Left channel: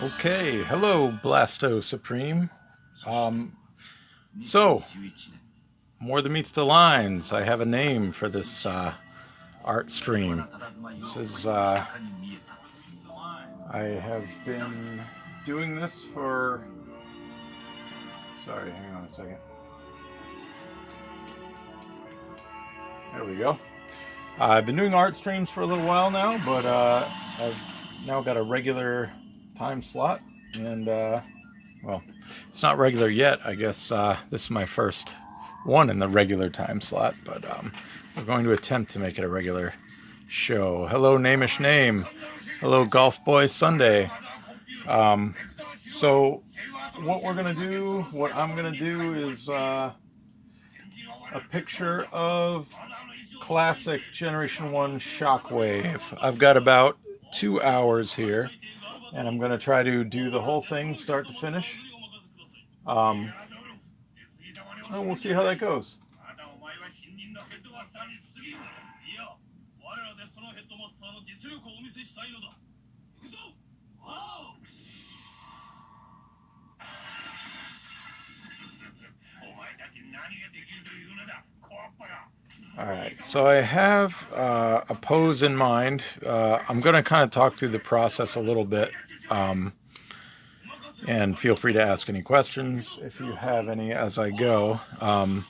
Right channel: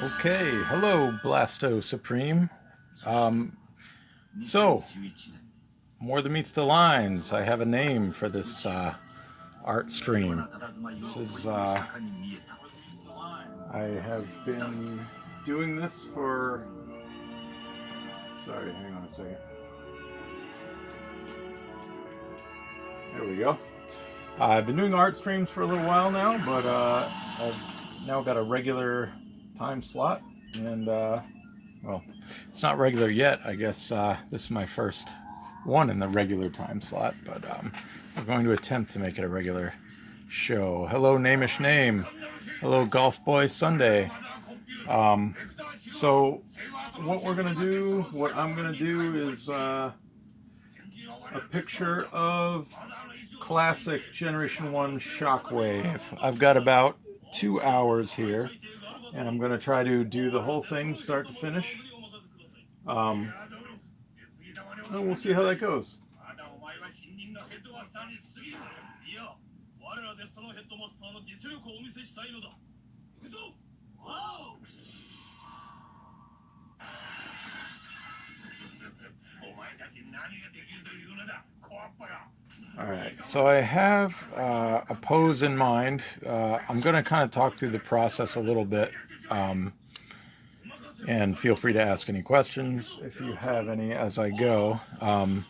Okay, hello Blasto Supreme. So, more than meets the lines. I have a name for this art stream. This is, I have been doing this for, sorry, hang on a second. There we go. I've been doing art streams for a little while now, but I've now got a regular time slot, and well, it's not regular yet. I guess this is my first one in the regular time slot, but we're going to attempt to make it a regular show. Hello, Namish Name. Hello, Golf Boy Sunday. So what I'm gonna do is a picture of classic Generation 1 Shockwave. I've got about 2 hours here, and I'm going to try to do the whole thing start to finish. And we'll see how that goes. Alright, so I have a pose in mind. I'm going to kind of talk through the process a little bit, and feel free to ask any questions if you have any as I go. I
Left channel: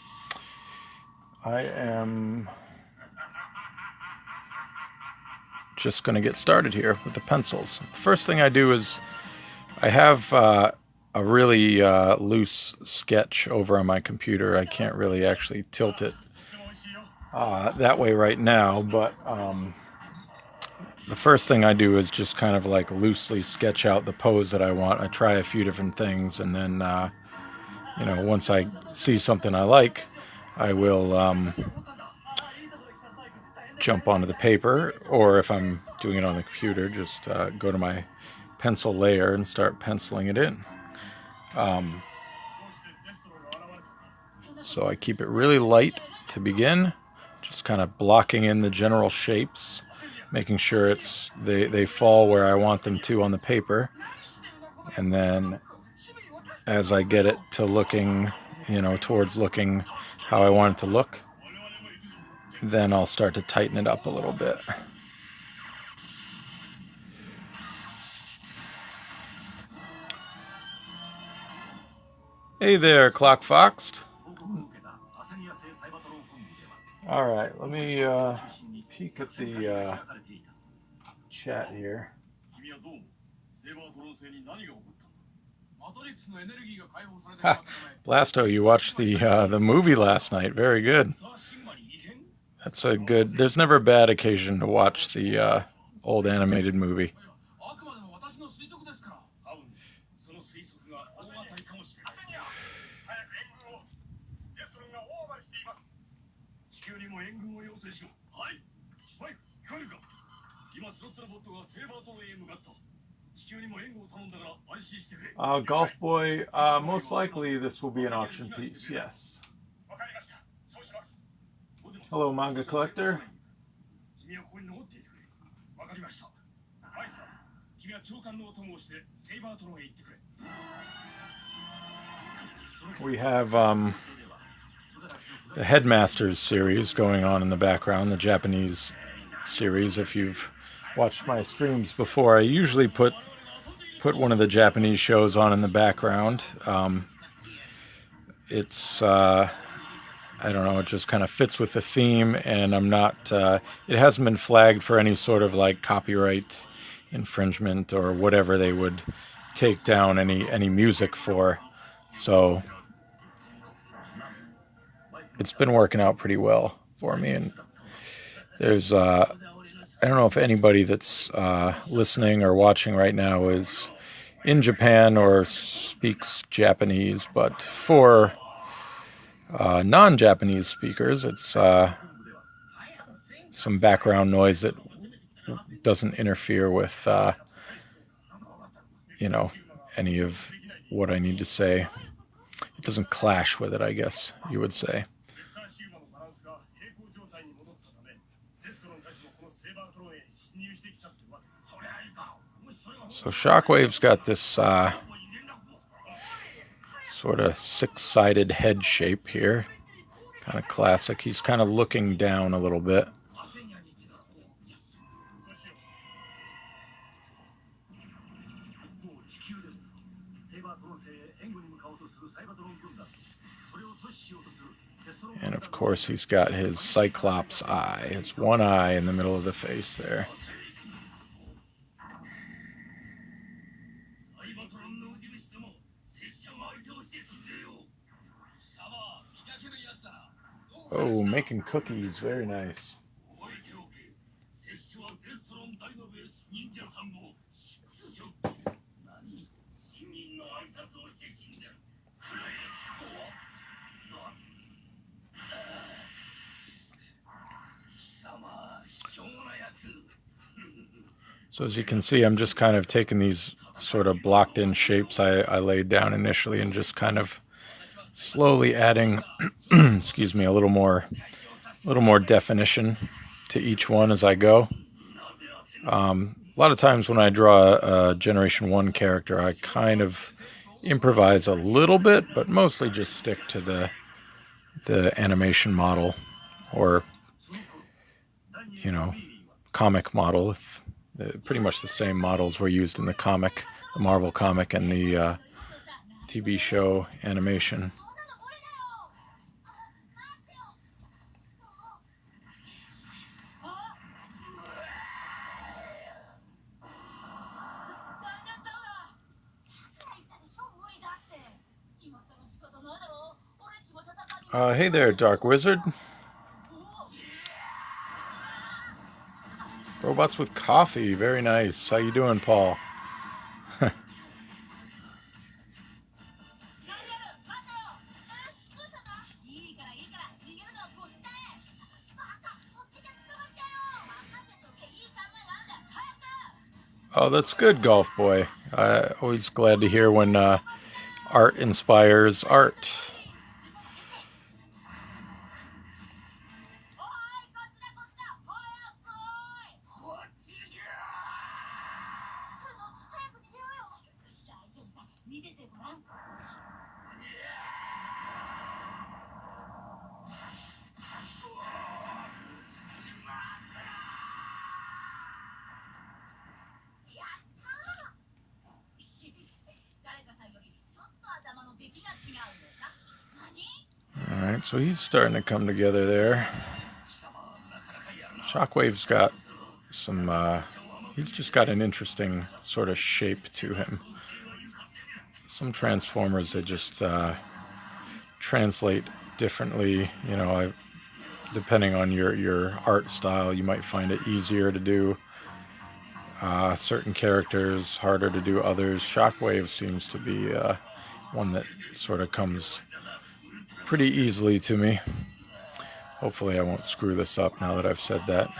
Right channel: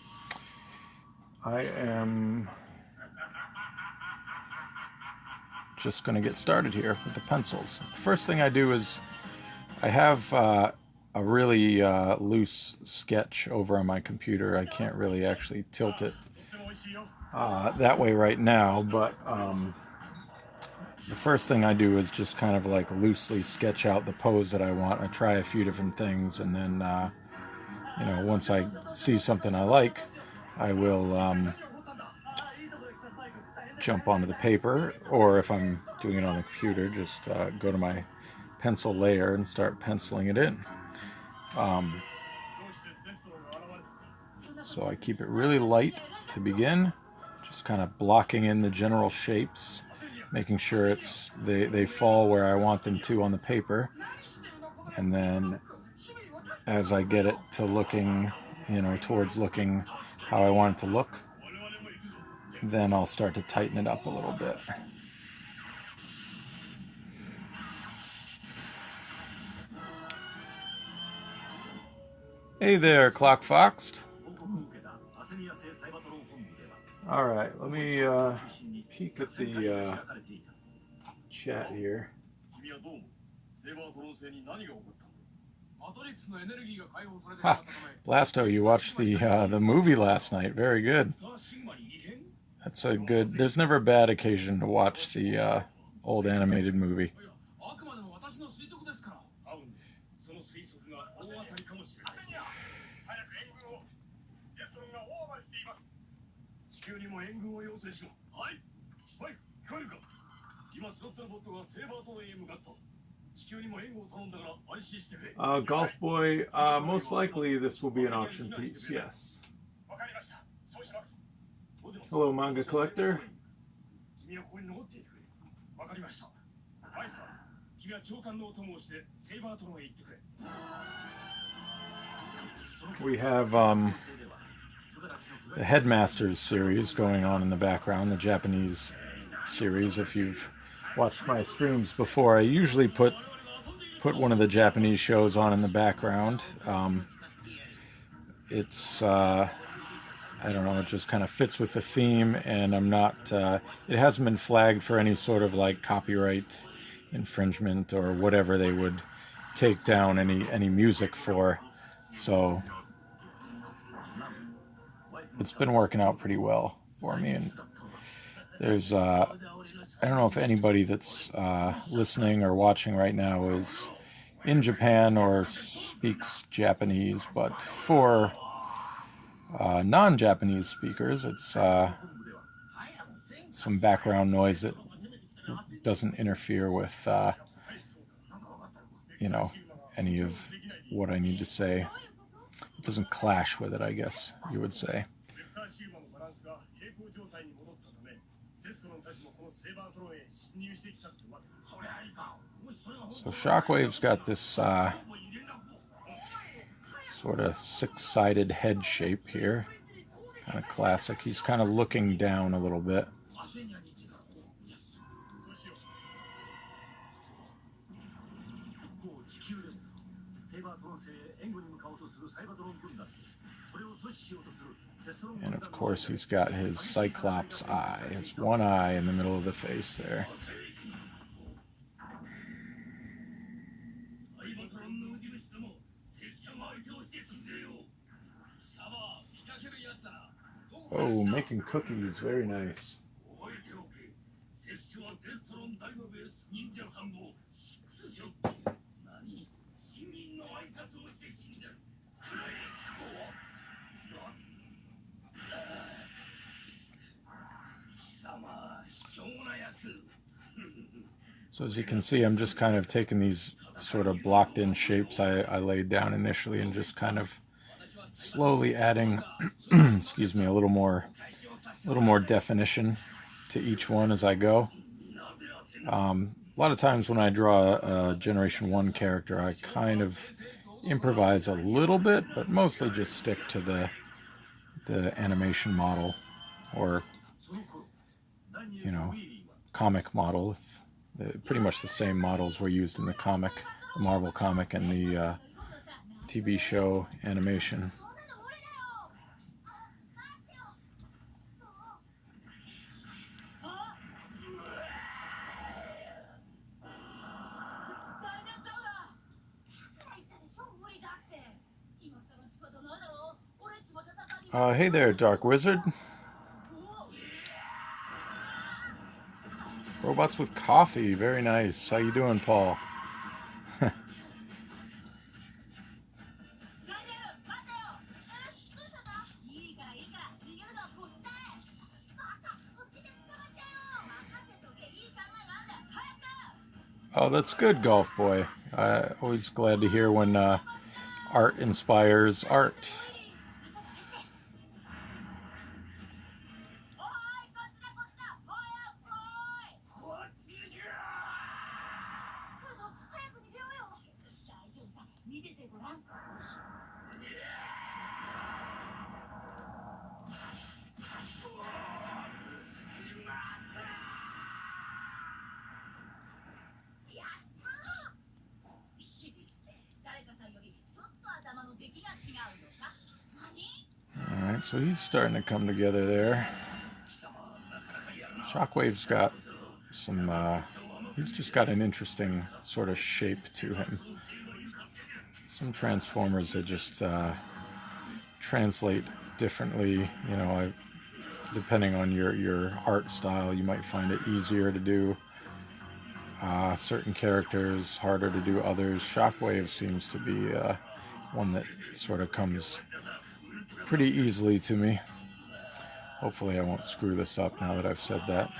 am just going to get started here with the pencils. First thing I do is I have a really loose sketch over on my computer. I can't really actually tilt it that way right now, but the first thing I do is just kind of like loosely sketch out the pose that I want. I try a few different things, and then you know, once I see something I like, I will jump onto the paper, or if I'm doing it on the computer, just go to my pencil layer and start penciling it in. So I keep it really light to begin, just kind of blocking in the general shapes, making sure they fall where I want them to on the paper. And then as I get it to looking, you know, towards looking how I want it to look, then I'll start to tighten it up a little bit. Hey there, Clock Fox. Alright, let me peek at the chat here. Ha, Blasto, you watched the movie last night. Very good. That's a good. There's never a bad occasion to watch the old animated movie. Golf Boy, most likely this will be an auction piece, yes. Hello, Manga Collector. We have the Headmasters series going on in the background, the Japanese series. If you've watched my streams before, I usually put one of the Japanese shows on in the background. It's I don't know, it just kind of fits with the theme, and I'm not it hasn't been flagged for any sort of like copyright infringement or whatever they would take down any music for, so it's been working out pretty well for me. And there's I don't know if anybody that's listening or watching right now is in Japan or speaks Japanese, but for non-Japanese speakers, it's some background noise that doesn't interfere with, you know, any of what I need to say. It doesn't clash with it, I guess you would say. So Shockwave's got this sort of six-sided head shape here. Kind of classic. He's kind of looking down a little bit. And of course he's got his Cyclops eye, his one eye in the middle of the face there. Oh, making cookies, very nice. So as you can see, I'm just kind of taking these sort of blocked in shapes I laid down initially and just kind of slowly adding, excuse me, a little more definition to each one as I go. A lot of times when I draw a Generation 1 character, I kind of improvise a little bit, but mostly just stick to the animation model, or, you know, comic model. Pretty much the same models were used in the comic, the Marvel comic, and the TV show animation. Hey there, Dark Wizard. Robots with coffee, very nice. How you doing, Paul? Oh, that's good, Golf Boy. Always glad to hear when art inspires art. Alright, so he's starting to come together there. Shockwave's got some, he's just got an interesting sort of shape to him. Some Transformers that just translate differently, you know, depending on your art style, you might find it easier to do certain characters, harder to do others. Shockwave seems to be one that sort of comes pretty easily to me. Hopefully I won't screw this up now that I've said that.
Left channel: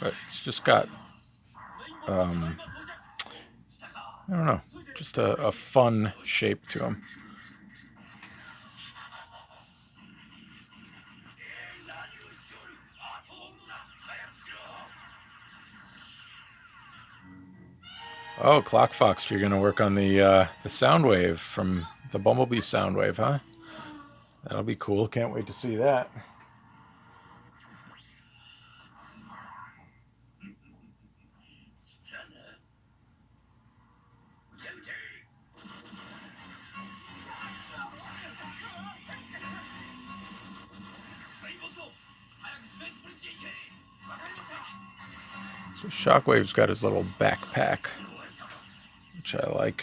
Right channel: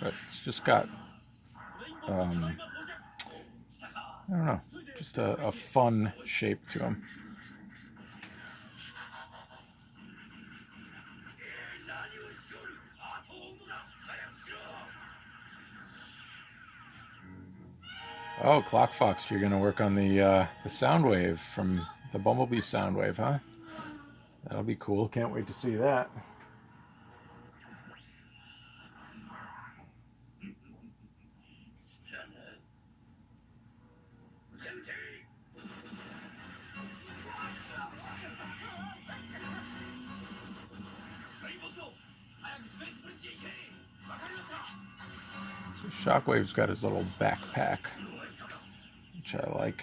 But it's just got, I don't know, just a fun shape to him. Oh, Clock Fox, you're going to work on the Soundwave from the Bumblebee Soundwave, huh? That'll be cool. Can't wait to see that. So Shockwave's got his little backpack, which I like.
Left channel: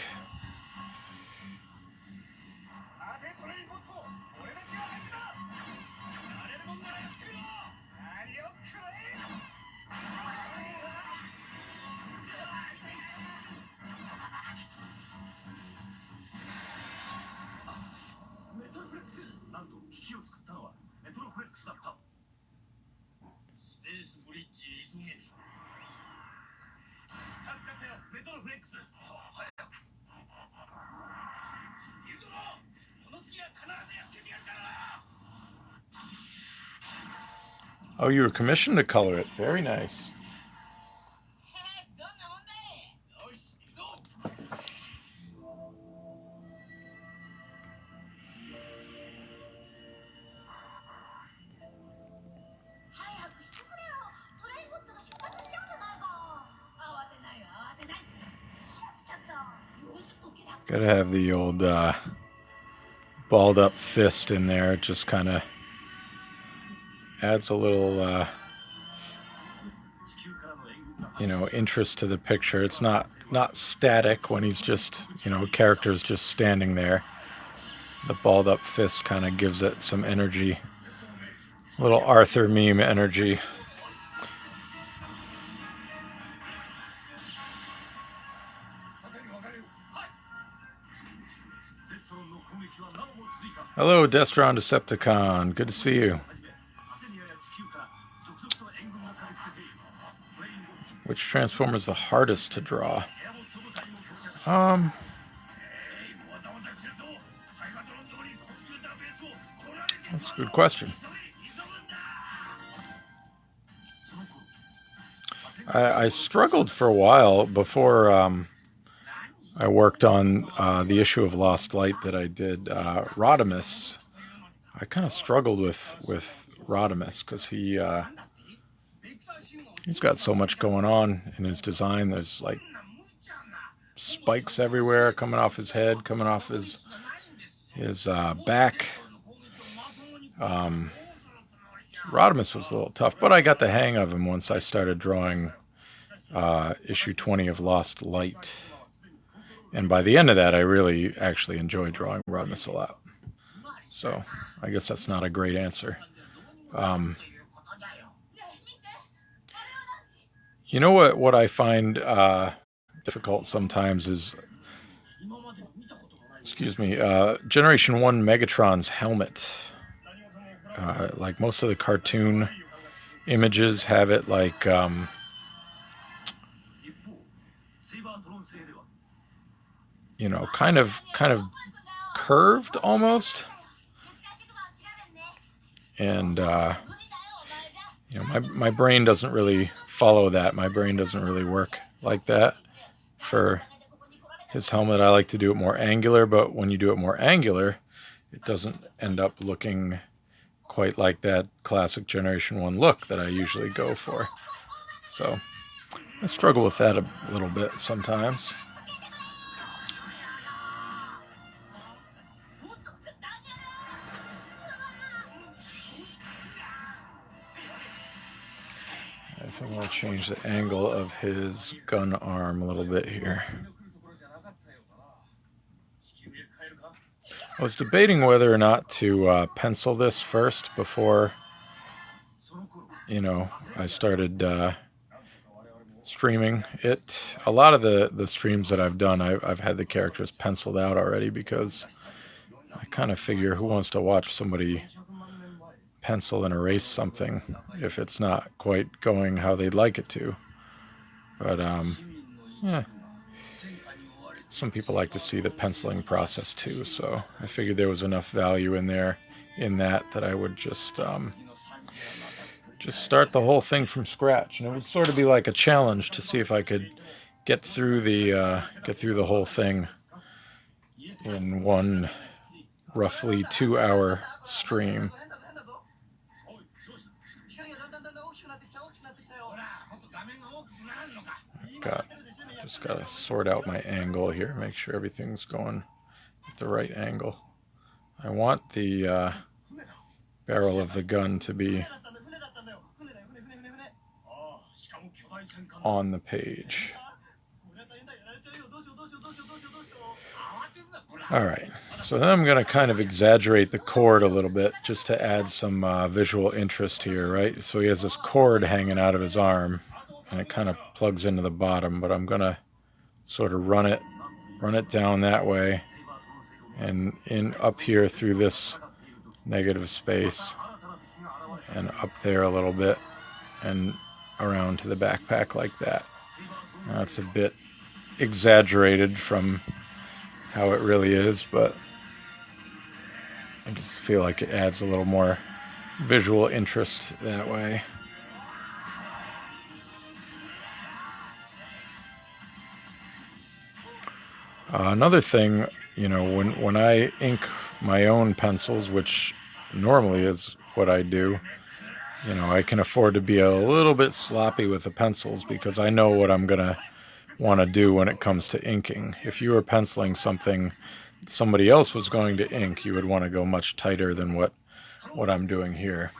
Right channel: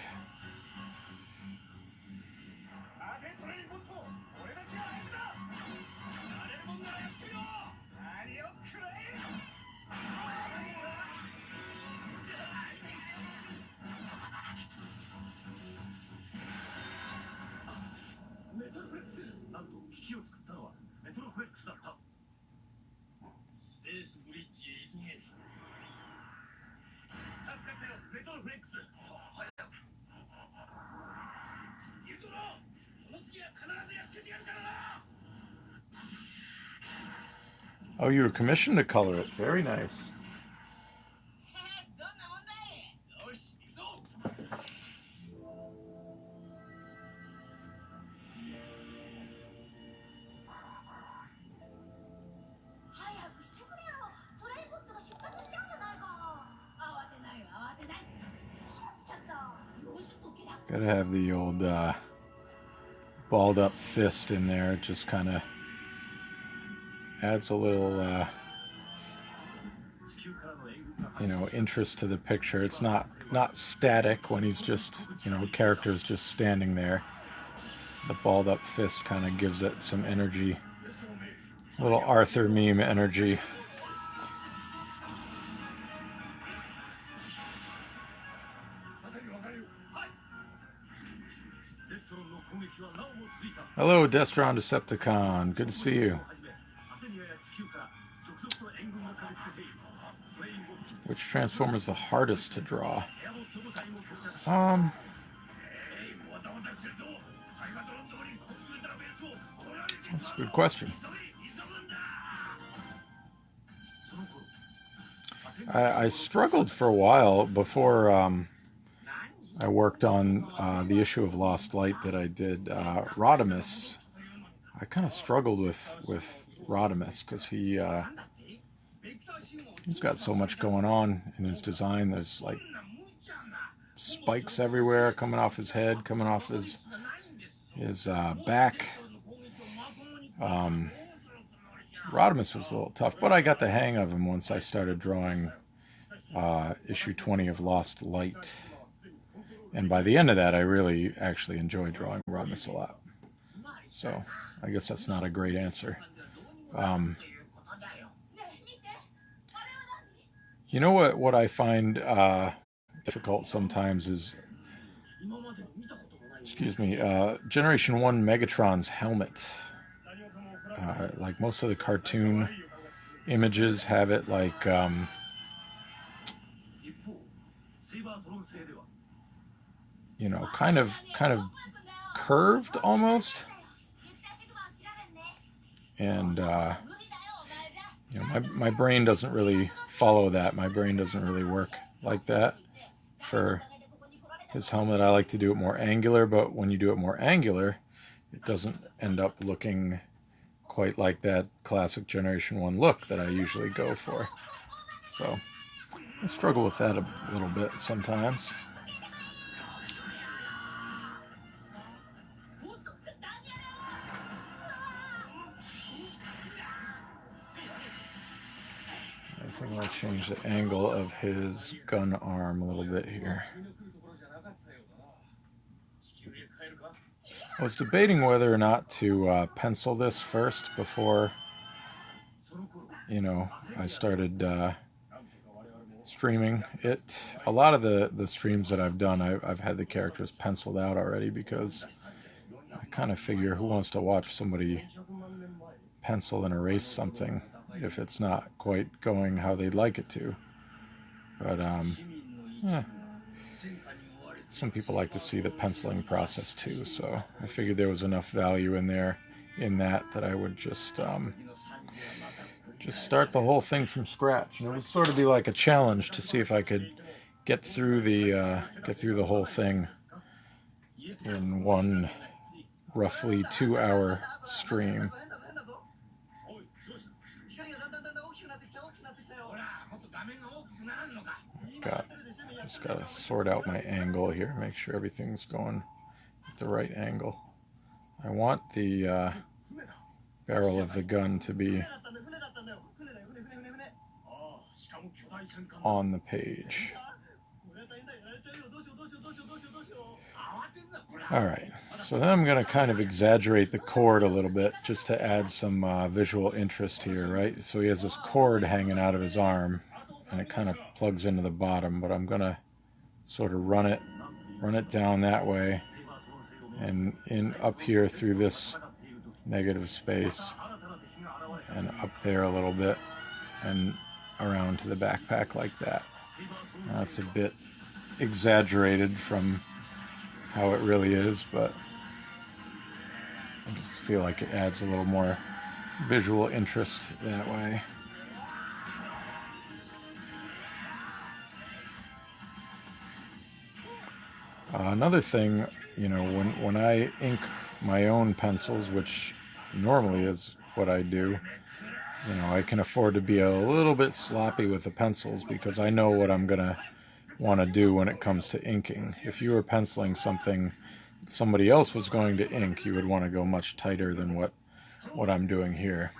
Oh, you were commissioned to color it. Very nice. Gotta have the old balled up fist in there. It just kind of adds a little, interest to the picture. It's not static when he's just, character's just standing there. The balled up fist kind of gives it some energy. Little Arthur meme energy. Hello, Destron Decepticon. Good to see you. Which Transformer is the hardest to draw? That's a good question. I struggled for a while before I worked on the issue of Lost Light that I did. Rodimus. I kind of struggled with Rodimus because he's got so much going on in his design. There's like spikes everywhere coming off his head, coming off his back. Rodimus was a little tough, but I got the hang of him once I started drawing issue 20 of Lost Light. And by the end of that, I really actually enjoyed drawing Rodimus a lot. So I guess that's not a great answer. You know what I find difficult sometimes is, Generation 1 Megatron's helmet. Like most of the cartoon images have it like kind of curved almost, and my brain doesn't really follow that. My brain doesn't really work like that for his helmet. I like to do it more angular, but when you do it more angular, it doesn't end up looking quite like that classic Generation 1 look that I usually go for. So I struggle with that a little bit sometimes. I think I'll change the angle of his gun arm a little bit here. I was debating whether or not to pencil this first before, I started streaming it. A lot of the streams that I've done, I've had the characters penciled out already because I kind of figure who wants to watch somebody pencil and erase something if it's not quite going how they'd like it to. But yeah, some people like to see the penciling process too, so I figured there was enough value in that I would just start the whole thing from scratch, and it would sort of be like a challenge to see if I could get through the whole thing in one roughly 2-hour stream. Just gotta sort out my angle here, make sure everything's going at the right angle. I want the barrel of the gun to be on the page. Alright, so then I'm going to kind of exaggerate the cord a little bit just to add some visual interest here, right? So he has this cord hanging out of his arm, and it kind of plugs into the bottom, but I'm going to sort of run it down that way and in up here through this negative space, and up there a little bit, and around to the backpack like that. That's a bit exaggerated from how it really is, but I just feel like it adds a little more visual interest that way. Another thing, you know, when I ink my own pencils, which normally is what I do, you know, I can afford to be a little bit sloppy with the pencils because I know what I'm gonna want to do when it comes to inking. If you were penciling something somebody else was going to ink, you would want to go much tighter than what I'm doing here.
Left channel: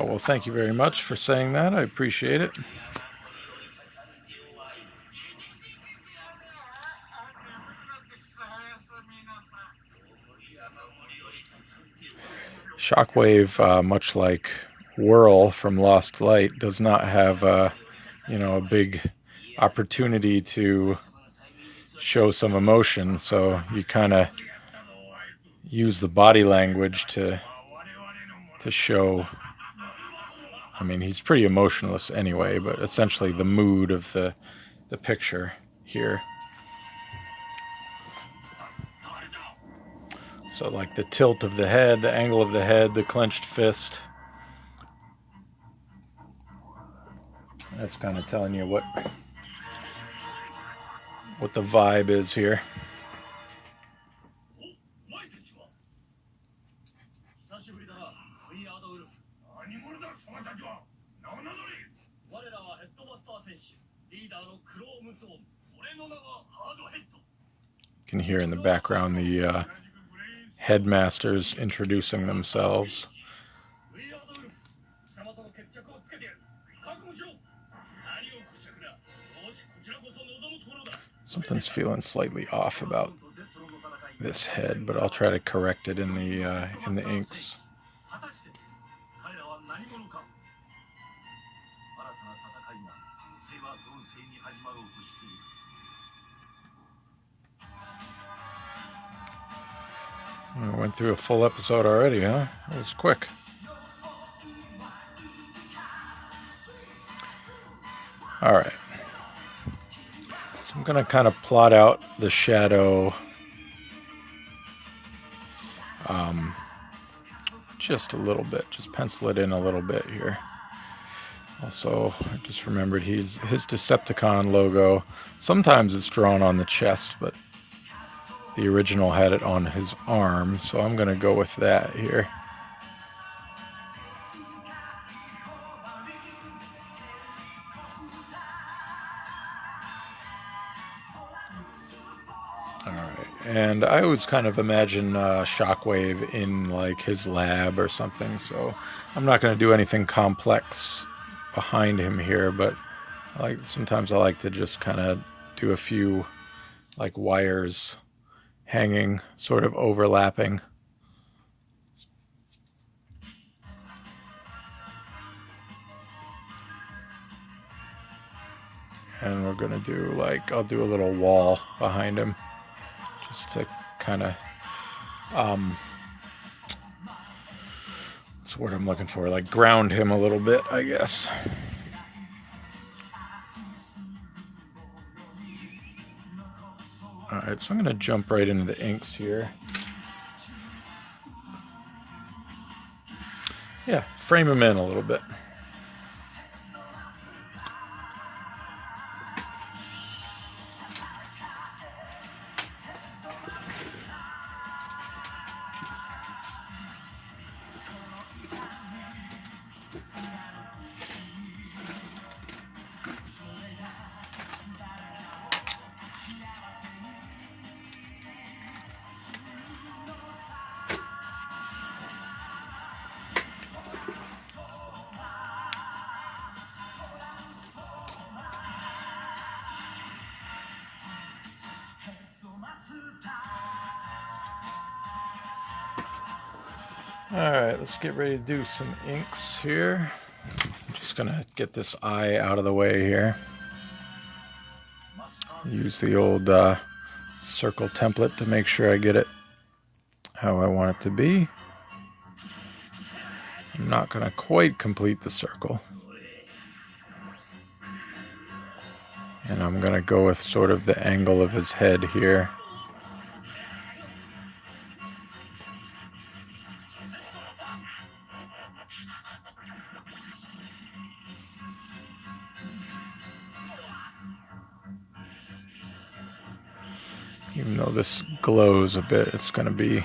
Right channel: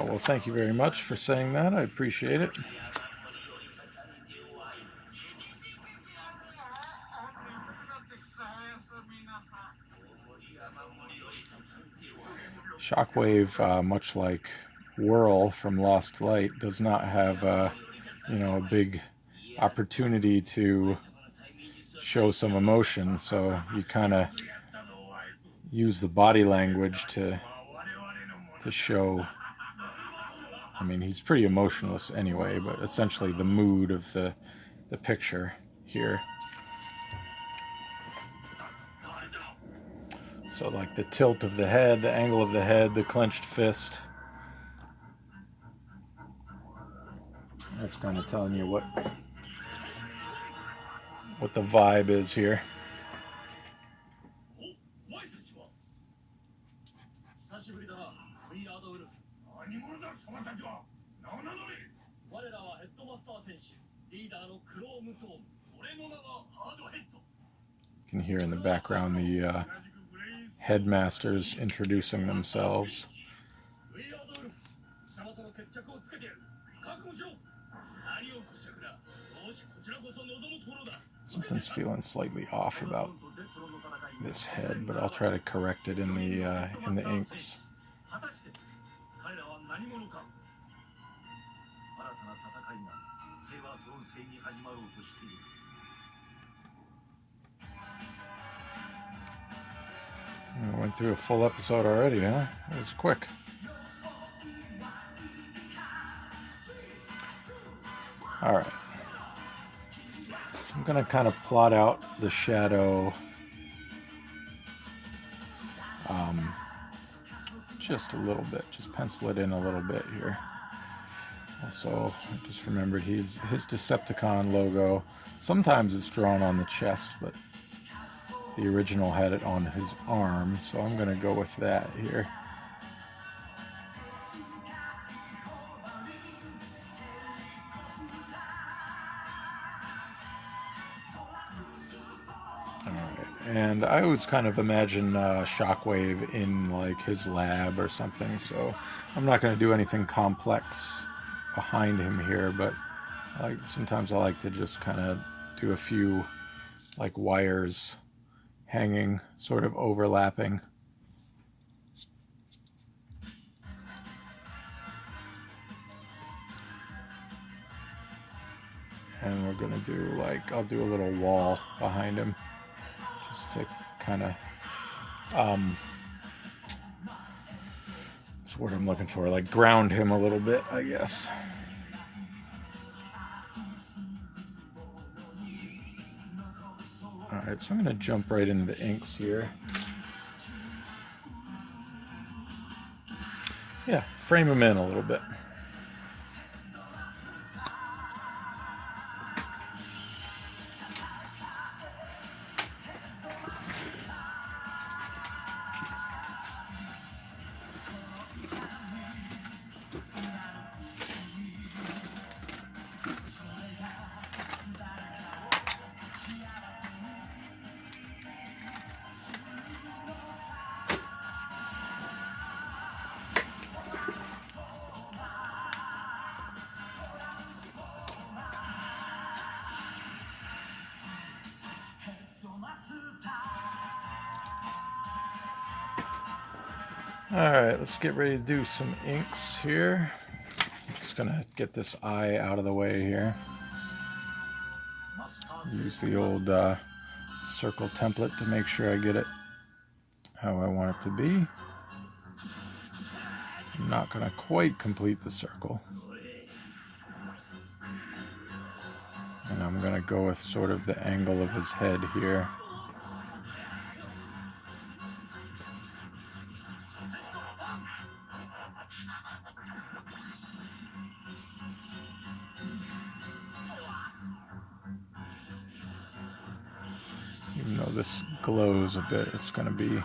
Well, thank you very much for saying that. I appreciate it. Shockwave, much like Whirl from Lost Light, does not have you know, a big opportunity to show some emotion, so you kind of use the body language to show. I mean, he's pretty emotionless anyway, but essentially the mood of the picture here. So like the tilt of the head, the angle of the head, the clenched fist. That's kind of telling you what the vibe is here. You can hear in the background the headmasters introducing themselves. Something's feeling slightly off about this head, but I'll try to correct it in the inks. I went through a full episode already, huh? It was quick. All right. So I'm going to kind of plot out the shadow just a little bit. Just pencil it in a little bit here. Also, I just remembered his Decepticon logo. Sometimes it's drawn on the chest, but the original had it on his arm, so I'm going to go with that here. And I always kind of imagine Shockwave in like his lab or something, so I'm not going to do anything complex behind him here, but sometimes I like to just kind of do a few like wires hanging, sort of overlapping. And we're going to do I'll do a little wall behind him. Just to kind of, that's what I'm looking for, like ground him a little bit, I guess. Alright, so I'm going to jump right into the inks here. Yeah, frame him in a little bit. Alright, let's get ready to do some inks here. I'm just gonna get this eye out of the way here. Use the old circle template to make sure I get it how I want it to be. I'm not gonna quite complete the circle. And I'm gonna go with sort of the angle of his head here. Even though this glows a bit, it's gonna be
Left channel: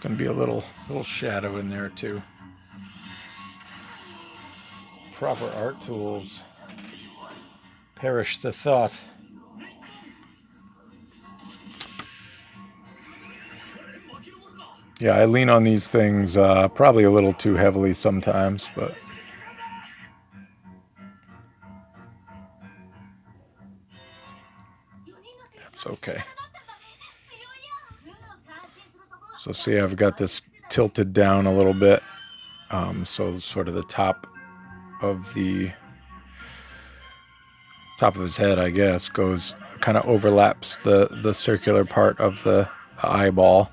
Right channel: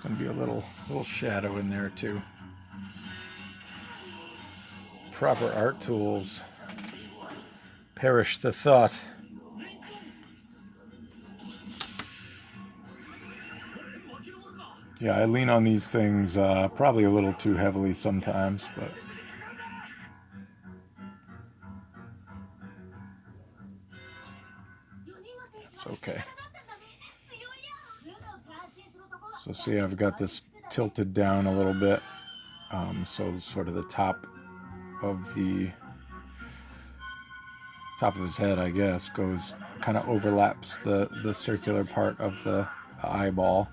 a little shadow in there too. Proper art tools. Perish the thought. Yeah, I lean on these things probably a little too heavily sometimes, but that's okay. So see, I've got this tilted down a little bit, so sort of the top of his head, I guess, goes kind of overlaps the circular part of the eyeball.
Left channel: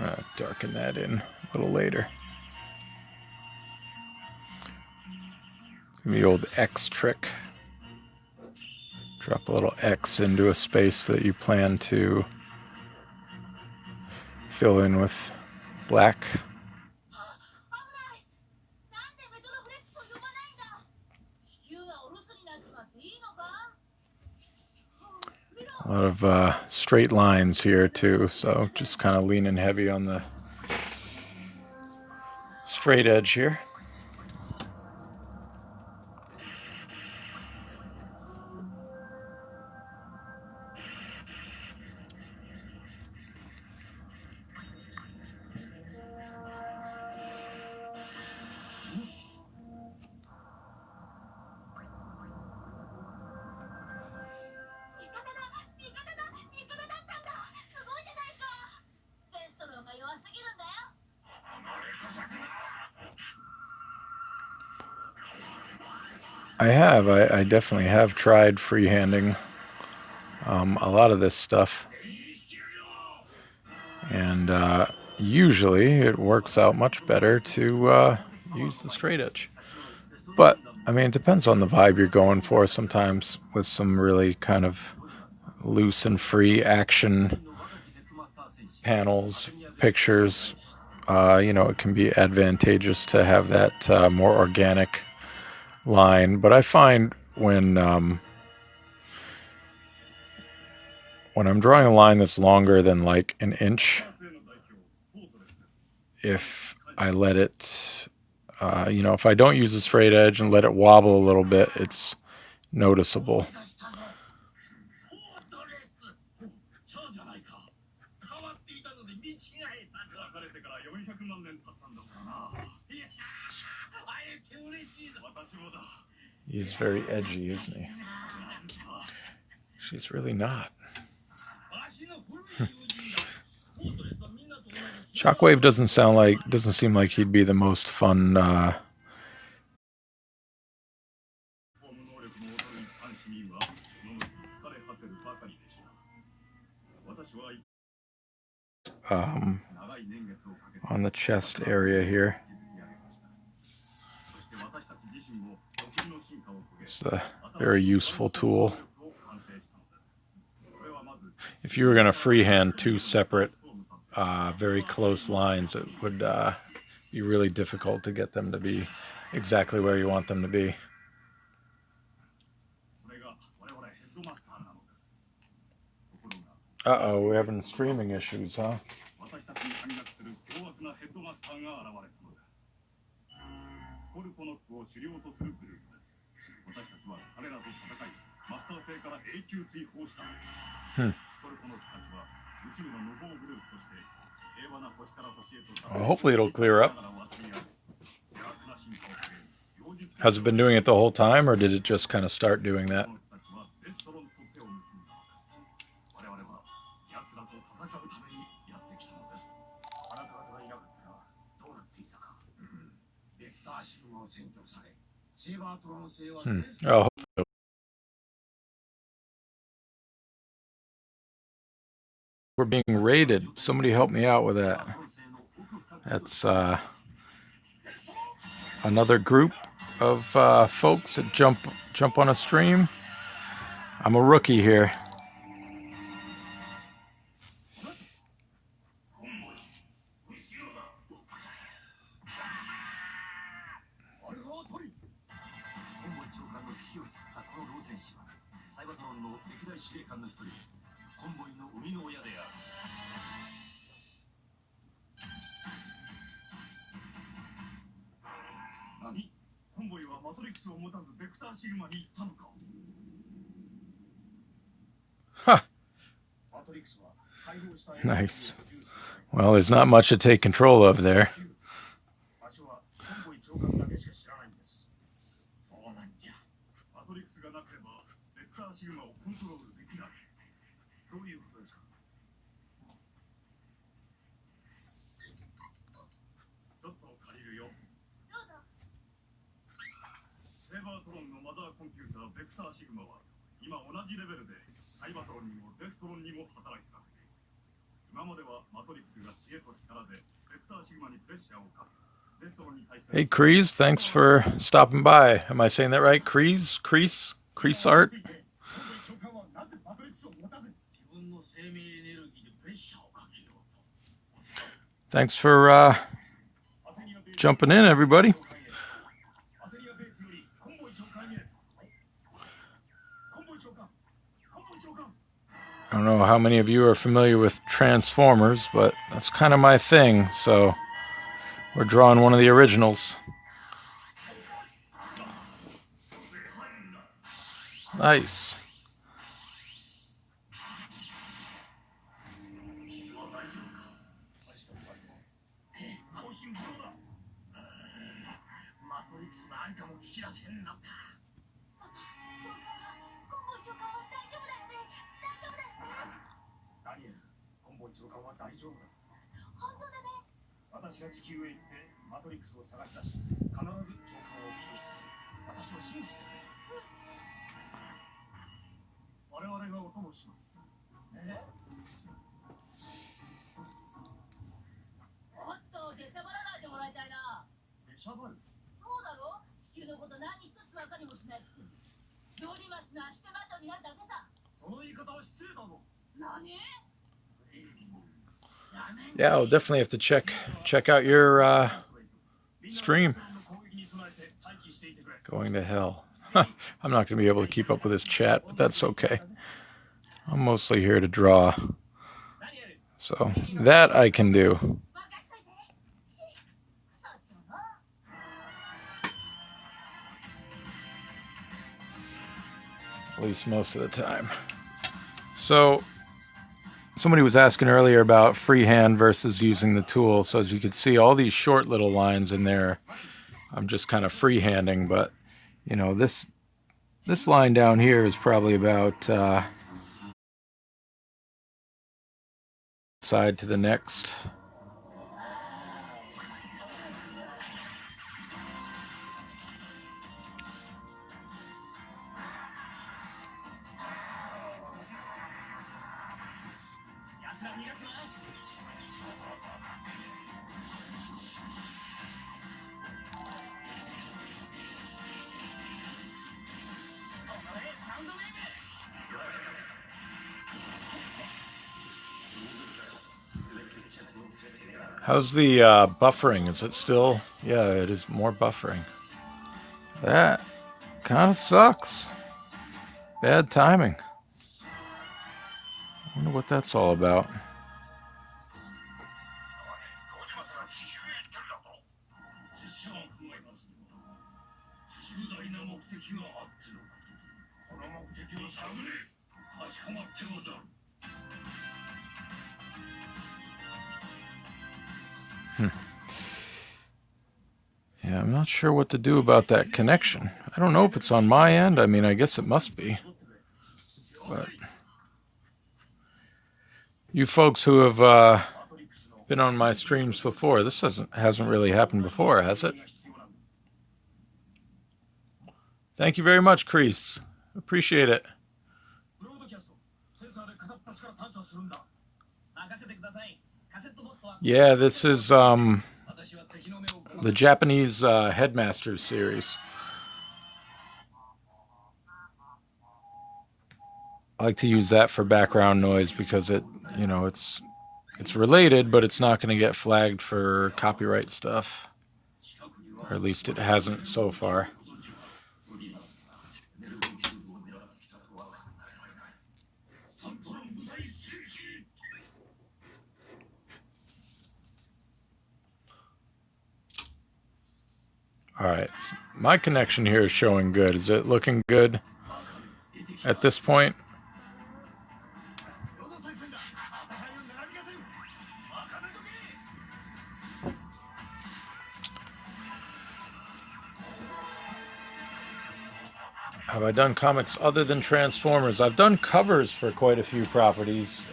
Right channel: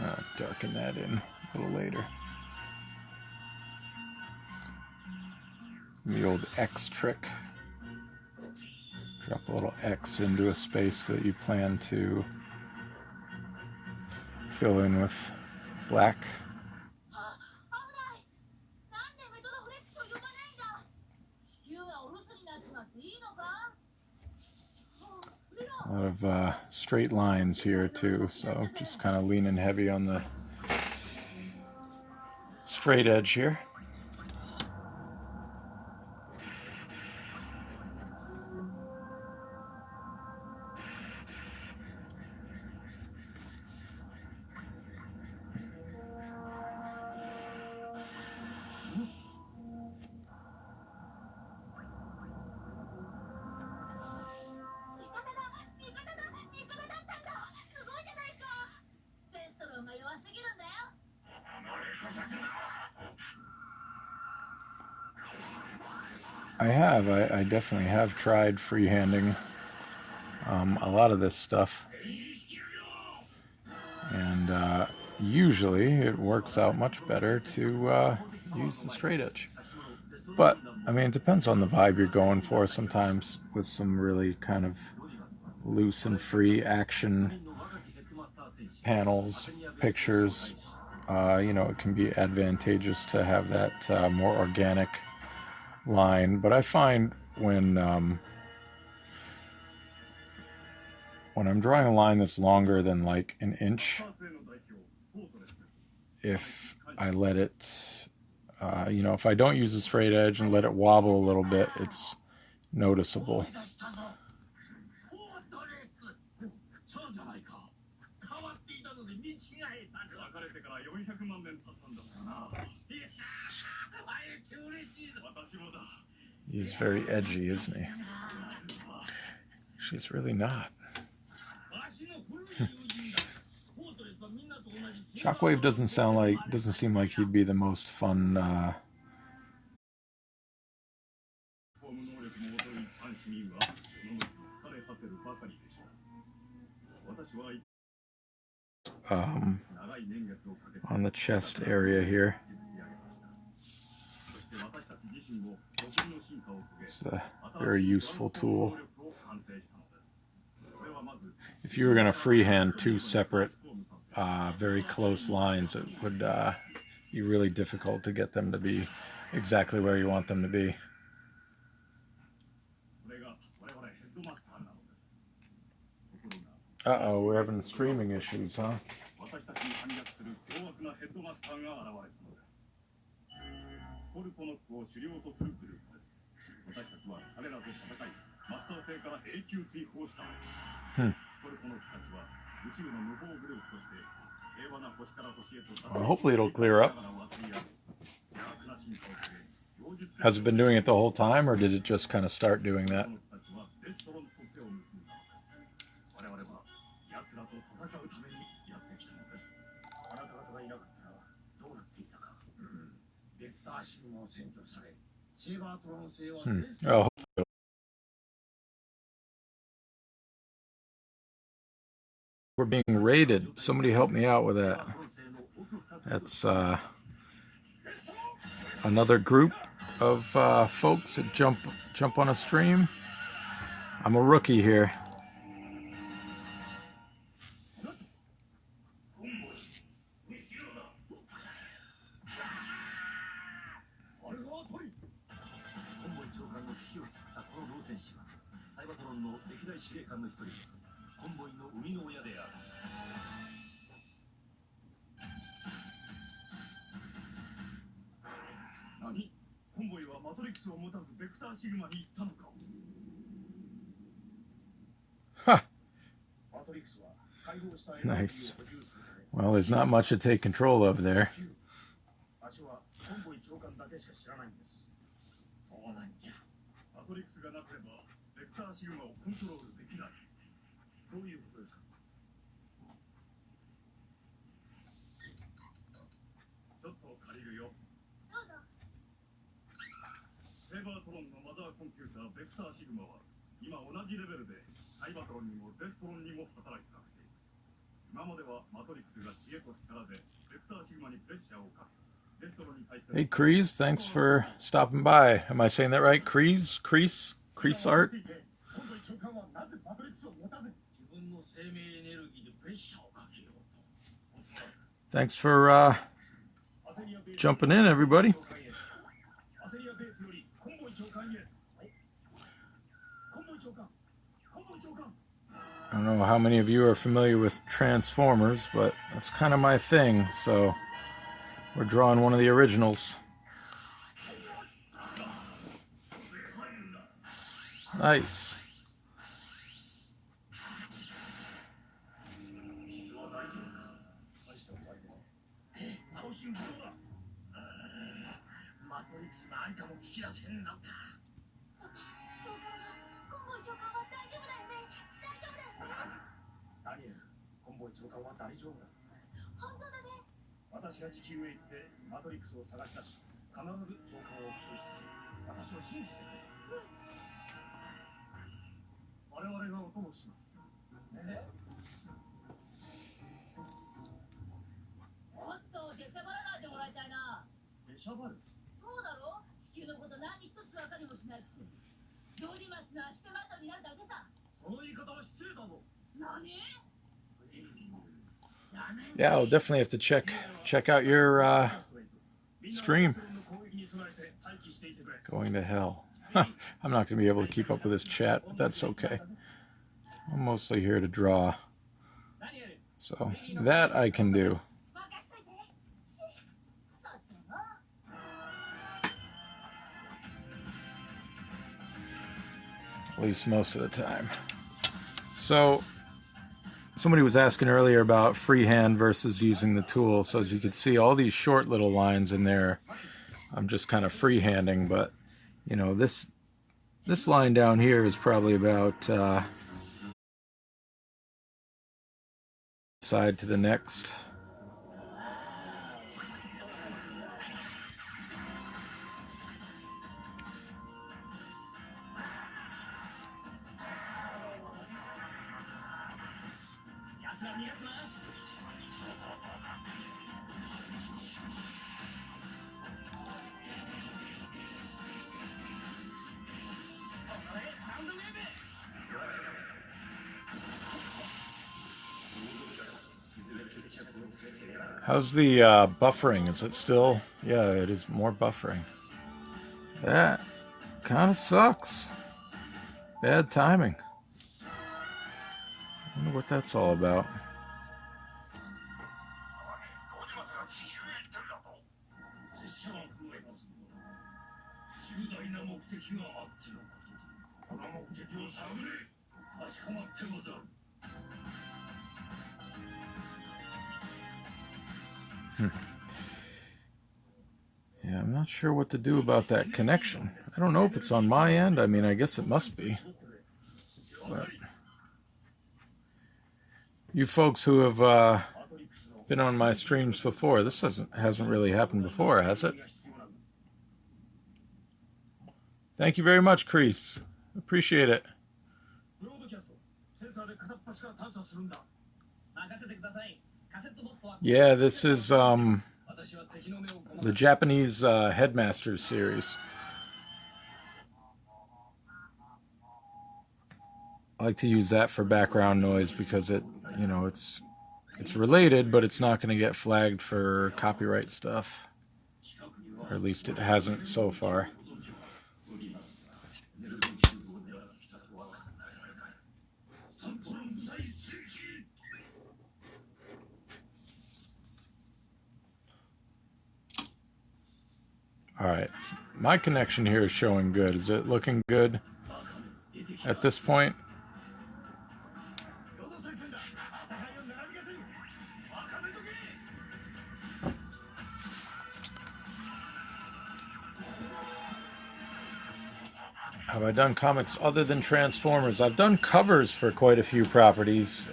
I'll darken that in a little later. The old X trick. Drop a little X into a space that you plan to fill in with black. A lot of straight lines here too, so just kind of leaning heavy on the straight edge here. I definitely have tried freehanding a lot of this stuff, and usually it works out much better to use the straight edge. But I mean, it depends on the vibe you're going for. Sometimes with some really kind of loose and free action panels, pictures, it can be advantageous to have that more organic line. But I find when I'm drawing a line that's longer than like an inch, if I let it, if I don't use a straight edge and let it wobble a little bit, it's noticeable. He's very edgy, isn't he? She's really not. Shockwave doesn't seem like he'd be the most fun on the chest area here. It's a very useful tool. If you were going to freehand two separate, very close lines, it would be really difficult to get them to be exactly where you want them to be. Uh-oh, we're having streaming issues, huh? Hmm. Well, hopefully it'll clear up. Has it been doing it the whole time, or did it just kind of start doing that? Oh, we're being raided. Somebody help me out with that. That's another group of folks that jump on a stream. I'm a rookie here. Huh. Nice. Well, there's not much to take control of there. Hey, Kreese, thanks for stopping by. Am I saying that right? Kreese? Kreese art? Thanks for jumping in, everybody. I don't know how many of you are familiar with Transformers, but that's kind of my thing, so we're drawing one of the originals. Nice. Yeah, I'll definitely have to check out your stream. Going to hell. I'm not going to be able to keep up with this chat, but that's okay. I'm mostly here to draw. So that I can do. At least most of the time. So somebody was asking earlier about freehand versus using the tool. So as you can see, all these short little lines in there, I'm just kind of freehanding. But, you know, this line down here is probably about side to the next. How's the buffering? Is it still? Yeah, it is more buffering. That kind of sucks. Bad timing. Wonder what that's all about. Yeah, I'm not sure what to do about that connection. I don't know if it's on my end. I mean, I guess it must be. But you folks who have been on my streams before, this hasn't really happened before, has it? Thank you very much, Crease. Appreciate it. Yeah, this is the Japanese Headmasters series. I like to use that for background noise because it's related, but it's not going to get flagged for copyright stuff. Or at least it hasn't so far. All right, my connection here is showing good. Is it looking good at this point? Have I done comics other than Transformers? I've done covers for quite a few properties.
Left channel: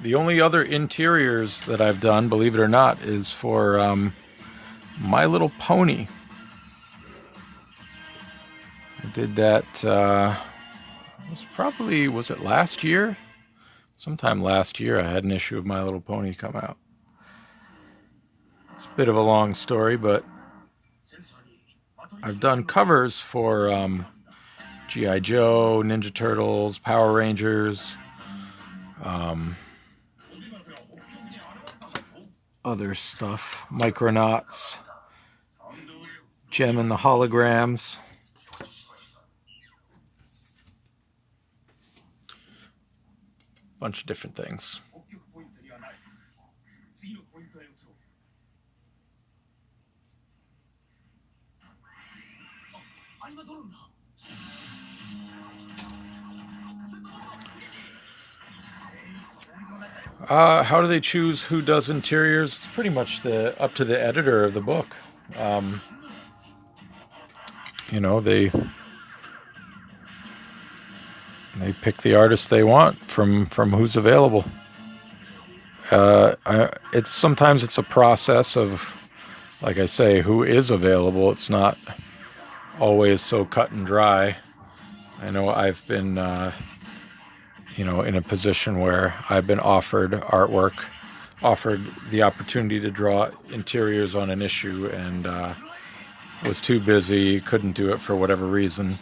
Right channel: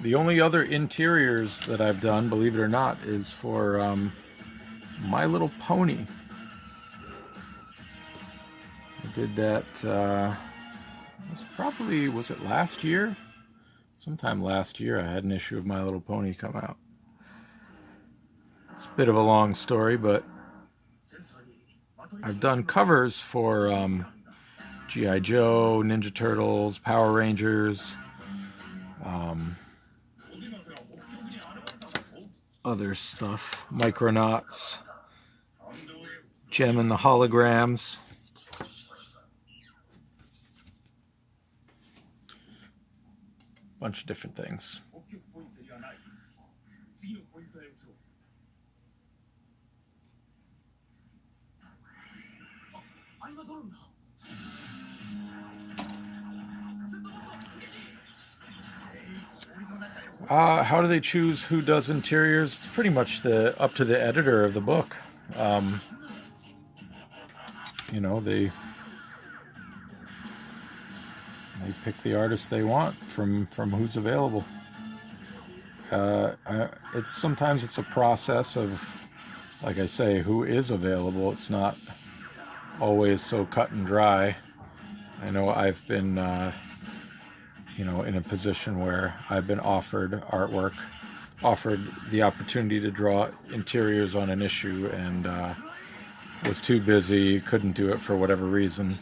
The only other interiors that I've done, believe it or not, is for My Little Pony. I did that, was it last year? Sometime last year I had an issue of My Little Pony come out. It's a bit of a long story, but I've done covers for G.I. Joe, Ninja Turtles, Power Rangers, other stuff, Micronauts, Gem and the Holograms. Bunch of different things. How do they choose who does interiors? It's pretty much up to the editor of the book. They pick the artist they want from who's available. Sometimes it's a process of, like I say, who is available. It's not always so cut and dry. I know I've been in a position where I've been offered artwork, offered the opportunity to draw interiors on an issue, and was too busy, couldn't do it for whatever reason.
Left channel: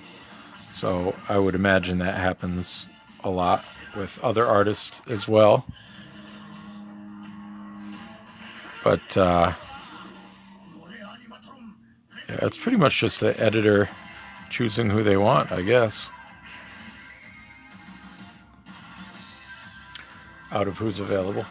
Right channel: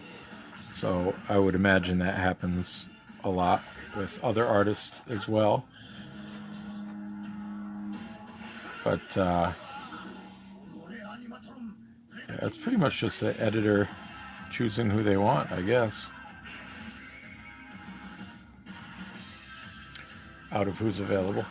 So I would imagine that happens a lot with other artists as well. But it's pretty much just the editor choosing who they want, I guess, out of who's available.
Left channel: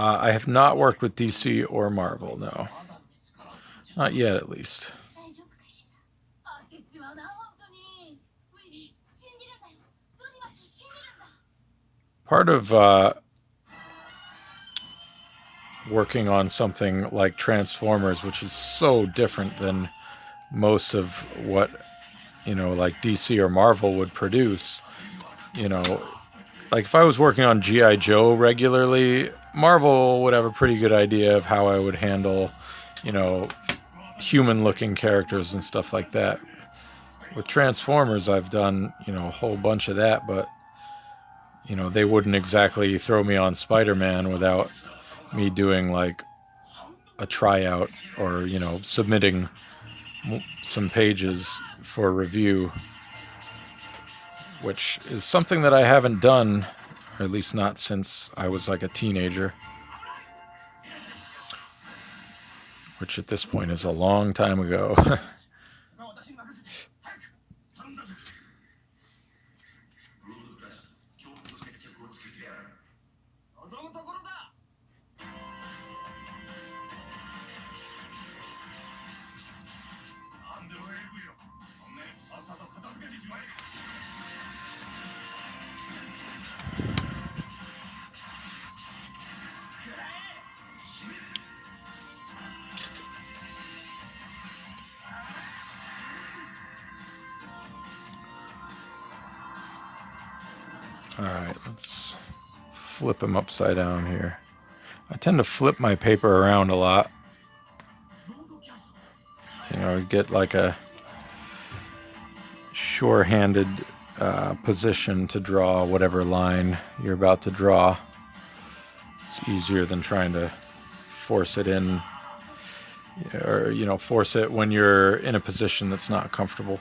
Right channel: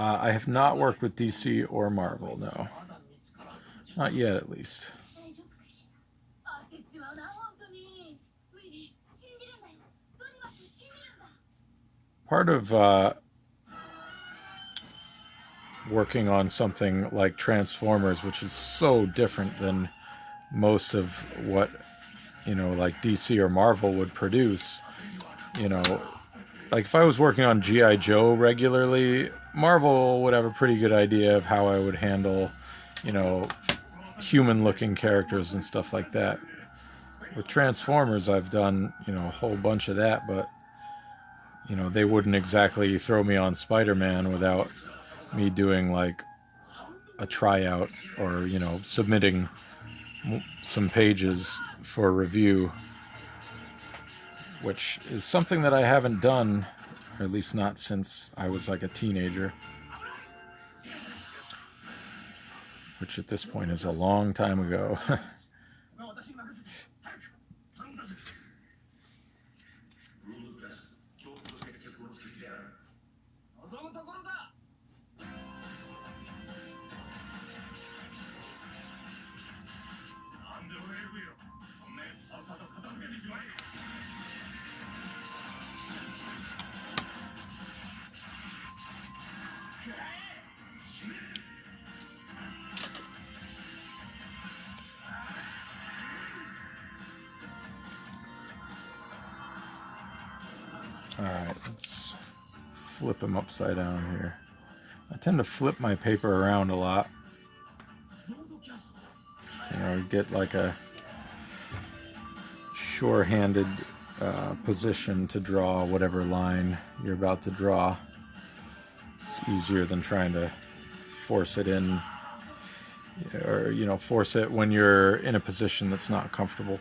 I have not worked with DC or Marvel, no. Not yet, at least. Part of working on something like Transformers, which is so different than most of what, like DC or Marvel would produce, like if I was working on G.I. Joe regularly, Marvel would have a pretty good idea of how I would handle, human-looking characters and stuff like that. With Transformers, I've done, a whole bunch of that, but, they wouldn't exactly throw me on Spider-Man without me doing, like, a tryout or, submitting some pages for review, which is something that I haven't done, or at least not since I was like a teenager, which at this point is a long time ago. Alright, let's flip him upside down here. I tend to flip my paper around a lot. You know, get like a sure-handed position to draw whatever line you're about to draw. It's easier than trying to force it in, or, you know, force it when you're in a position that's not comfortable.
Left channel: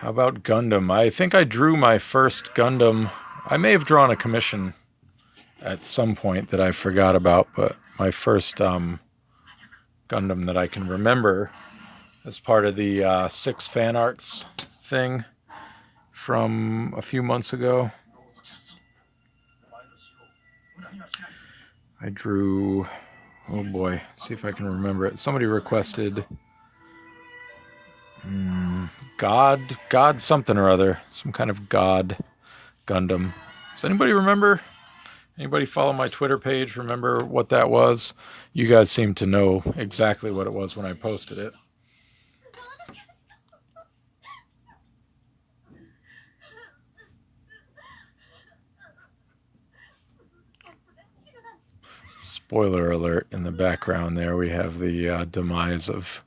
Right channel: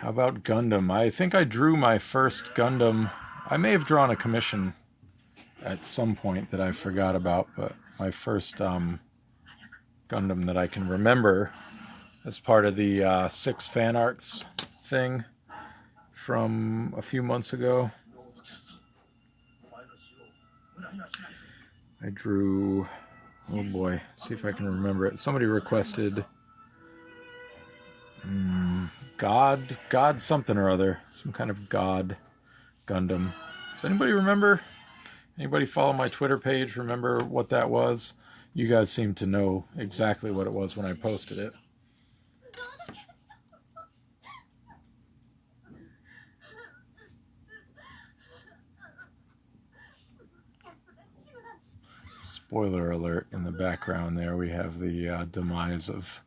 How about Gundam? I think I drew my first Gundam. I may have drawn a commission at some point that I forgot about, but my first Gundam that I can remember as part of the 6 fan arts thing from a few months ago. I drew, oh boy, see if I can remember it. Somebody requested God something or other, some kind of God Gundam. Does anybody remember? Anybody follow my Twitter page? Remember what that was? You guys seem to know exactly what it was when I posted it. Spoiler alert, in the background there we have the demise of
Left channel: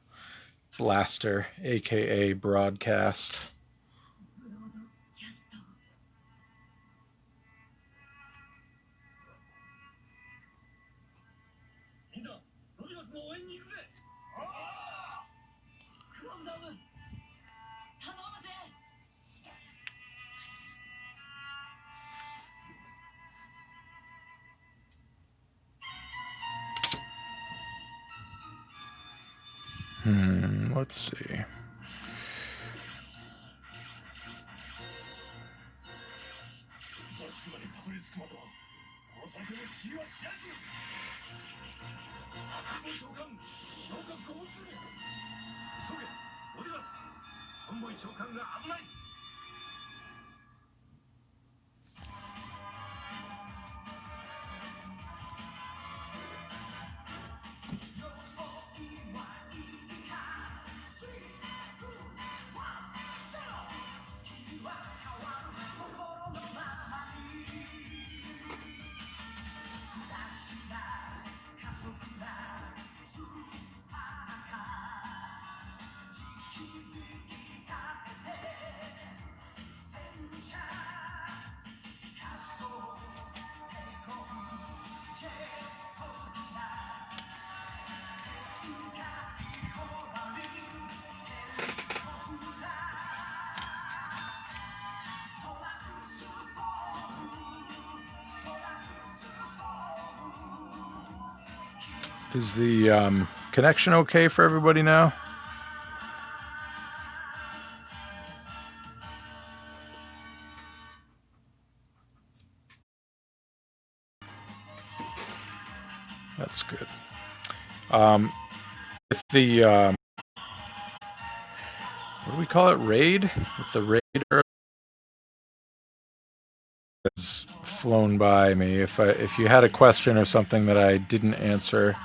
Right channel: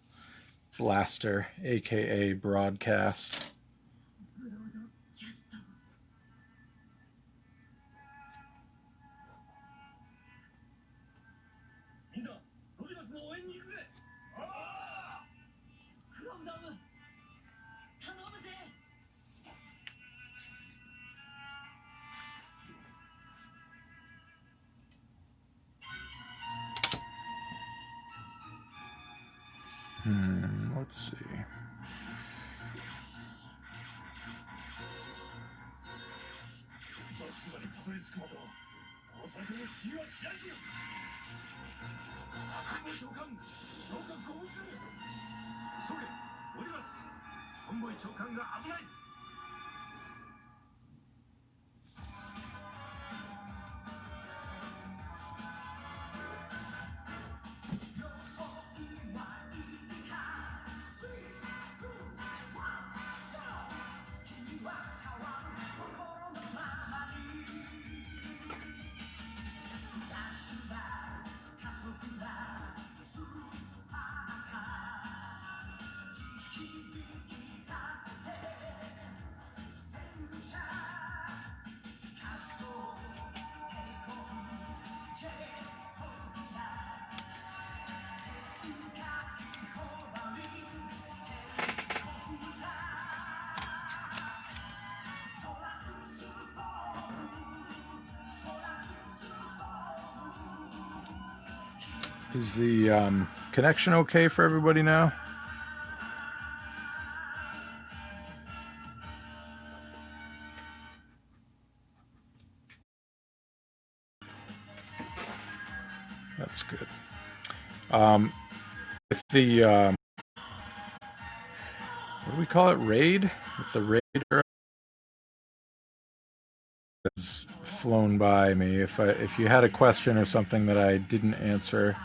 Blaster, aka Broadcast. Let's see. Is the connection okay for everybody now? That's good. With the, what do we call it? Raid? With the raider has flown by me. If you had a question or something that I didn't answer,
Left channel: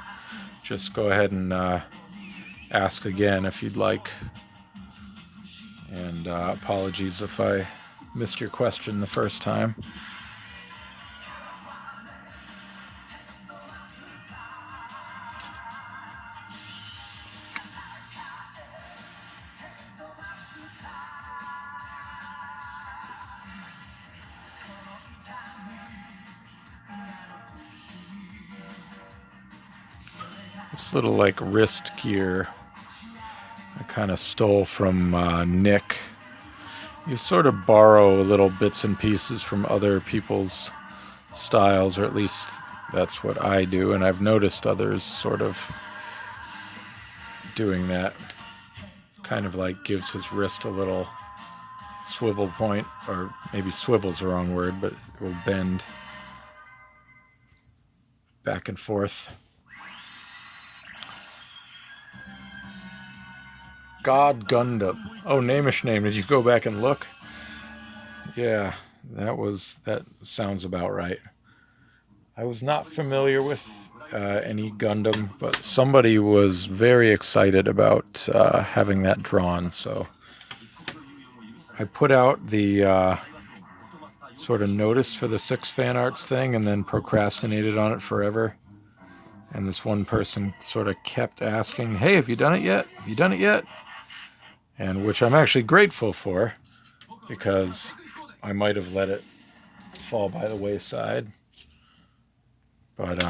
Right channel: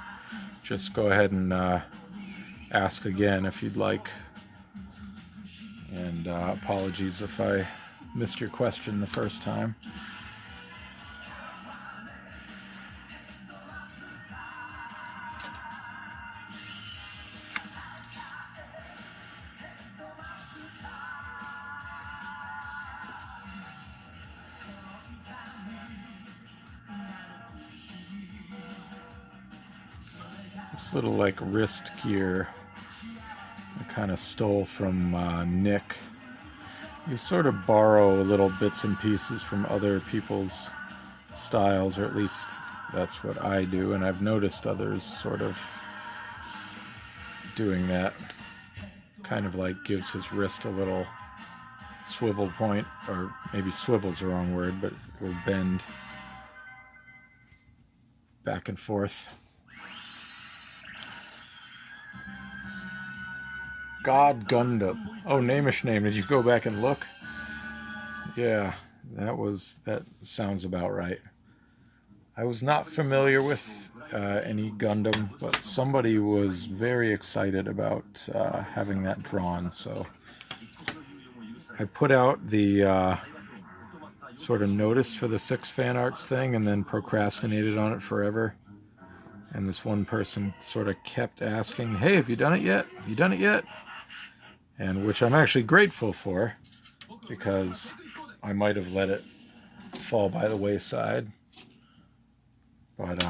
just go ahead and ask again if you'd like. And apologies if I missed your question the first time. This little like wrist gear I kind of stole from Nick. You sort of borrow little bits and pieces from other people's styles, or at least that's what I do, and I've noticed others sort of doing that. Kind of like gives his wrist a little swivel point, or maybe swivel's the wrong word, but it will bend back and forth. God Gundam. Oh, Namish name. Did you go back and look? Yeah, that sounds about right. I was not familiar with any Gundam, but somebody was very excited about having that drawn, so I put out the sort of notice for the 6 fan arts thing and then procrastinated on it forever. And this one person sort of kept asking, hey, have you done it yet? Have you done it yet? And which I'm actually grateful for, because I might have let it fall by the wayside. But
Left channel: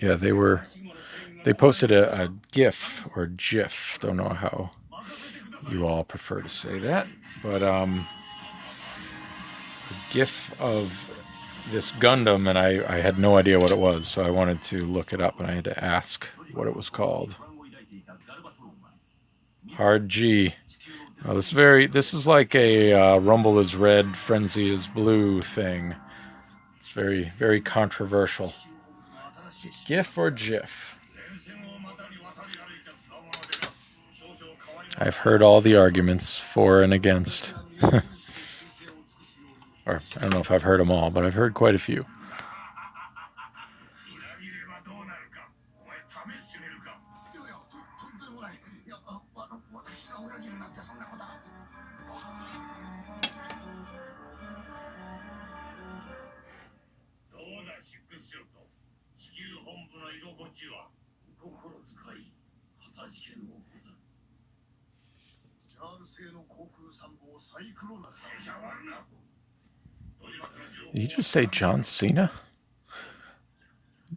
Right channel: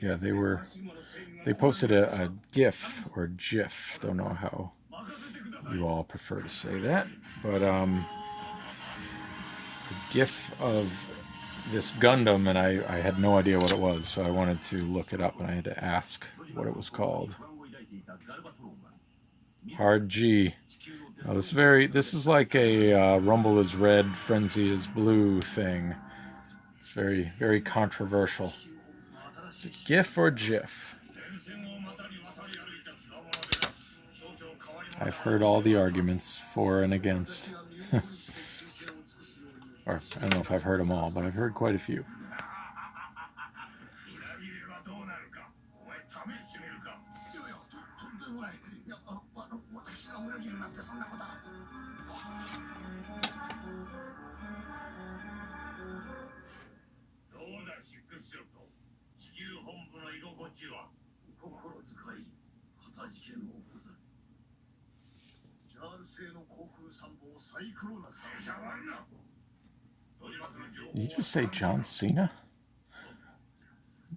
yeah, they posted a GIF or GIF. Don't know how you all prefer to say that, but a GIF of this Gundam, and I had no idea what it was, so I wanted to look it up, and I had to ask what it was called. Hard G. Oh, this is like a Rumble is red, Frenzy is blue thing. It's very, very controversial. Is it GIF or GIF? I've heard all the arguments for and against. Or, I don't know if I've heard them all, but I've heard quite a few. Did you just say John Cena?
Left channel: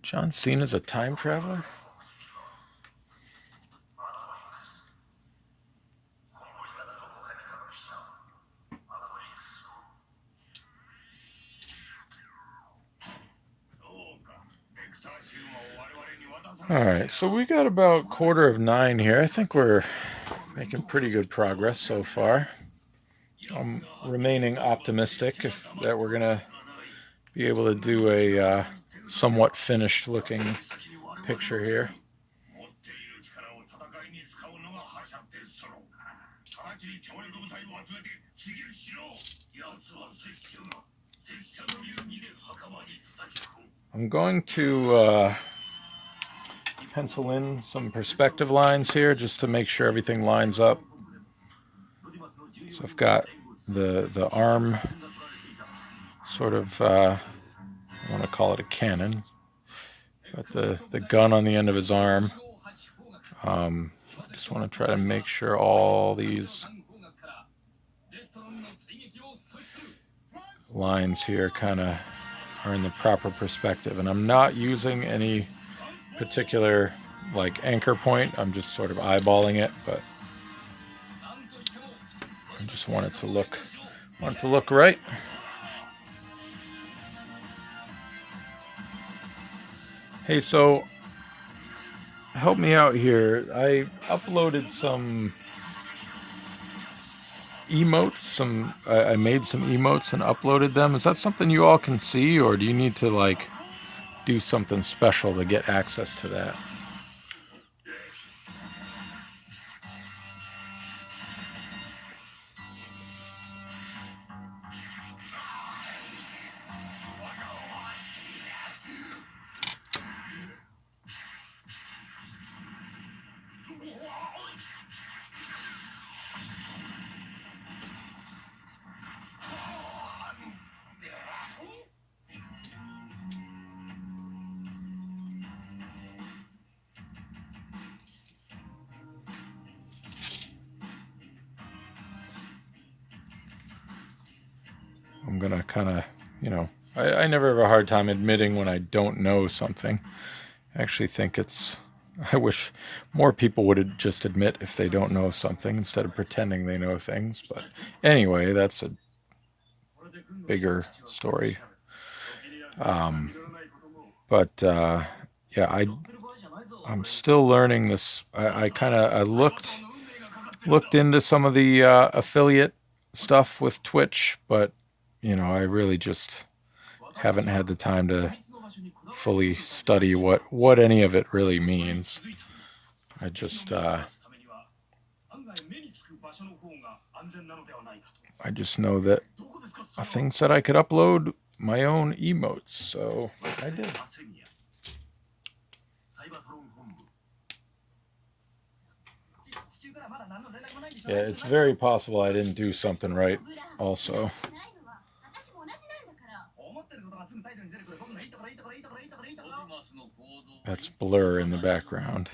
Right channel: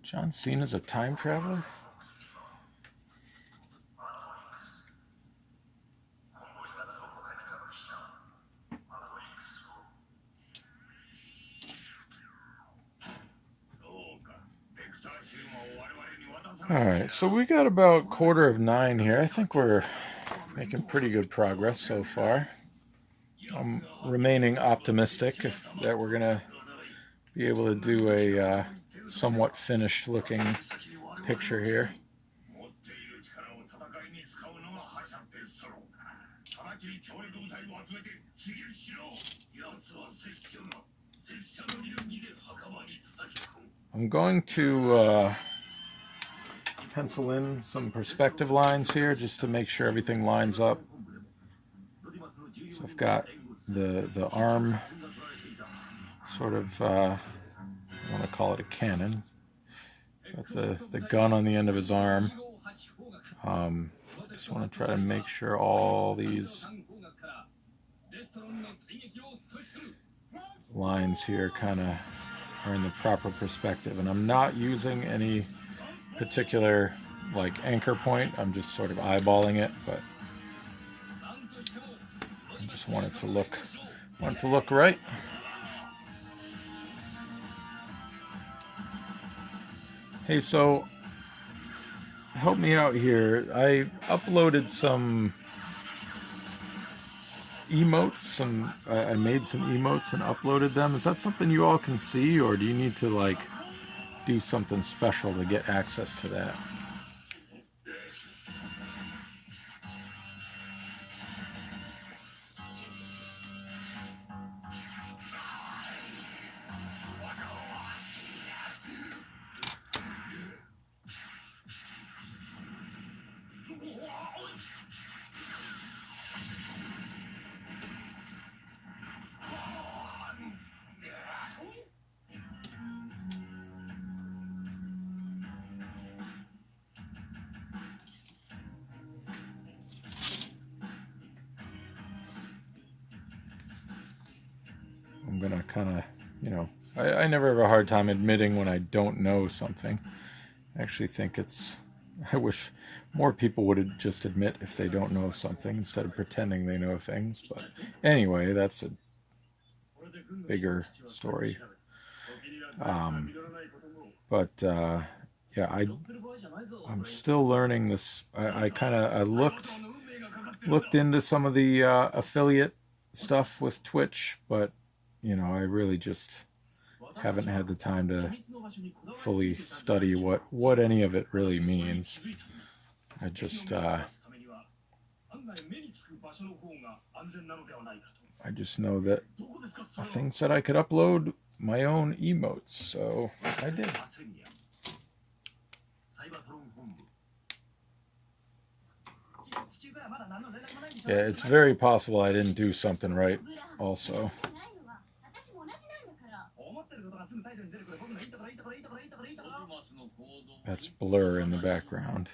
John Cena's a time traveler? Alright, so we got about 9:15 here. I think we're making pretty good progress so far. I'm remaining optimistic that we're going to be able to do a somewhat finished looking picture here. I'm going to pencil in some perspective lines here just to make sure everything lines up. So I've got the arm sort of, I want to call it a cannon, but the gun on the end of his arm. I just want to try to make sure all these lines here kind of are in the proper perspective, and I'm not using any particular like anchor point. I'm just sort of eyeballing it, but I just want it to look right. Hey, so help me out here. I uploaded some emotes, I made some emotes and uploaded them. Is that something you all can see, or do you need to like do something special to get access to that? I'm gonna kind of, I never have a hard time admitting when I don't know something. I actually think I wish more people would just admit if they don't know something instead of pretending they know things. But anyway, that's a bigger story. Um, but yeah, I'm still learning this. I looked into some of the affiliate stuff with Twitch, but I really just haven't had the time to fully study what any of it really means. I just know that things that I could upload my own emotes, so I did. Yeah, it's very possible I didn't do something right also. That's Blur in the background.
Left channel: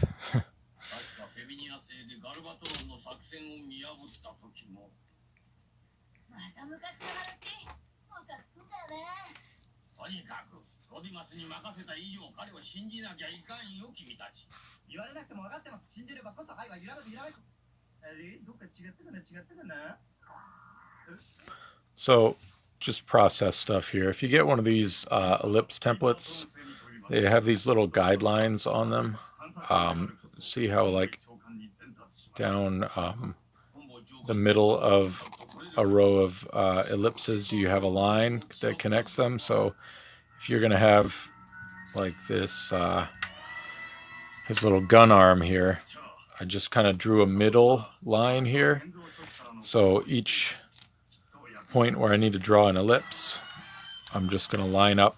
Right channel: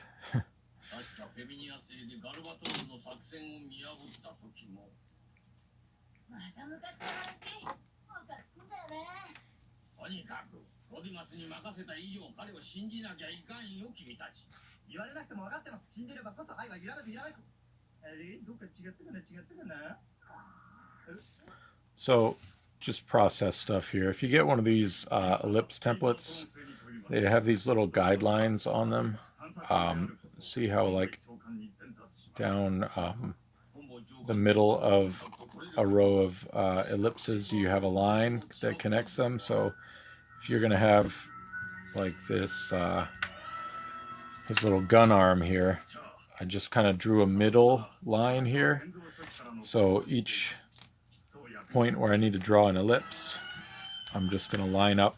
So, just process stuff here. If you get one of these ellipse templates, they have these little guidelines on them. See how like down the middle of a row of ellipses, you have a line that connects them. So if you're going to have like this his little gun arm here, I just kind of drew a middle line here. So each point where I need to draw an ellipse, I'm just going to line up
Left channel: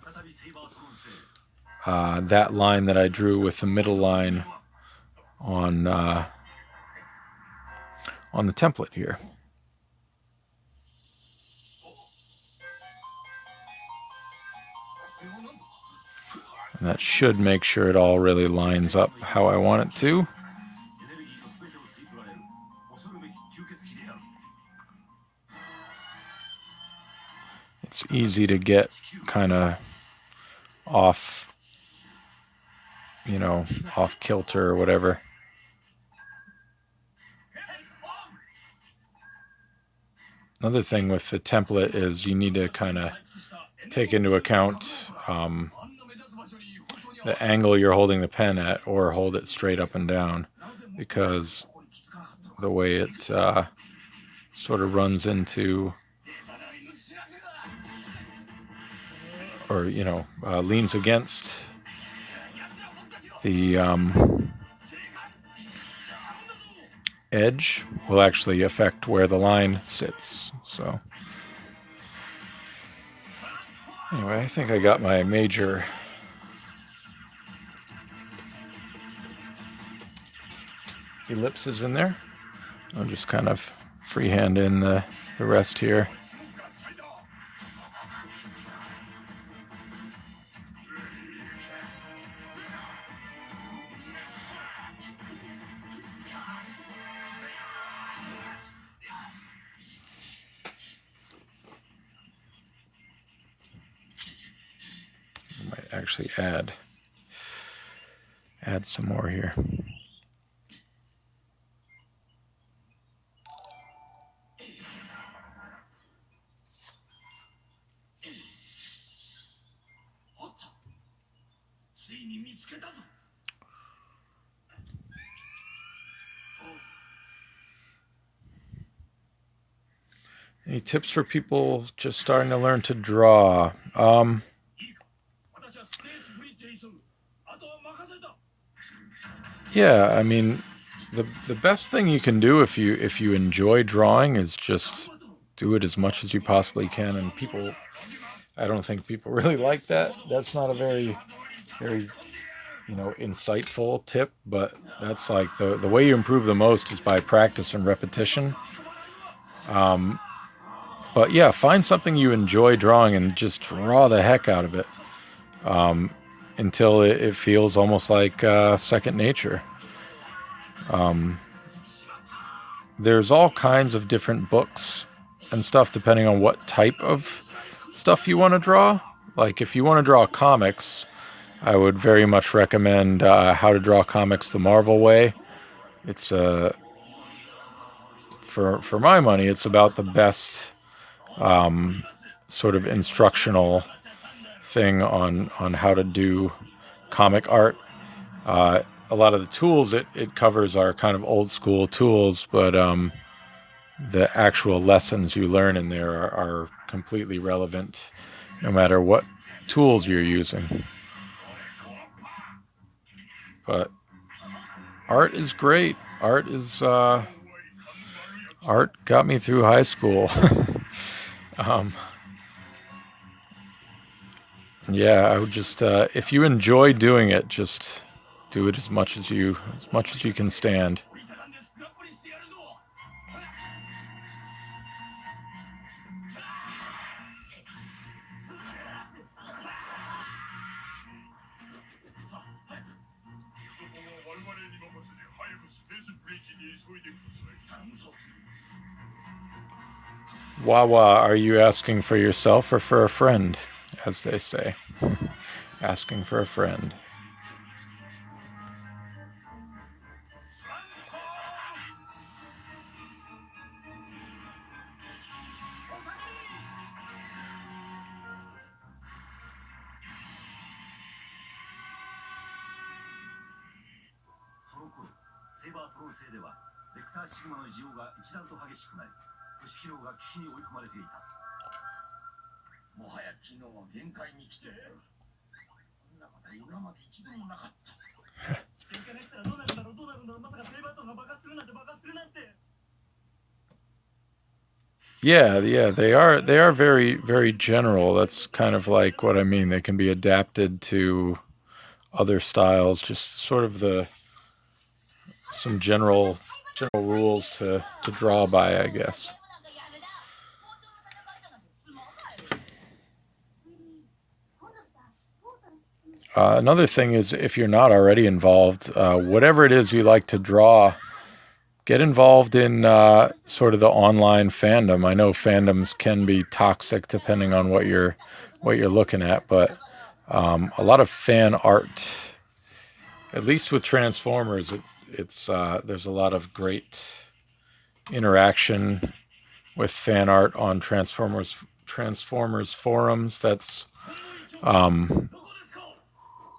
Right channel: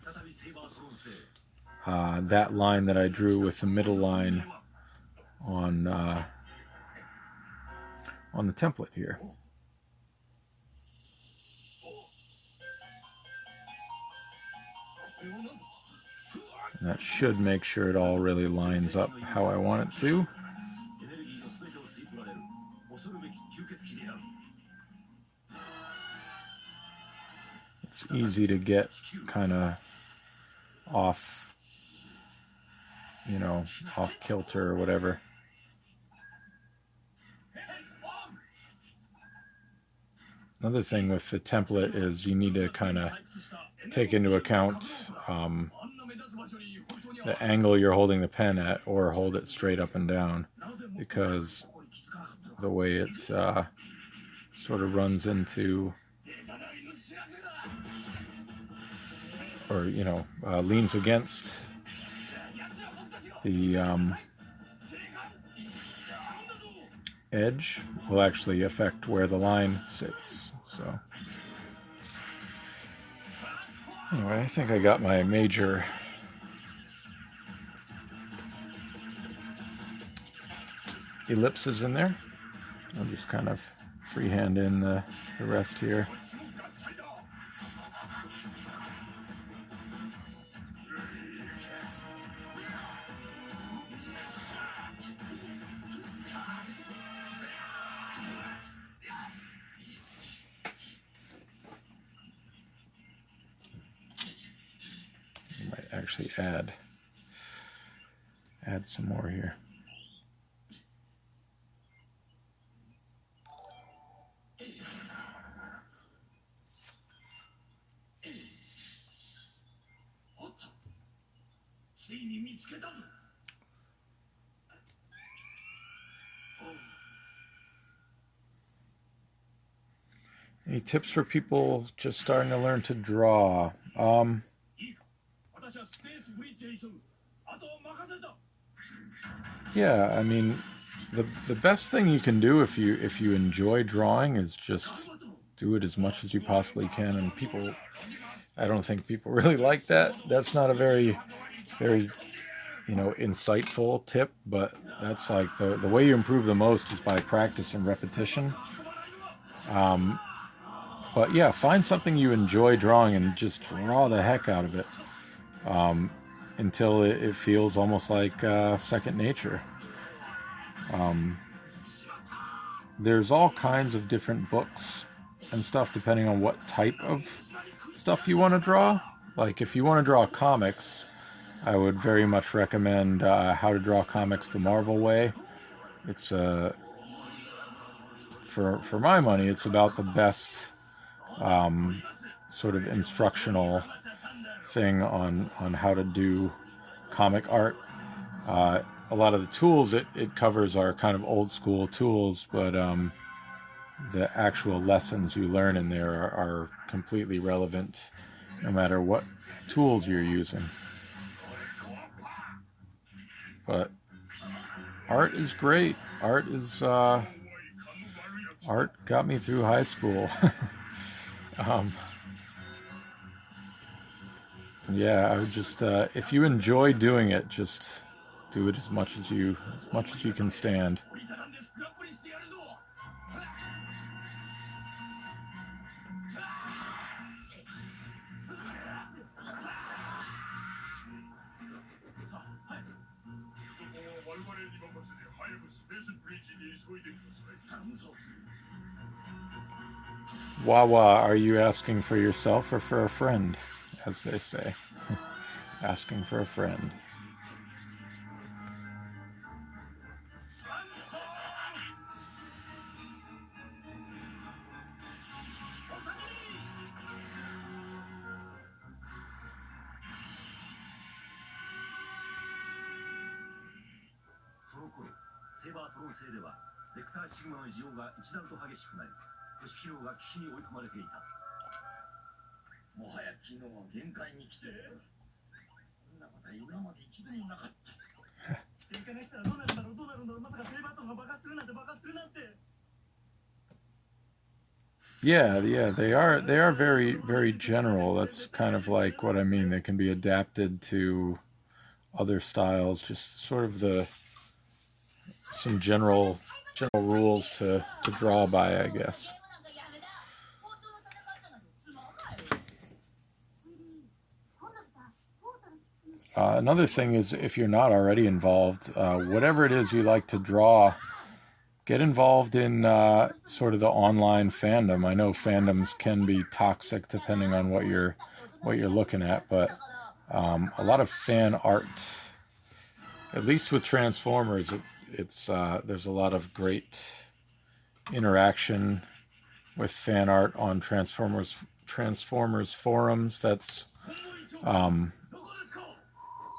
that line that I drew with the middle line on the template here. And that should make sure it all really lines up how I want it to. It's easy to get kind of off kilter or whatever. Another thing with the template is you need to kind of take into account the angle you're holding the pen at, or hold it straight up and down, because the way it sort of runs into, or leans against the edge will actually affect where the line sits. So anyway, I think I got my major ellipses in there. I'll just kind of freehand in the rest here. I might actually add some more here. Any tips for people just starting to learn to draw? Yeah, I mean, the best thing you can do if you enjoy drawing is just do it as much as you possibly can. And I don't think people really like that. That's not a very insightful tip, but that's like the way you improve the most is by practice and repetition. But yeah, find something you enjoy drawing and just draw the heck out of it until it feels almost like second nature. There's all kinds of different books and stuff depending on what type of stuff you want to draw. Like if you want to draw comics, I would very much recommend How to Draw Comics the Marvel Way. It's for my money, it's about the best sort of instructional thing on how to do comic art. A lot of the tools it covers are kind of old school tools, but the actual lessons you learn in there are completely relevant no matter what tools you're using. But art is great. Art got me through high school. um, yeah, I would just if you enjoy doing it, just do it as much as you can stand. Wawa, are you asking for yourself or for a friend, as they say? Asking for a friend. Yeah, they are very very general. That's kind of like what I mean. They can be adapted to other styles, just sort of the some general rules to draw by, I guess. Another thing is, if you're not already involved, whatever it is you like to draw, get involved in sort of the online fandom. I know fandoms can be toxic depending on what you're looking at, but a lot of fan art, at least with Transformers, it's there's a lot of great interaction with fan art on Transformers forums. That's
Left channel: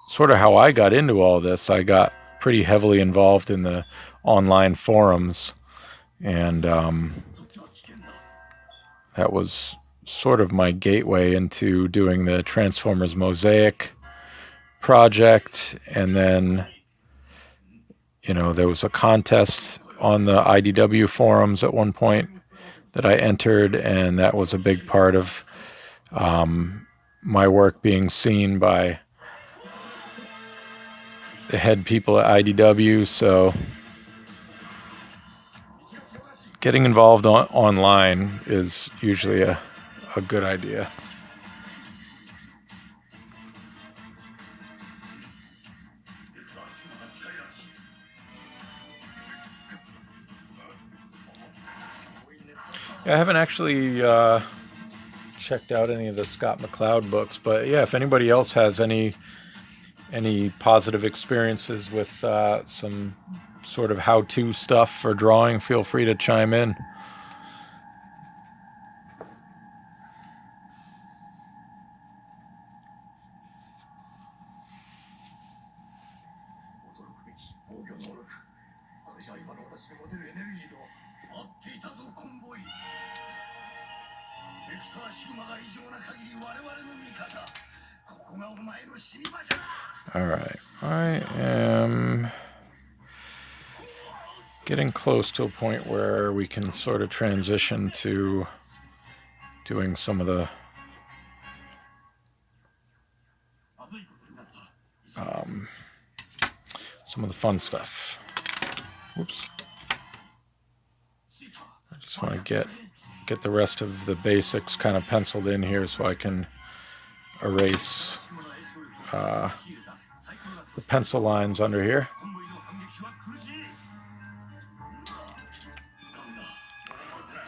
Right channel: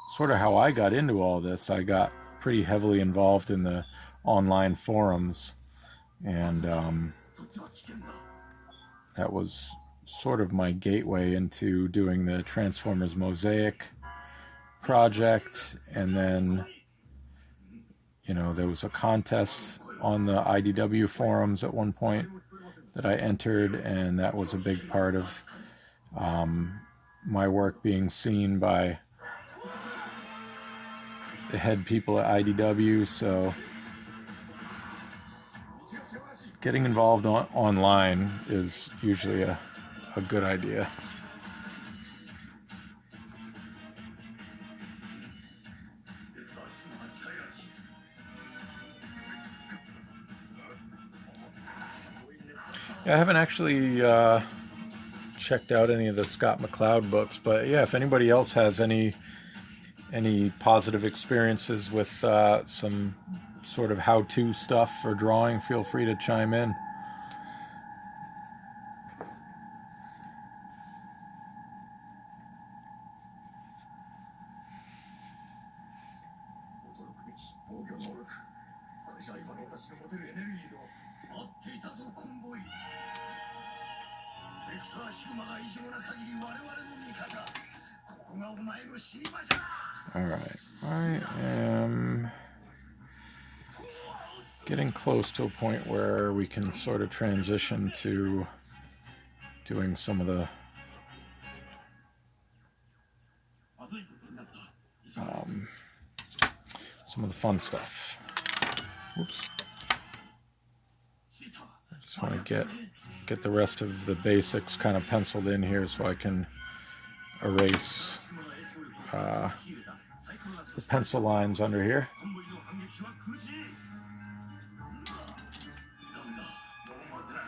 sort of how I got into all this. I got pretty heavily involved in the online forums, and that was sort of my gateway into doing the Transformers Mosaic project. And then, there was a contest on the IDW forums at one point that I entered, and that was a big part of my work being seen by the head people at IDW. So getting involved online is usually a good idea. I haven't actually checked out any of the Scott McCloud books, but yeah, if anybody else has any positive experiences with some sort of how-to stuff for drawing, feel free to chime in. All right, I am getting close to a point where we can sort of transition to doing some of the fun stuff. Whoops. I just want to get the rest of the basics kind of penciled in here so I can erase the pencil lines under here.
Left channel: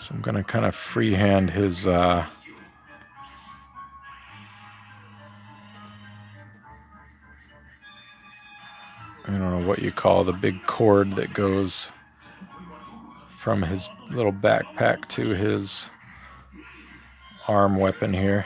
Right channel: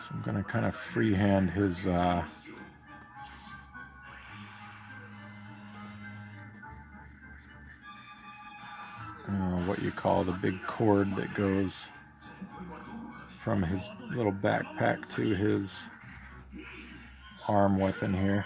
So I'm going to kind of freehand his what you call the big cord that goes from his little backpack to his arm weapon here.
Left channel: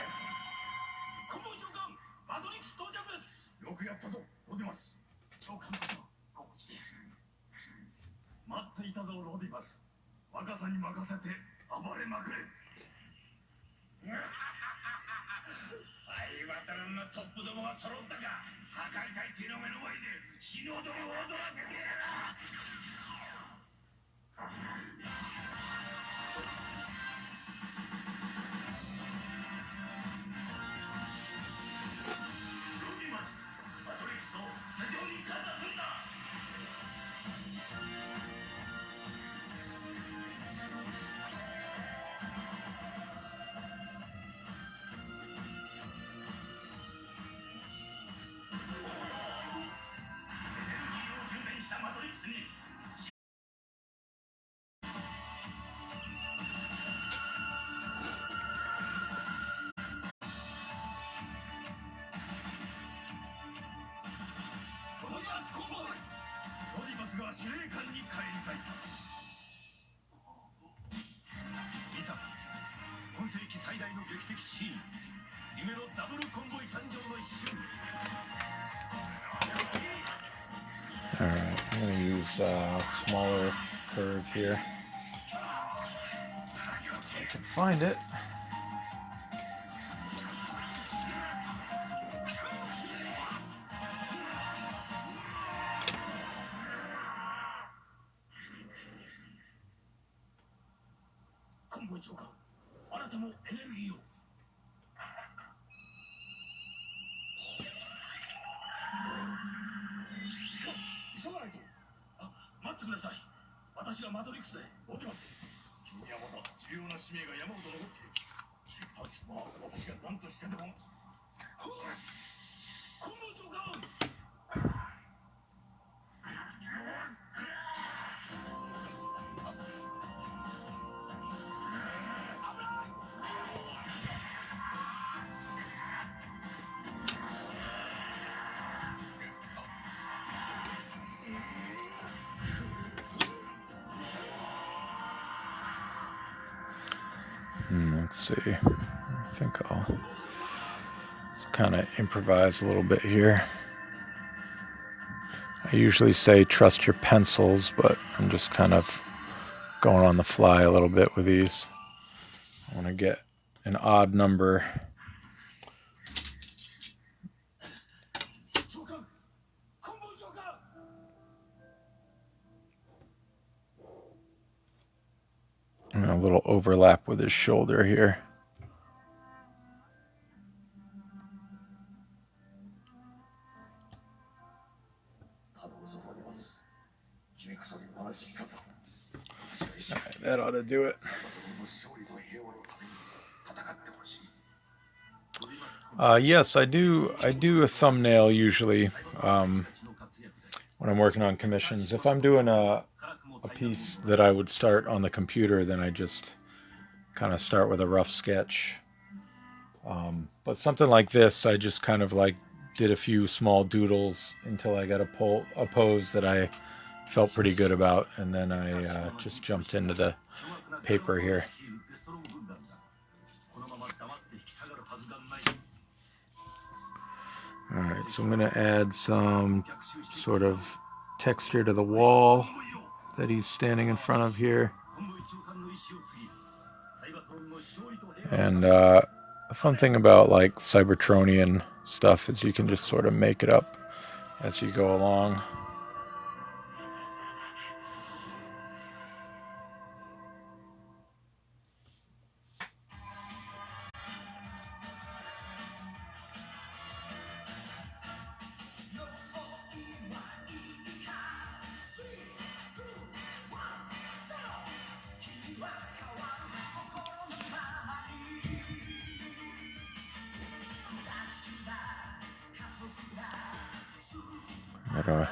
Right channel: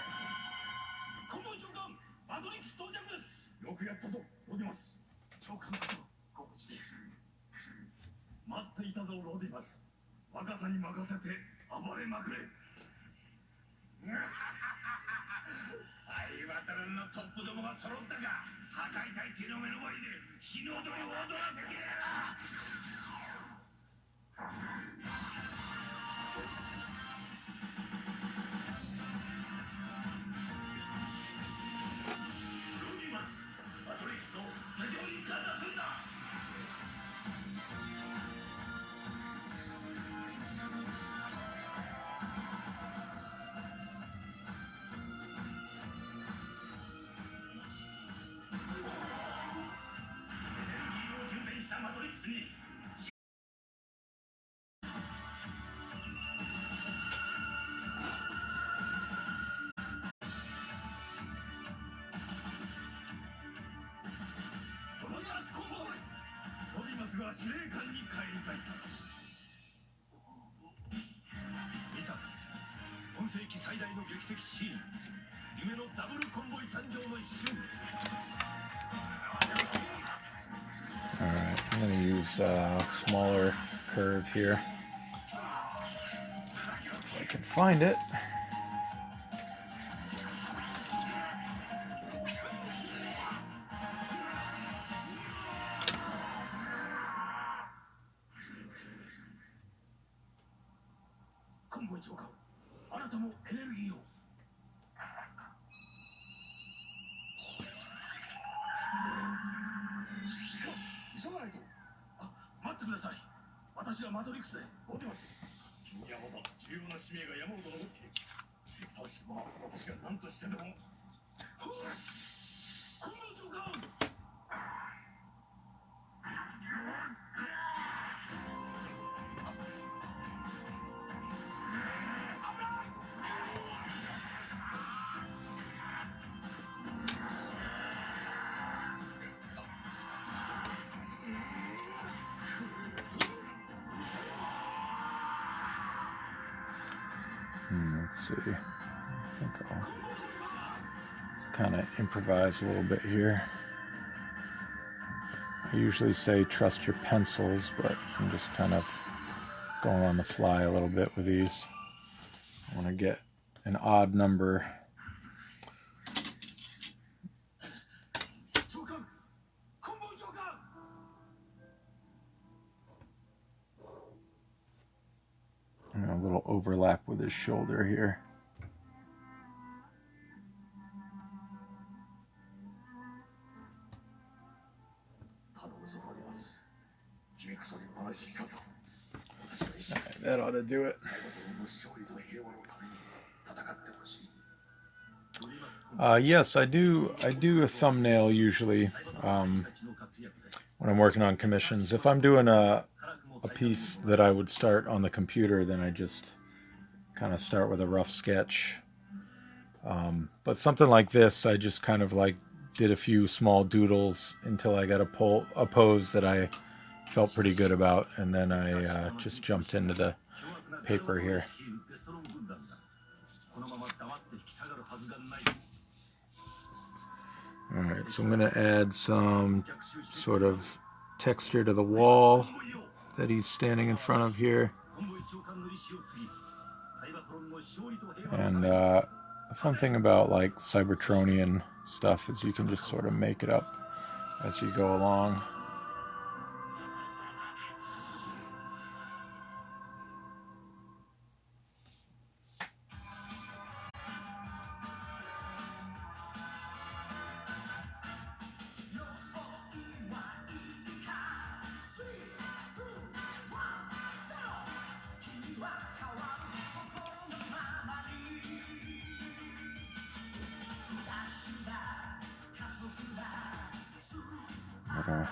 Alright, I'm going to use a smaller curve here. If I can find it. Let's see. I think I'll just kind of improvise a little bit here. I usually say trust your pencils, but I'm just kind of going on the fly a little bit with these. I want to get an odd number. And a little overlap with his shoulder here. Alright, that ought to do it. Yes, I do a thumbnail usually when I'm working on commissions. If I'm doing a piece that I would start on the computer, then I just kind of start with a rough sketch. But something like this, I just kind of like did a few small doodles until I got a pose that I felt pretty good about, and then I just jumped into the paper here. Alright, so I'm going to add some sort of texture to the wall that he's standing in front of here. And the fun thing about like Cybertronian stuff is you can just sort of make it up as you go along. I'm gonna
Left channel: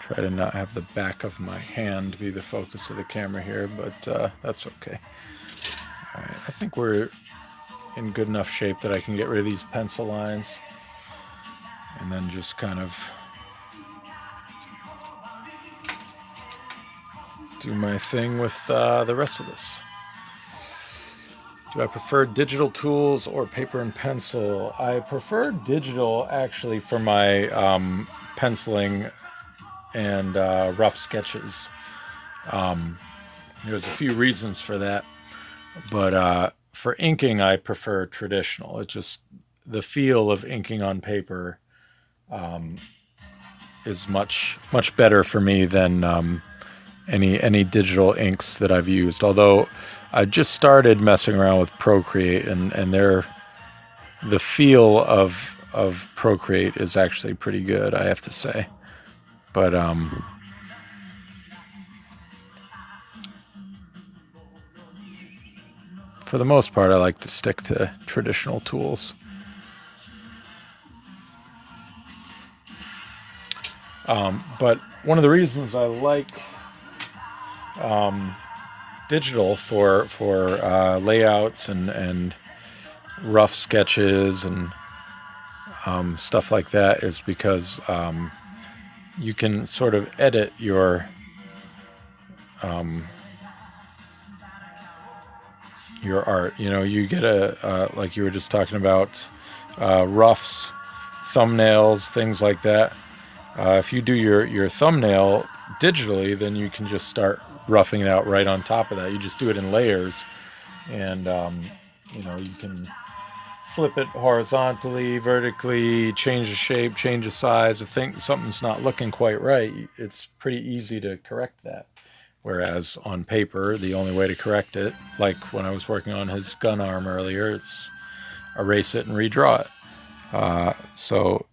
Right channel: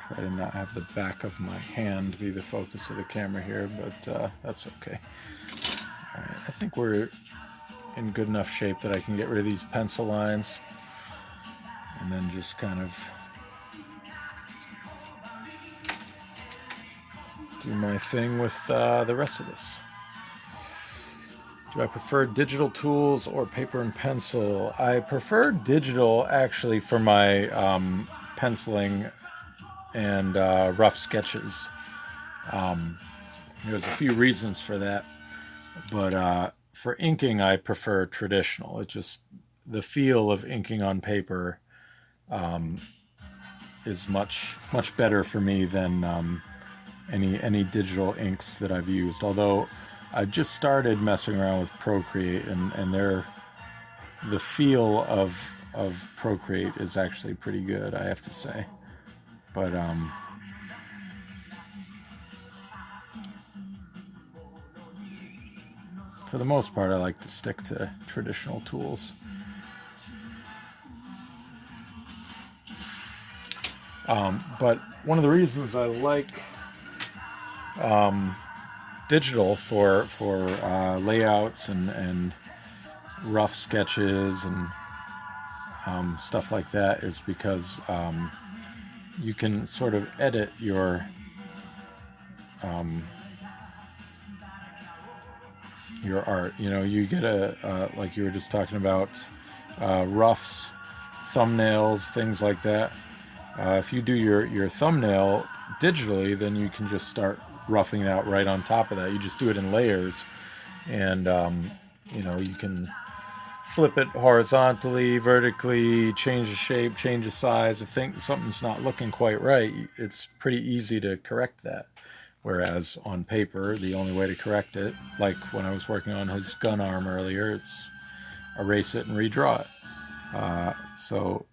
try to not have the back of my hand be the focus of the camera here, but that's okay. All right, I think we're in good enough shape that I can get rid of these pencil lines and then just kind of do my thing with the rest of this. Do I prefer digital tools or paper and pencil? I prefer digital actually for my penciling and rough sketches. Um, there's a few reasons for that, but for inking, I prefer traditional. It's just the feel of inking on paper um, is much better for me than any digital inks that I've used. Although I just started messing around with Procreate, and the feel of Procreate is actually pretty good, I have to say. But for the most part, I like to stick to traditional tools. But one of the reasons I like digital for layouts and rough sketches and stuff like that is because you can sort of edit um, your art. You know, you get like you were just talking about, roughs, thumbnails, things like that. If you do your thumbnail digitally, then you can just start roughing it out right on top of that. You just do it in layers, and you know, you can flip it horizontally, vertically, change the shape, change the size. If something's not looking quite right, it's pretty easy to correct that. Whereas on paper, the only way to correct it, like when I was working on his gun arm earlier, it's erase it and redraw it. So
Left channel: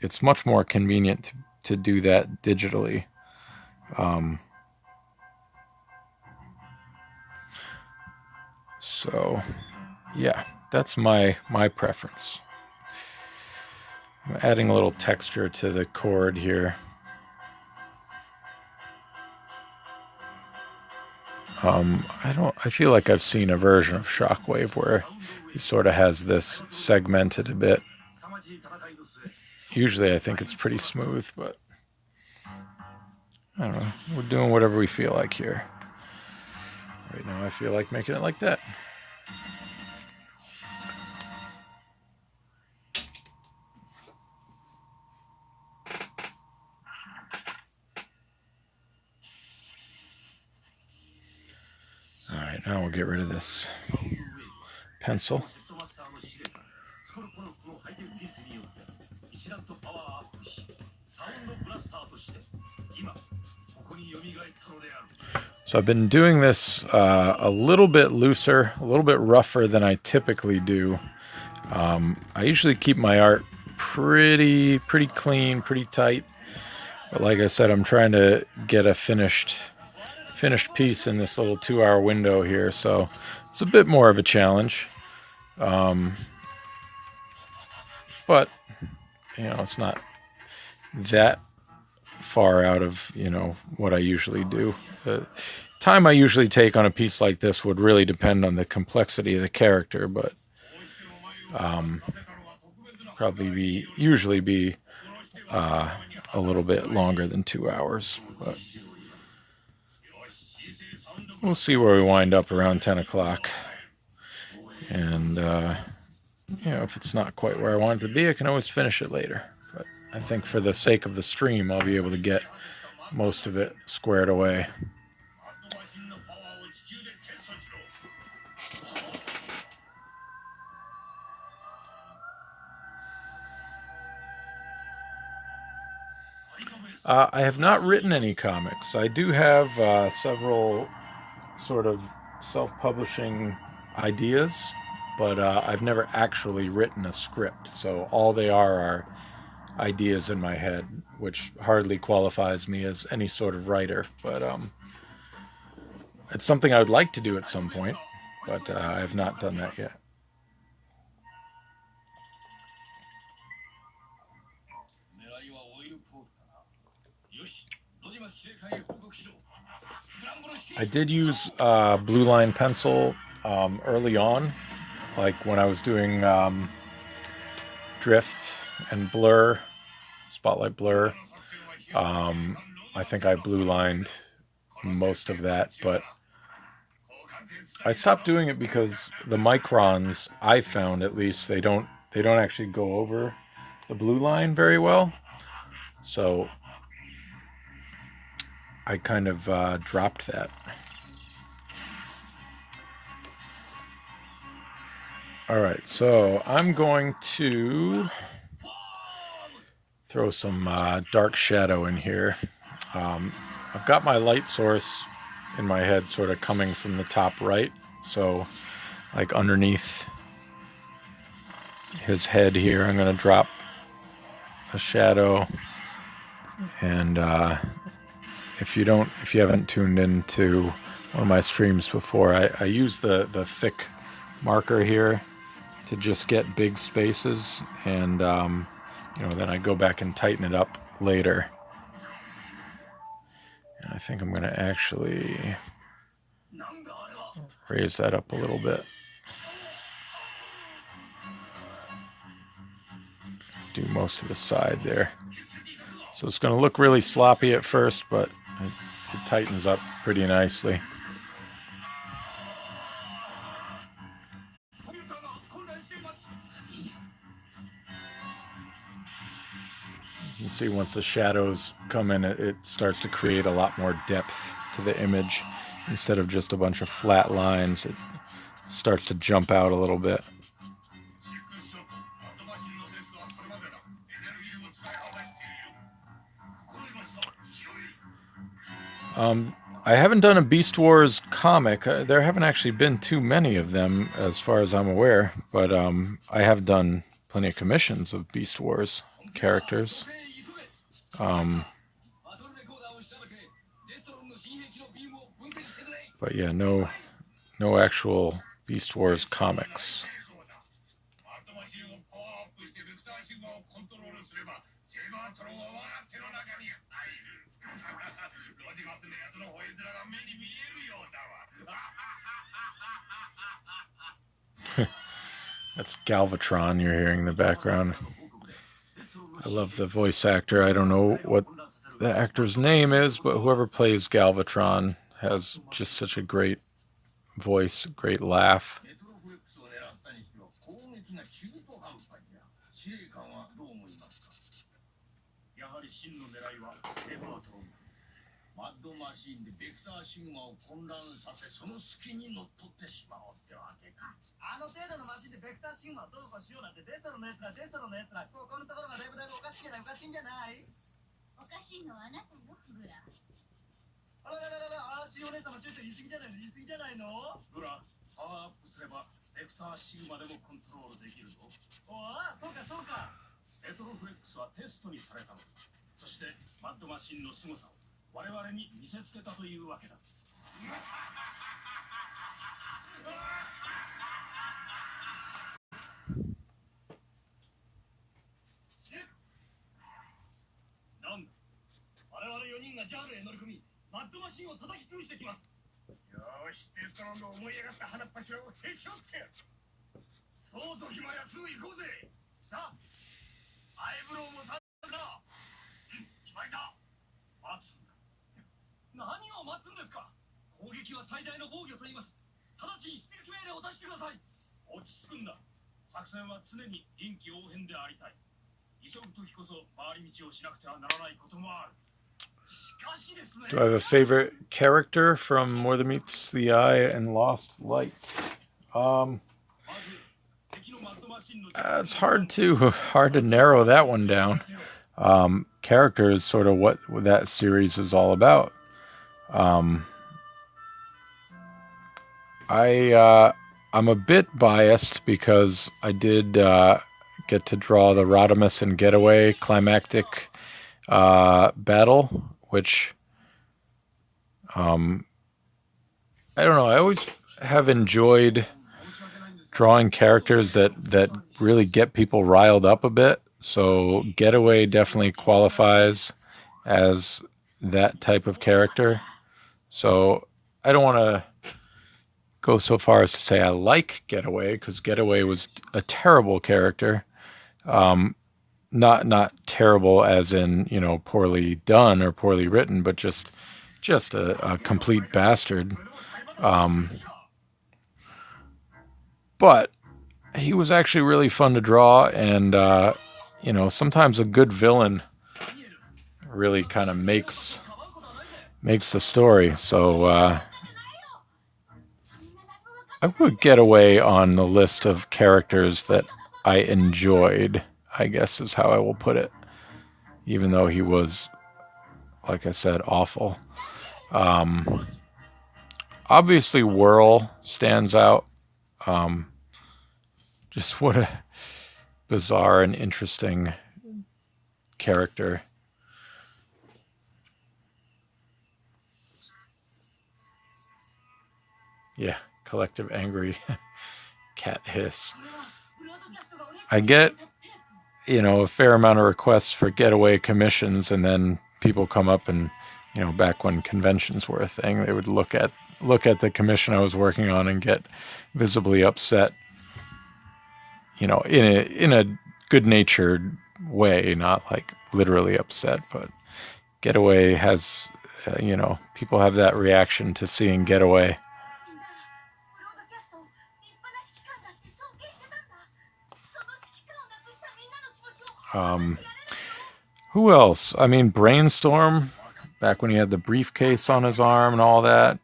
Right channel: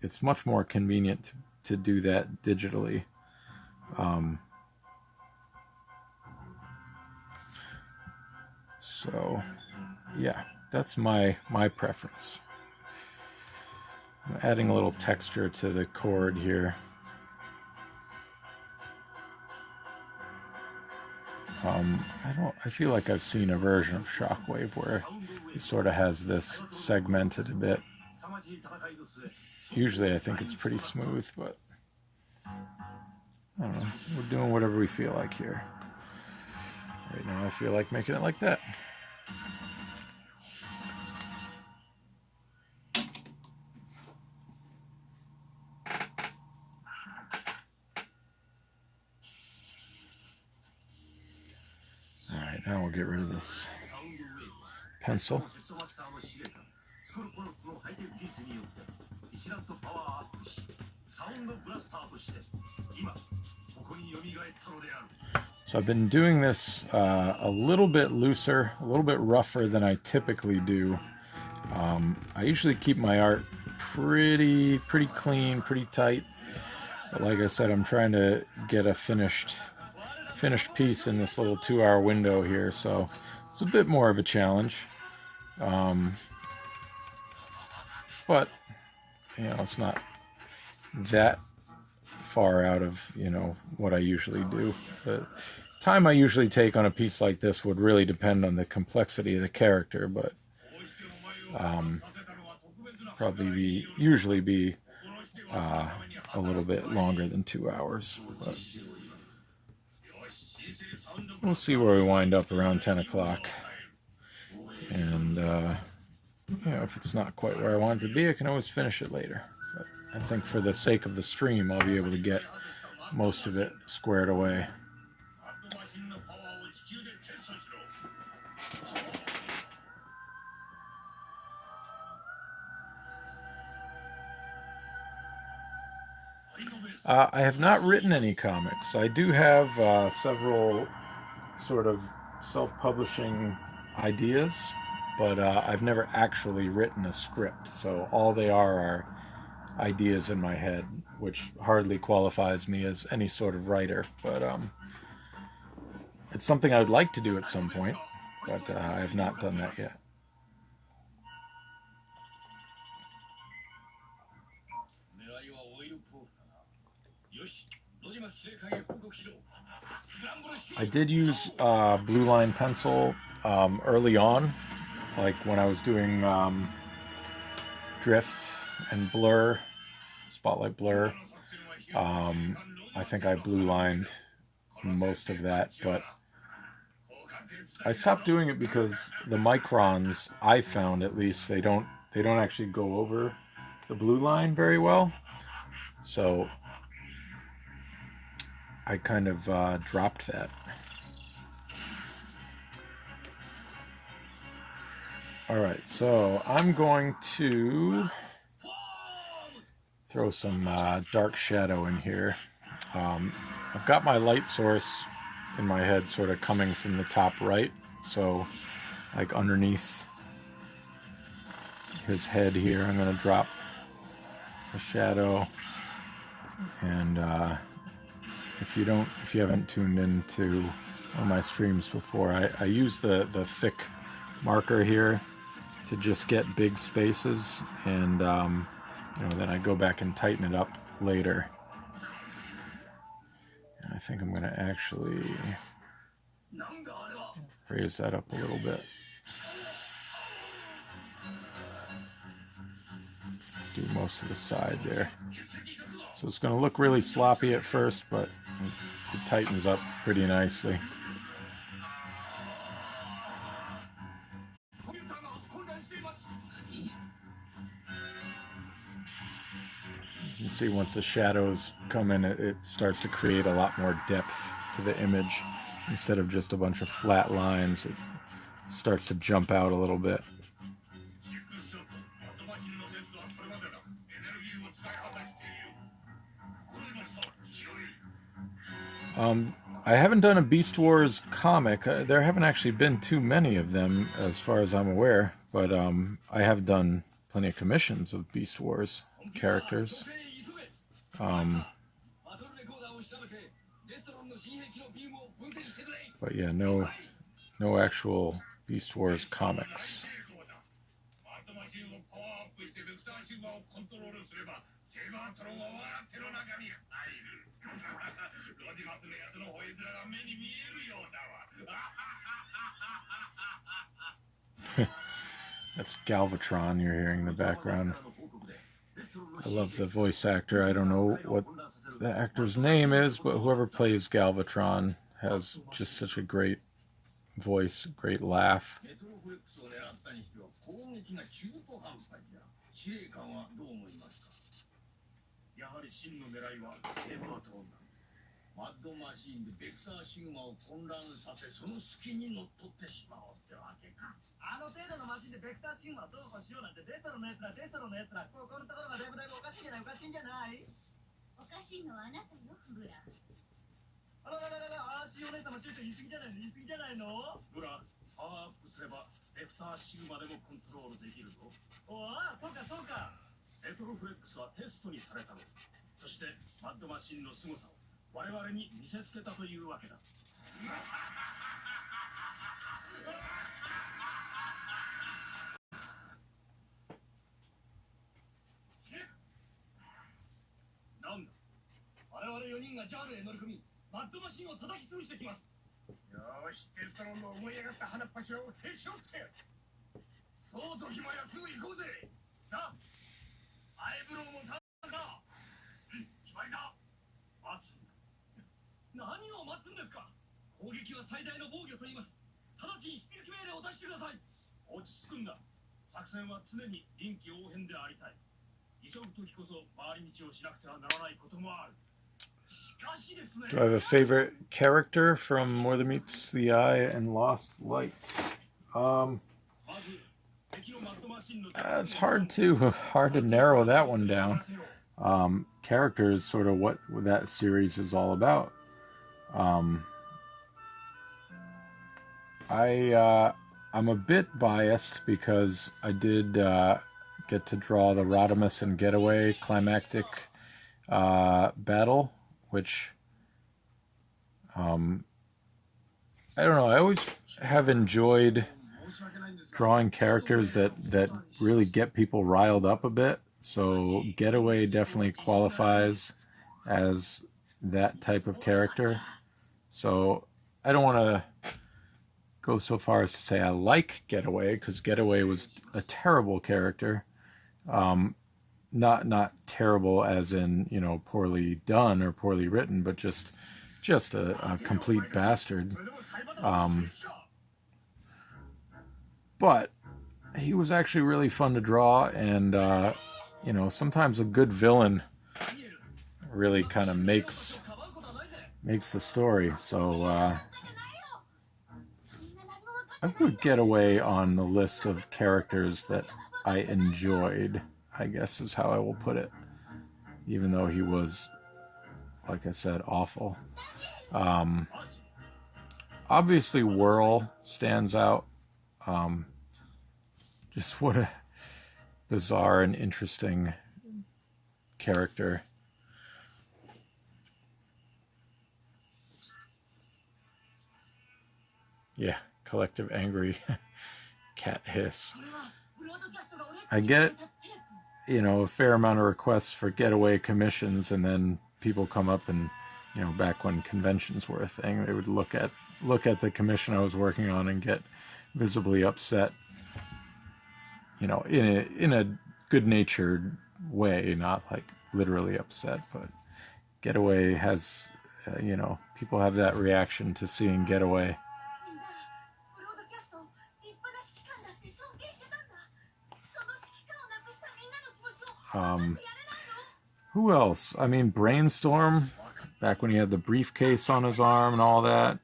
it's much more convenient to do that digitally. Um, so yeah, that's my preference. I'm adding a little texture to the cord here. I feel like I've seen a version of Shockwave where he sort of has this segmented a bit. Usually I think it's pretty smooth, but I don't know. We're doing whatever we feel like here. Right now I feel like making it like that. All right, now we'll get rid of this pencil. So I've been doing this a little bit looser, a little bit rougher than I typically do. I usually keep my art pretty clean, pretty tight. But like I said, I'm trying to get a finished piece in this little 2-hour window here, so it's a bit more of a challenge. But you know, it's not that far out of, you know, what I usually do. The time I usually take on a piece like this would really depend on the complexity of the character, but usually be a little bit longer than 2 hours. But we'll see where we wind up around 10 o'clock. And you know, if it's not quite where I want it to be, I can always finish it later. But I think for the sake of the stream, I'll be able to get most of it squared away. I have not written any comics. I do have several sort of self-publishing ideas, but I've never actually written a script. So all they are ideas in my head, which hardly qualifies me as any sort of writer. But it's something I would like to do at some point, but I have not done that yet. I did use blue line pencil early on, like when I was doing drift and blur, spotlight blur. I think I blue lined most of that, but I stopped doing it because the microns, I found at least, they don't actually go over the blue line very well. So I kind of dropped that. All right, so I'm going to throw some dark shadow in here. I've got my light source in my head sort of coming from the top right, so like underneath his head here, I'm going to drop a shadow. And if you haven't tuned into one of my streams before, I use the thick marker here to just get big spaces, and then I go back and tighten it up later. And I think I'm going to actually raise that up a little bit. Do most of the side there. So it's going to look really sloppy at first, but it tightens up pretty nicely. You can see once the shadows come in, it starts to create a lot more depth to the image. Instead of just a bunch of flat lines, it starts to jump out a little bit. I haven't done a Beast Wars comic. There haven't actually been too many of them, as far as I'm aware, but I have done plenty of commissions of Beast Wars characters. But yeah, no actual Beast Wars comics. That's Galvatron you're hearing in the background. I love the voice actor. I don't know what the actor's name is, but whoever plays Galvatron has just such a great voice, great laugh. Do I have a favorite character from More Than Meets the Eye and Lost Light? It's hard to narrow that one down. Character is sort of what that series is all about. I'm a bit biased because I did get to draw the Rodimus and Getaway climactic battle, which I don't know. I always have enjoyed drawing characters that really get people riled up a bit. So Getaway definitely qualifies as that type of character. So I don't want to go so far as to say I like Getaway, because Getaway was a terrible character. Not terrible as in, poorly done or poorly written, but just just a complete bastard. Um, but he was actually really fun to draw, and sometimes a good villain really kind of makes the story. So I would get away on the list of characters that I enjoyed, I guess is how I will put it, even though he was, like I said, awful. Obviously, Whirl stands out. Just what a bizarre and interesting character. Yeah, collective angry cat hiss. I get, a fair amount of requests for getaway commissions, and then people come up and, back when conventions were a thing, they would look at the commission I was working on and get visibly upset, in a good-natured way, not like literally upset, but Getaway has, people have that reaction to seeing Getaway. Who else? I mean, Brainstorm, back when he had the briefcase on his arm and all that.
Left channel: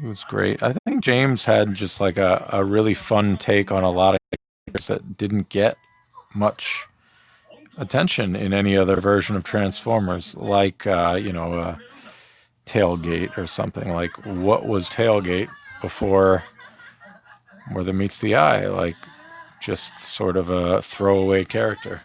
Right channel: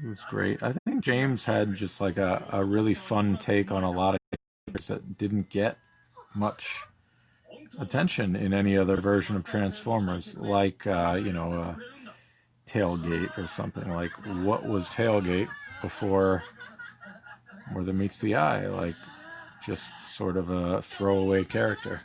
He was great. I think James had just like a really fun take on a lot of characters that didn't get much attention in any other version of Transformers, like, Tailgate or something. Like, what was Tailgate before More Than Meets the Eye? Like, just sort of a throwaway character.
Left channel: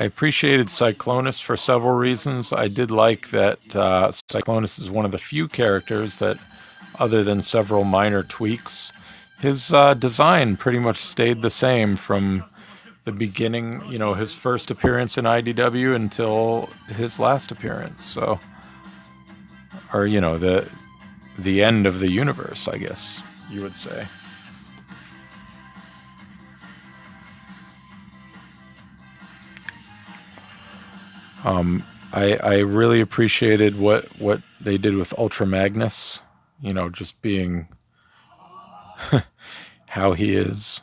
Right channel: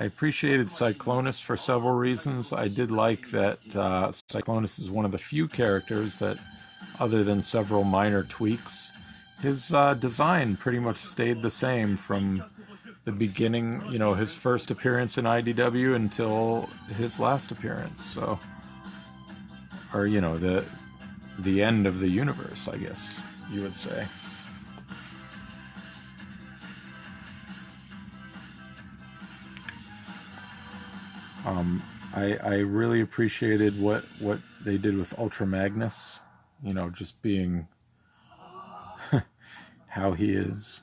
I appreciated Cyclonus for several reasons. I did like that Cyclonus is one of the few characters that, other than several minor tweaks, his design pretty much stayed the same from the beginning, his first appearance in IDW until his last appearance. So, or, the end of the universe, I guess you would say. I really appreciated what they did with Ultra Magnus, just being how he is.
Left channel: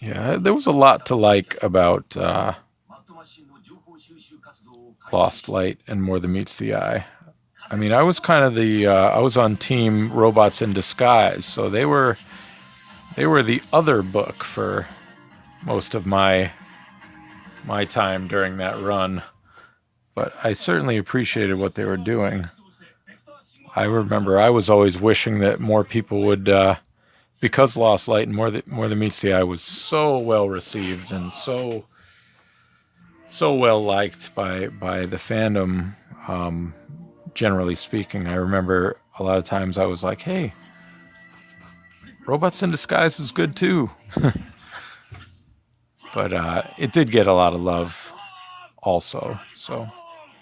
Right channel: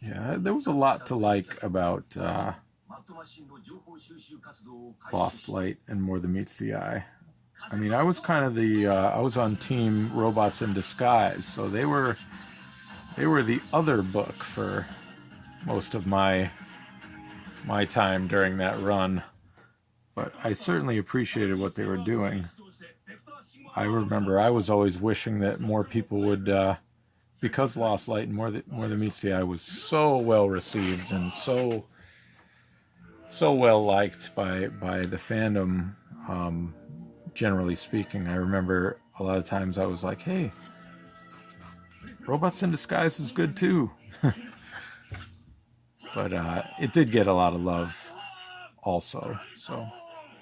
Yeah, there was a lot to like about Lost Light and More Than Meets the Eye. I mean, I was kind of I was on team Robots in Disguise, so they were the other book for most of my time during that run. But I certainly appreciated what they were doing. I remember I was always wishing that more people would, because Lost Light and More Than Meets the Eye was so well received and so well liked by the fandom, generally speaking. I remember a lot of times I was like, hey, Robots in Disguise is good too. But it did get a lot of love also, so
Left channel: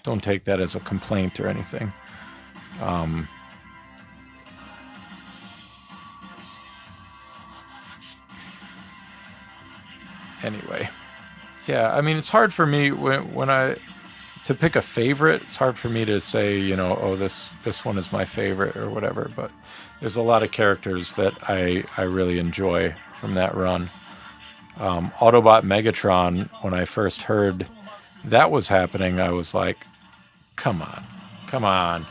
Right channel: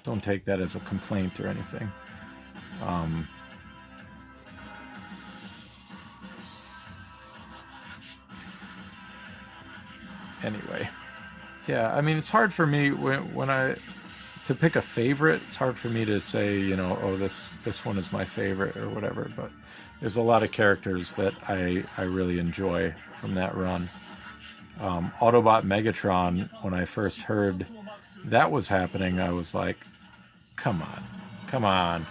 don't take that as a complaint or anything. Anyway, yeah, I mean, it's hard for me when to pick a favorite. It's hard for me to say, oh, this one is my favorite or whatever, but there's a lot of characters that I really enjoy from that run. Autobot Megatron, when I first heard that was happening, I was like, come on,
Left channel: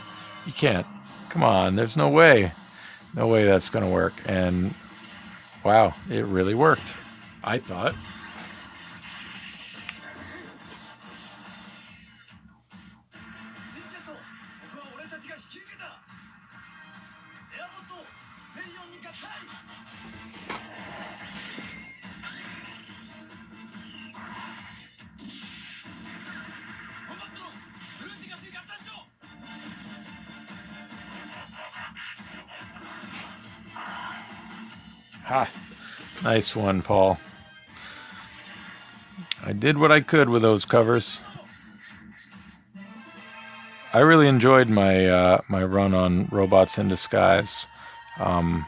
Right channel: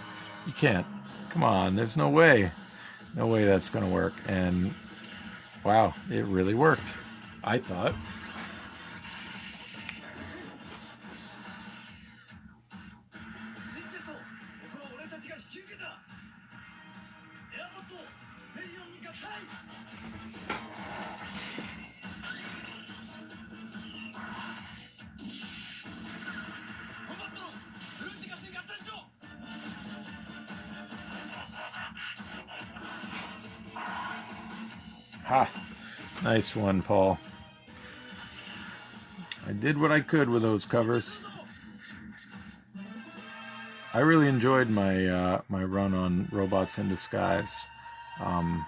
you can't, come on, there's no way that's gonna work. And wow, it really worked, I thought. Ha! Nice one, Paul. I did what I could with those covers. I really enjoyed my my run on Robots in Disguise. Um,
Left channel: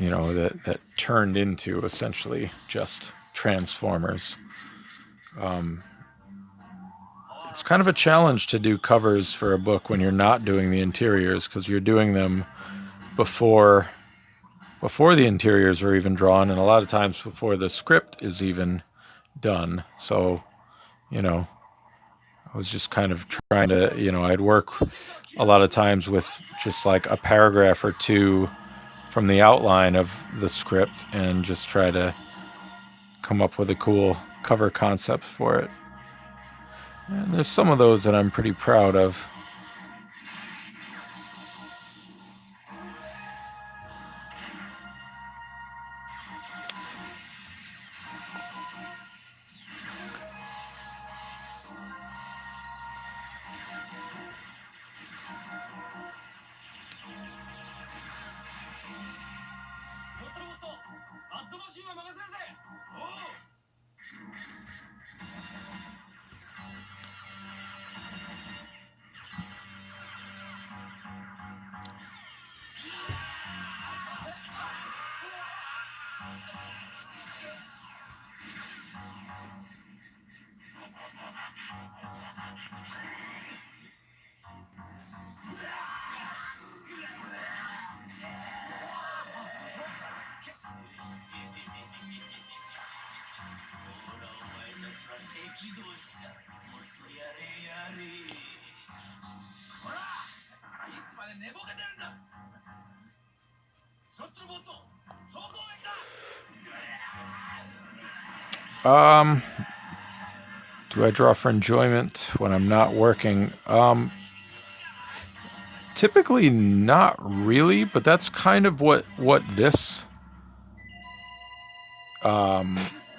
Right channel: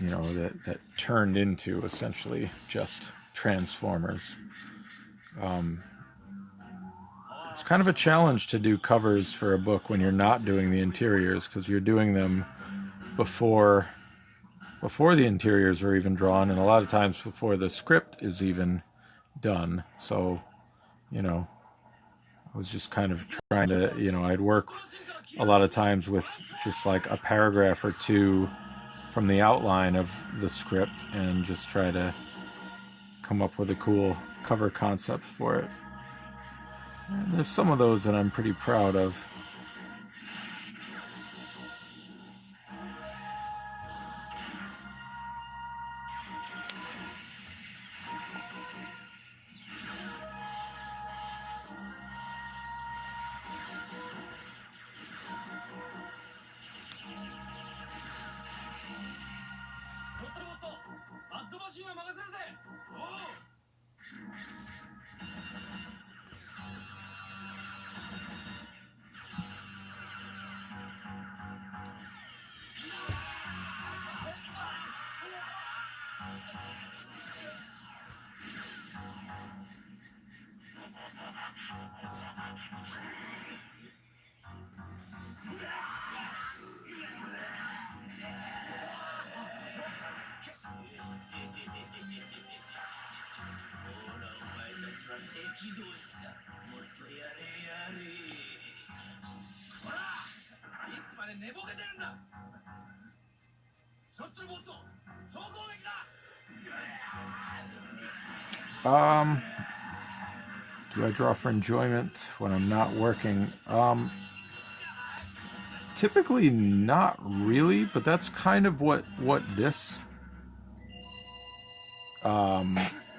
you know, that turned into essentially just Transformers. Um, it's kind of a challenge to do covers for a book when you're not doing the interiors because you're doing them before the interiors are even drawn, and a lot of times before the script is even done. So, you know, I was just kind of trying to, I'd work a lot of times with just like a paragraph or two from the outline of the script and just try to come up with a cool cover concept for it. And there's some of those that I'm pretty proud of. Um, do I draw for enjoyment when I'm not working? Typically not really, but that's kind of what this um,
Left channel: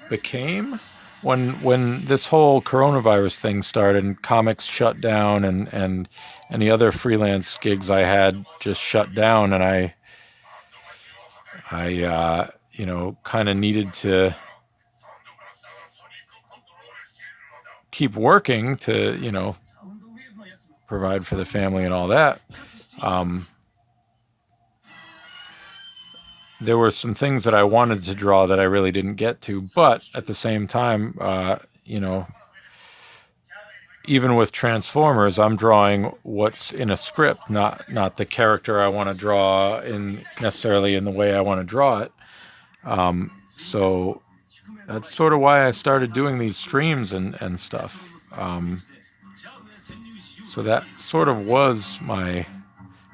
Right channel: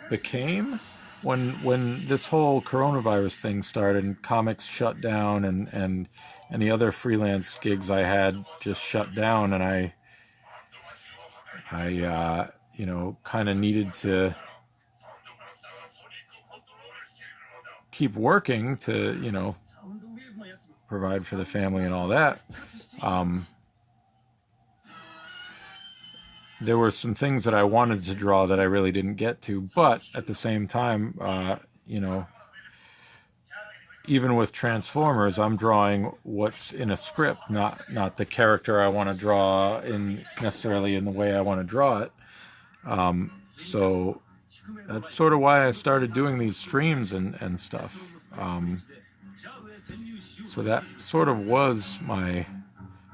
became when this whole coronavirus thing started and comics shut down and any other freelance gigs I had just shut down, and I kind of needed to keep working to provide for the family and all that. Um, there were some things that I wanted to draw that I really didn't get to, but at the same time, even with Transformers, I'm drawing what's in a script, not the character I want to draw in necessarily in the way I want to draw it. So that's sort of why I started doing these streams and stuff. So that sort of was my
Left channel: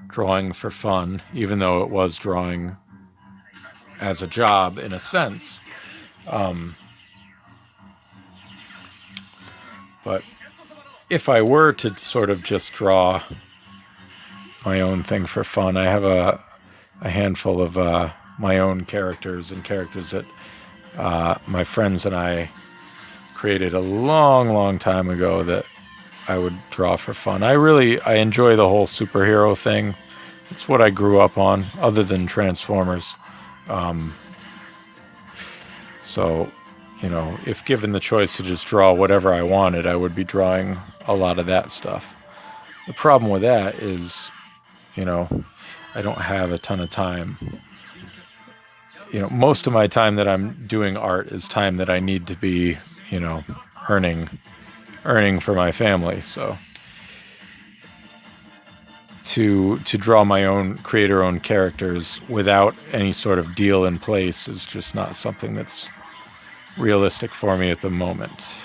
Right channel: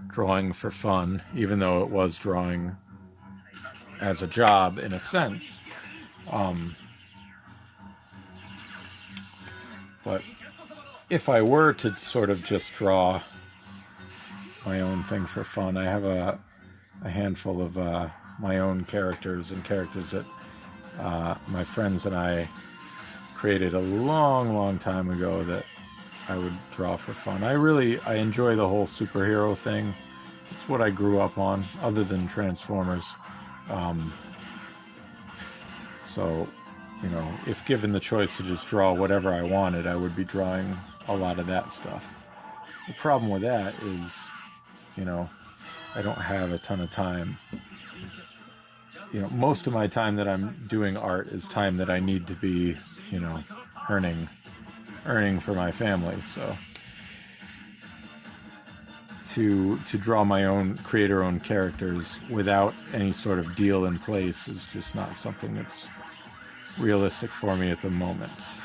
drawing for fun, even though it was drawing as a job in a sense. But if I were to sort of just draw my own thing for fun, I have a handful of my own characters and characters that my friends and I created a long, long time ago that I would draw for fun. I enjoy the whole superhero thing. It's what I grew up on, other than Transformers. So, if given the choice to just draw whatever I wanted, I would be drawing a lot of that stuff. The problem with that is, I don't have a ton of time. Most of my time that I'm doing art is time that I need to be, earning for my family. So to draw my own, creator-owned characters without any sort of deal in place is just not something that's realistic for me at the moment.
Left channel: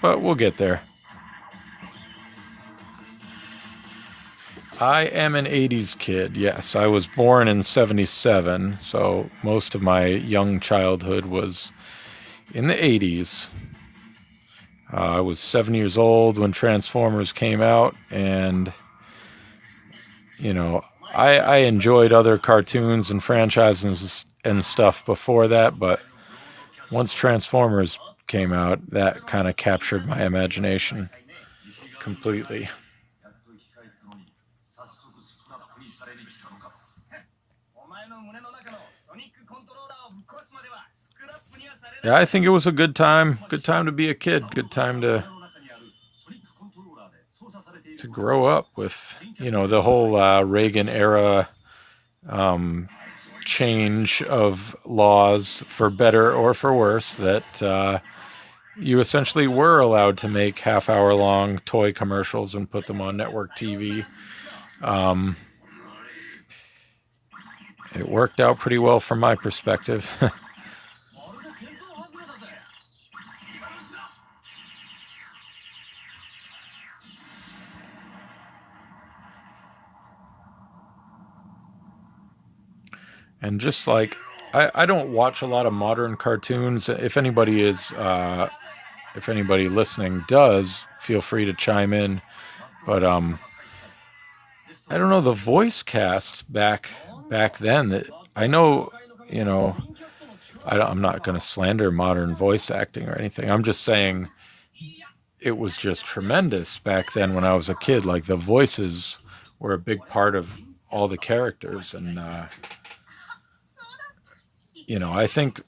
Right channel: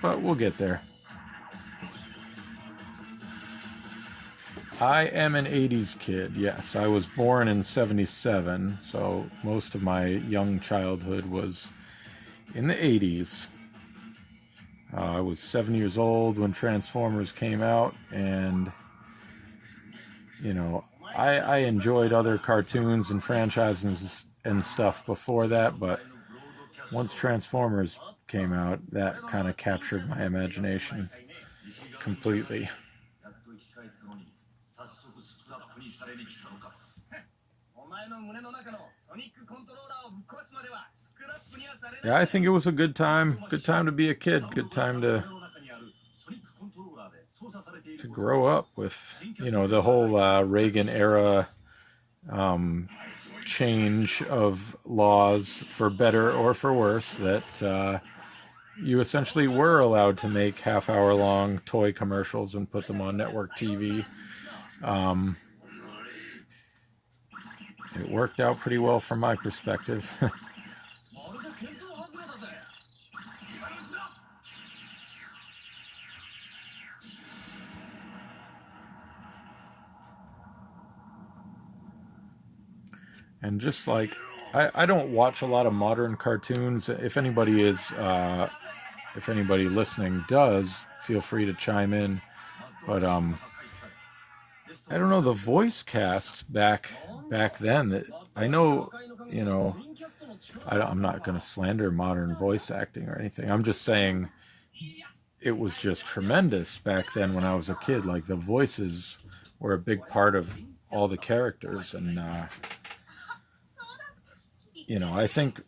But we'll get there. I am an 80s kid, yes. I was born in 77, so most of my young childhood was in the 80s. I was 7 years old when Transformers came out, and, I enjoyed other cartoons and franchises and stuff before that, but once Transformers came out, that kind of captured my imagination completely. Yeah, I think it was a good time. Good time to be a kid. Good time to to grow up with, the whole Reagan era change of laws, for better or for worse, that you essentially were allowed to make half-hour long toy commercials and put them on network TV. Um, it worked out pretty well from my perspective. And just like I don't watch a lot of modern cartoons. If anybody listening does, feel free to chime in. But I don't know, the voice cast back then. That I know, you know, I'm not going to slander modern voice acting or anything. I'm just saying it was just tremendous back then when I was a kid. Like the voices were a big part of all the characters, and I think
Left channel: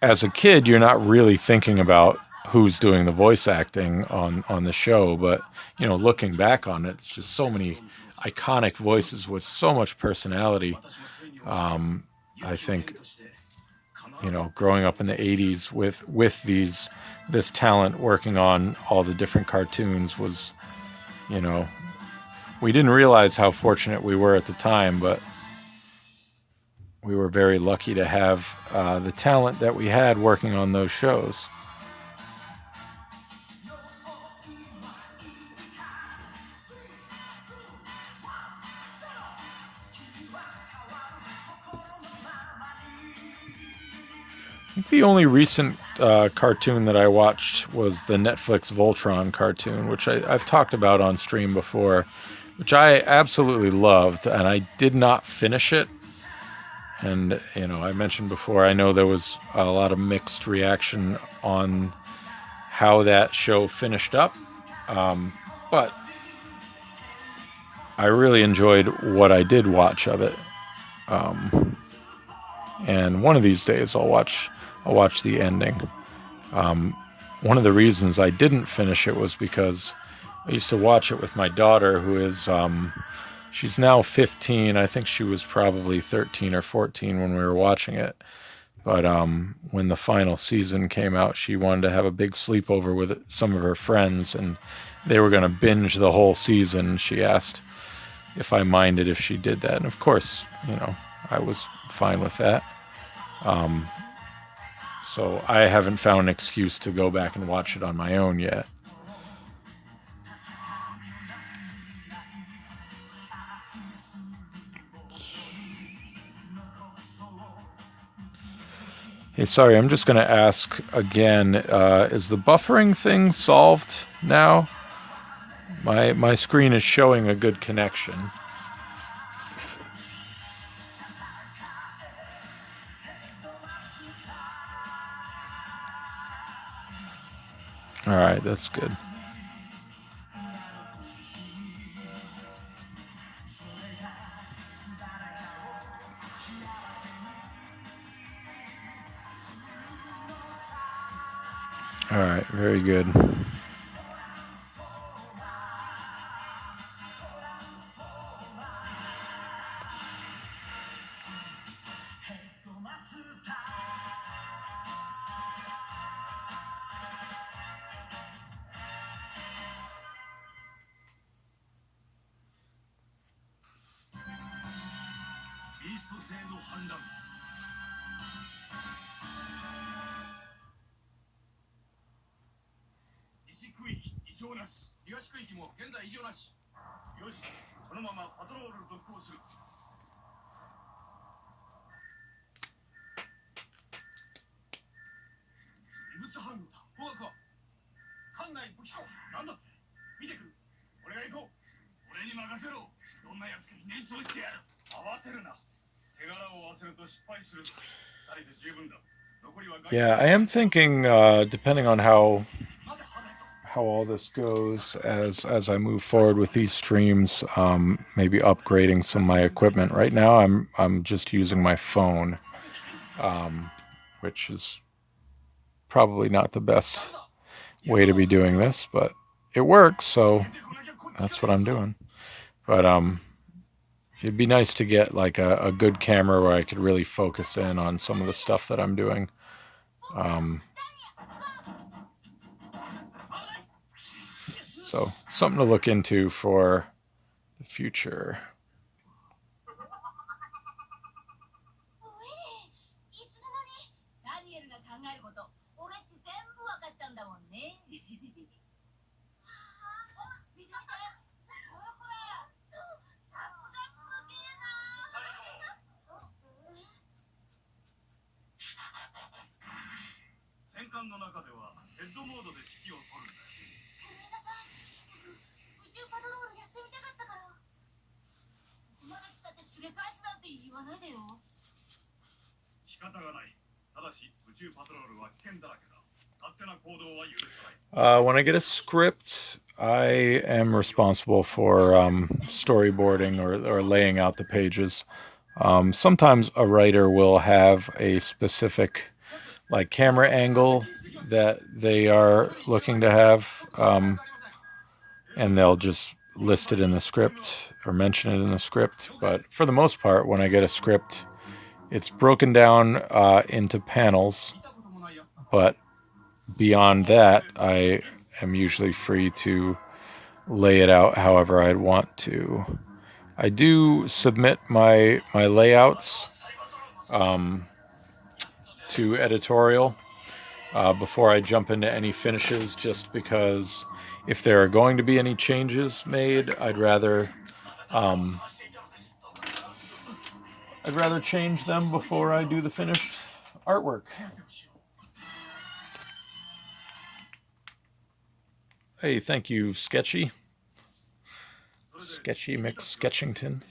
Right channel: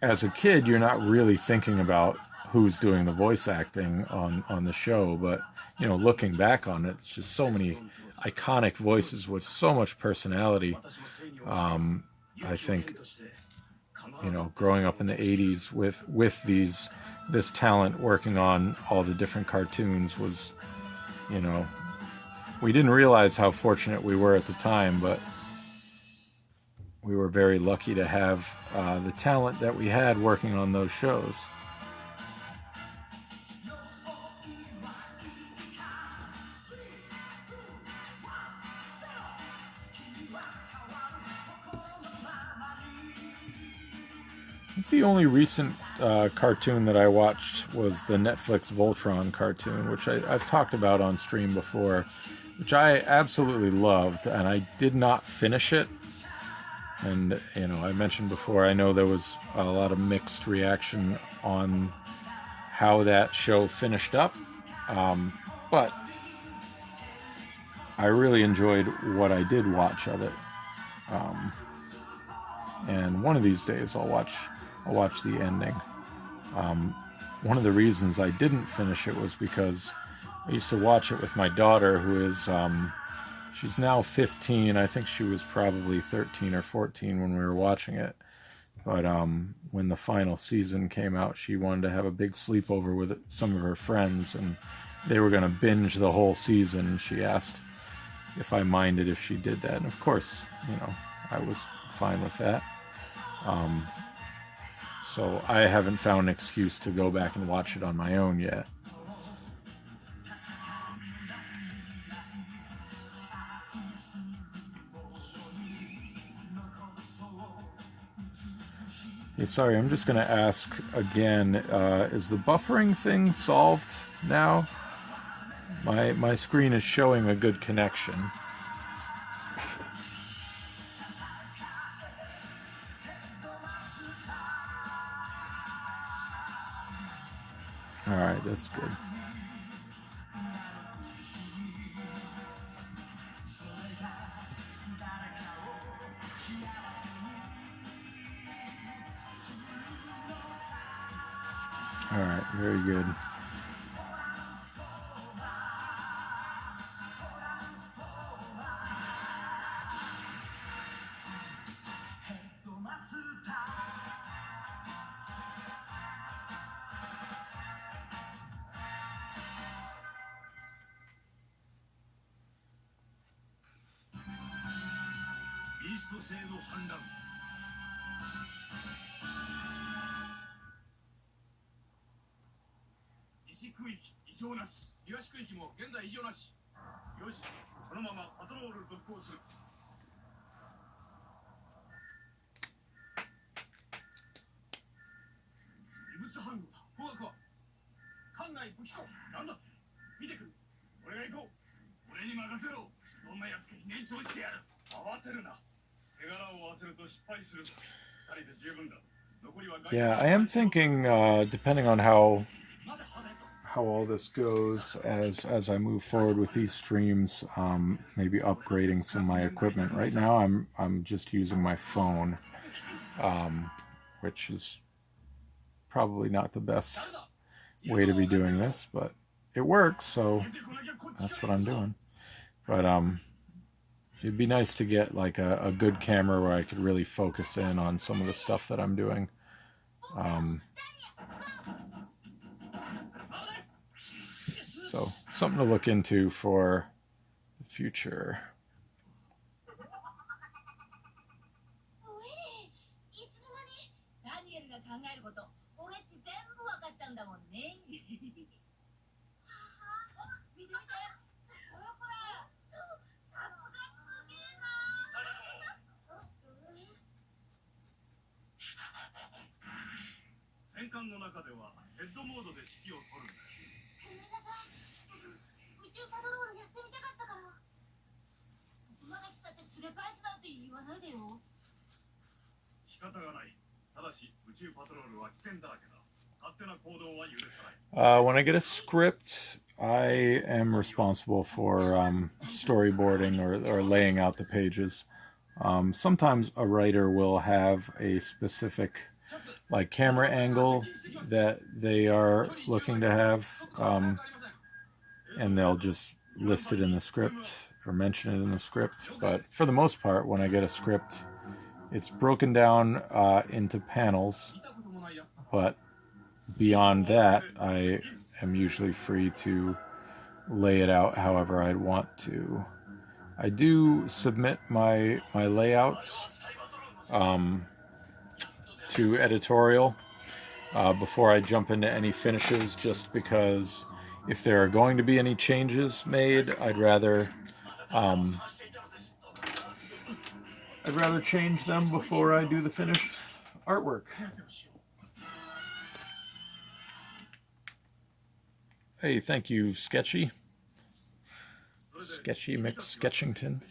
as a kid you're not really thinking about who's doing the voice acting on the show, but looking back on it, it's just so many iconic voices with so much personality. I think growing up in the 80s with this talent working on all the different cartoons was, you know we didn't realize how fortunate we were at the time, but we were very lucky to have the talent that we had working on those shows. I think the only recent cartoon that I watched was the Netflix Voltron cartoon, which I've talked about on stream before, which I absolutely loved, and I did not finish it. And, I mentioned before, I know there was a lot of mixed reaction on how that show finished up. But I really enjoyed what I did watch of it. And one of these days I'll watch the ending. One of the reasons I didn't finish it was because I used to watch it with my daughter, who is she's now 15. I think she was probably 13 or 14 when we were watching it. But when the final season came out, she wanted to have a big sleepover with some of her friends, and they were going to binge the whole season. She asked if I minded if she did that. And of course, I was fine with that. So I haven't found an excuse to go back and watch it on my own yet. Hey, sorry, I'm just going to ask again, is the buffering thing solved now? My screen is showing a good connection. All right, that's good. All right, very good. Yeah, I am thinking, depending on how all this goes as I move forward with these streams, maybe upgrading some of my equipment. Right now, I'm just using my phone, which is probably not the best way to be doing this, but it works. So that's what I'm doing. But it'd be nice to get like a good camera where I could really focus in on some of the stuff that I'm doing. So something to look into for the future. When I get a script, I am responsible for storyboarding or laying out the pages. Sometimes a writer will have a specific like camera angle that they are looking to have, and they'll just list it in the script or mention it in the script. But for the most part, when I get a script, it's broken down into panels, but beyond that, I am usually free to lay it out however I'd want to. I do submit my layouts to editorial before I jump into any finishes, just because if there are going to be any changes made, I'd rather change them before I do the finished artwork. Hey, thank you, Sketchy McSketchington.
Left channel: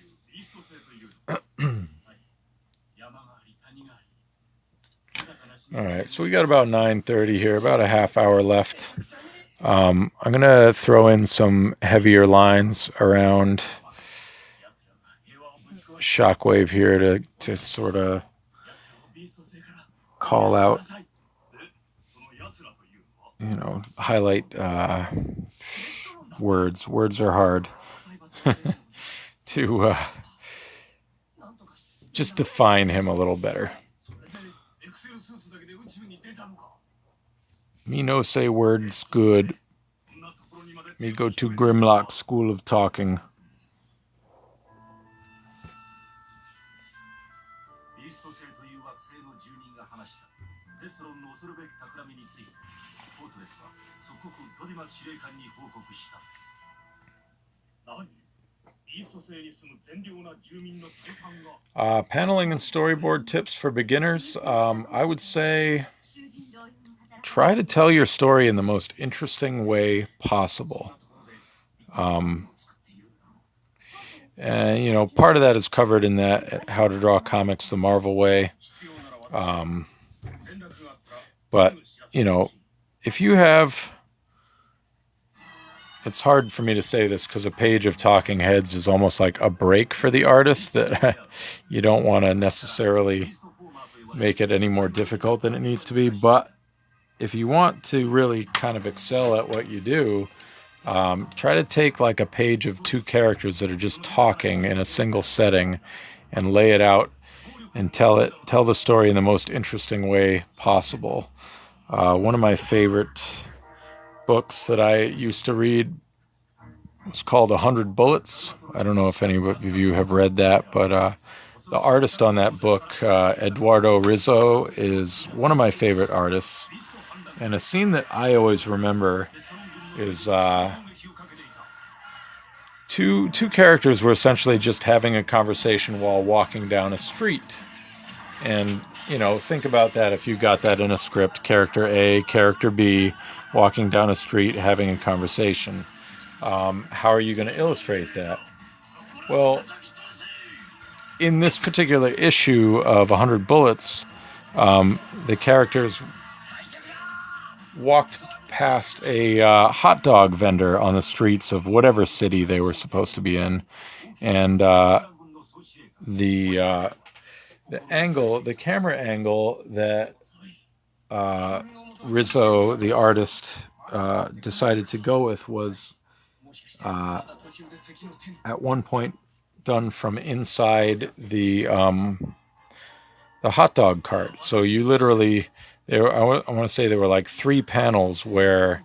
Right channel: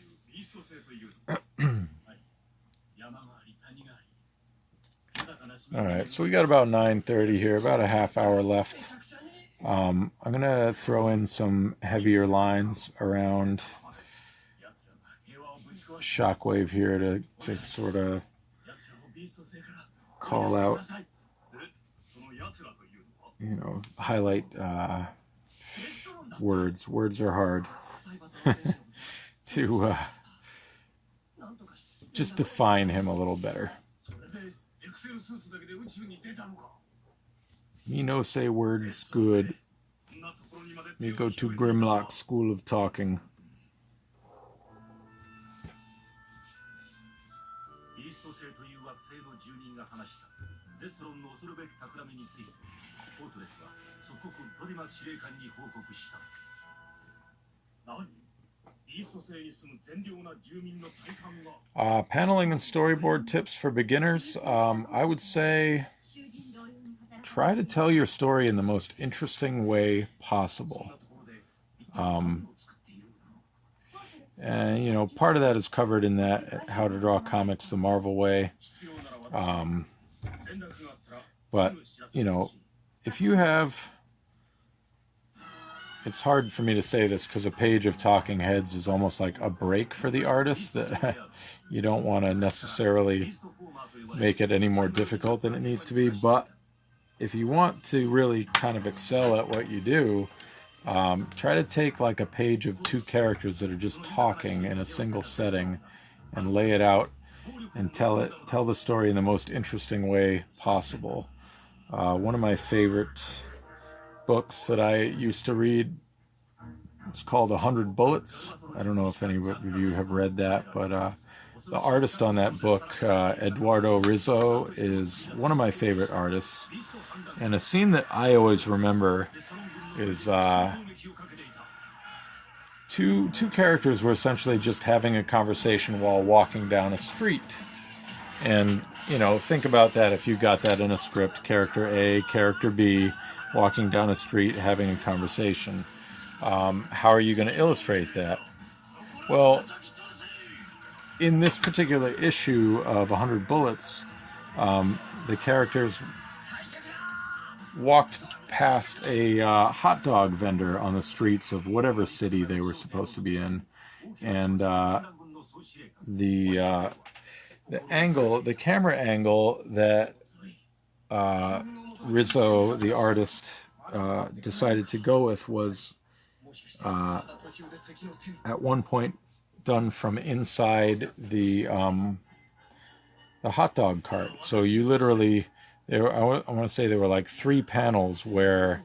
All right, so we got about 9:30 here, about a half hour left. I'm gonna throw in some heavier lines around Shockwave here to sort of call out, highlight words. Words are hard to just define him a little better. Me no say words good. Me go to Grimlock School of Talking. Paneling and storyboard tips for beginners. I would say try to tell your story in the most interesting way possible. And part of that is covered in that How to Draw Comics the Marvel Way. But if you have, it's hard for me to say this because a page of talking heads is almost like a break for the artist that you don't want to necessarily make it any more difficult than it needs to be. But if you want to really kind of excel at what you do, try to take like a page of two characters that are just talking in a single setting and lay it out and tell the story in the most interesting way possible. One of my favorite books that I used to read, it's called 100 Bullets. I don't know if any of you have read that, but the artist on that book, Eduardo Rizzo, is one of my favorite artists. And a scene that I always remember is two characters were essentially just having a conversation while walking down a street. And, think about that if you got that in a script. Character A, character B, walking down a street, having a conversation. How are you going to illustrate that? Well, in this particular issue of 100 Bullets, the characters walked past a hot dog vendor on the streets of whatever city they were supposed to be in, and the camera angle that Rizzo, the artist, decided to go with was uh, at one point done from inside the hot dog cart. So you literally, I want to say there were like 3 panels where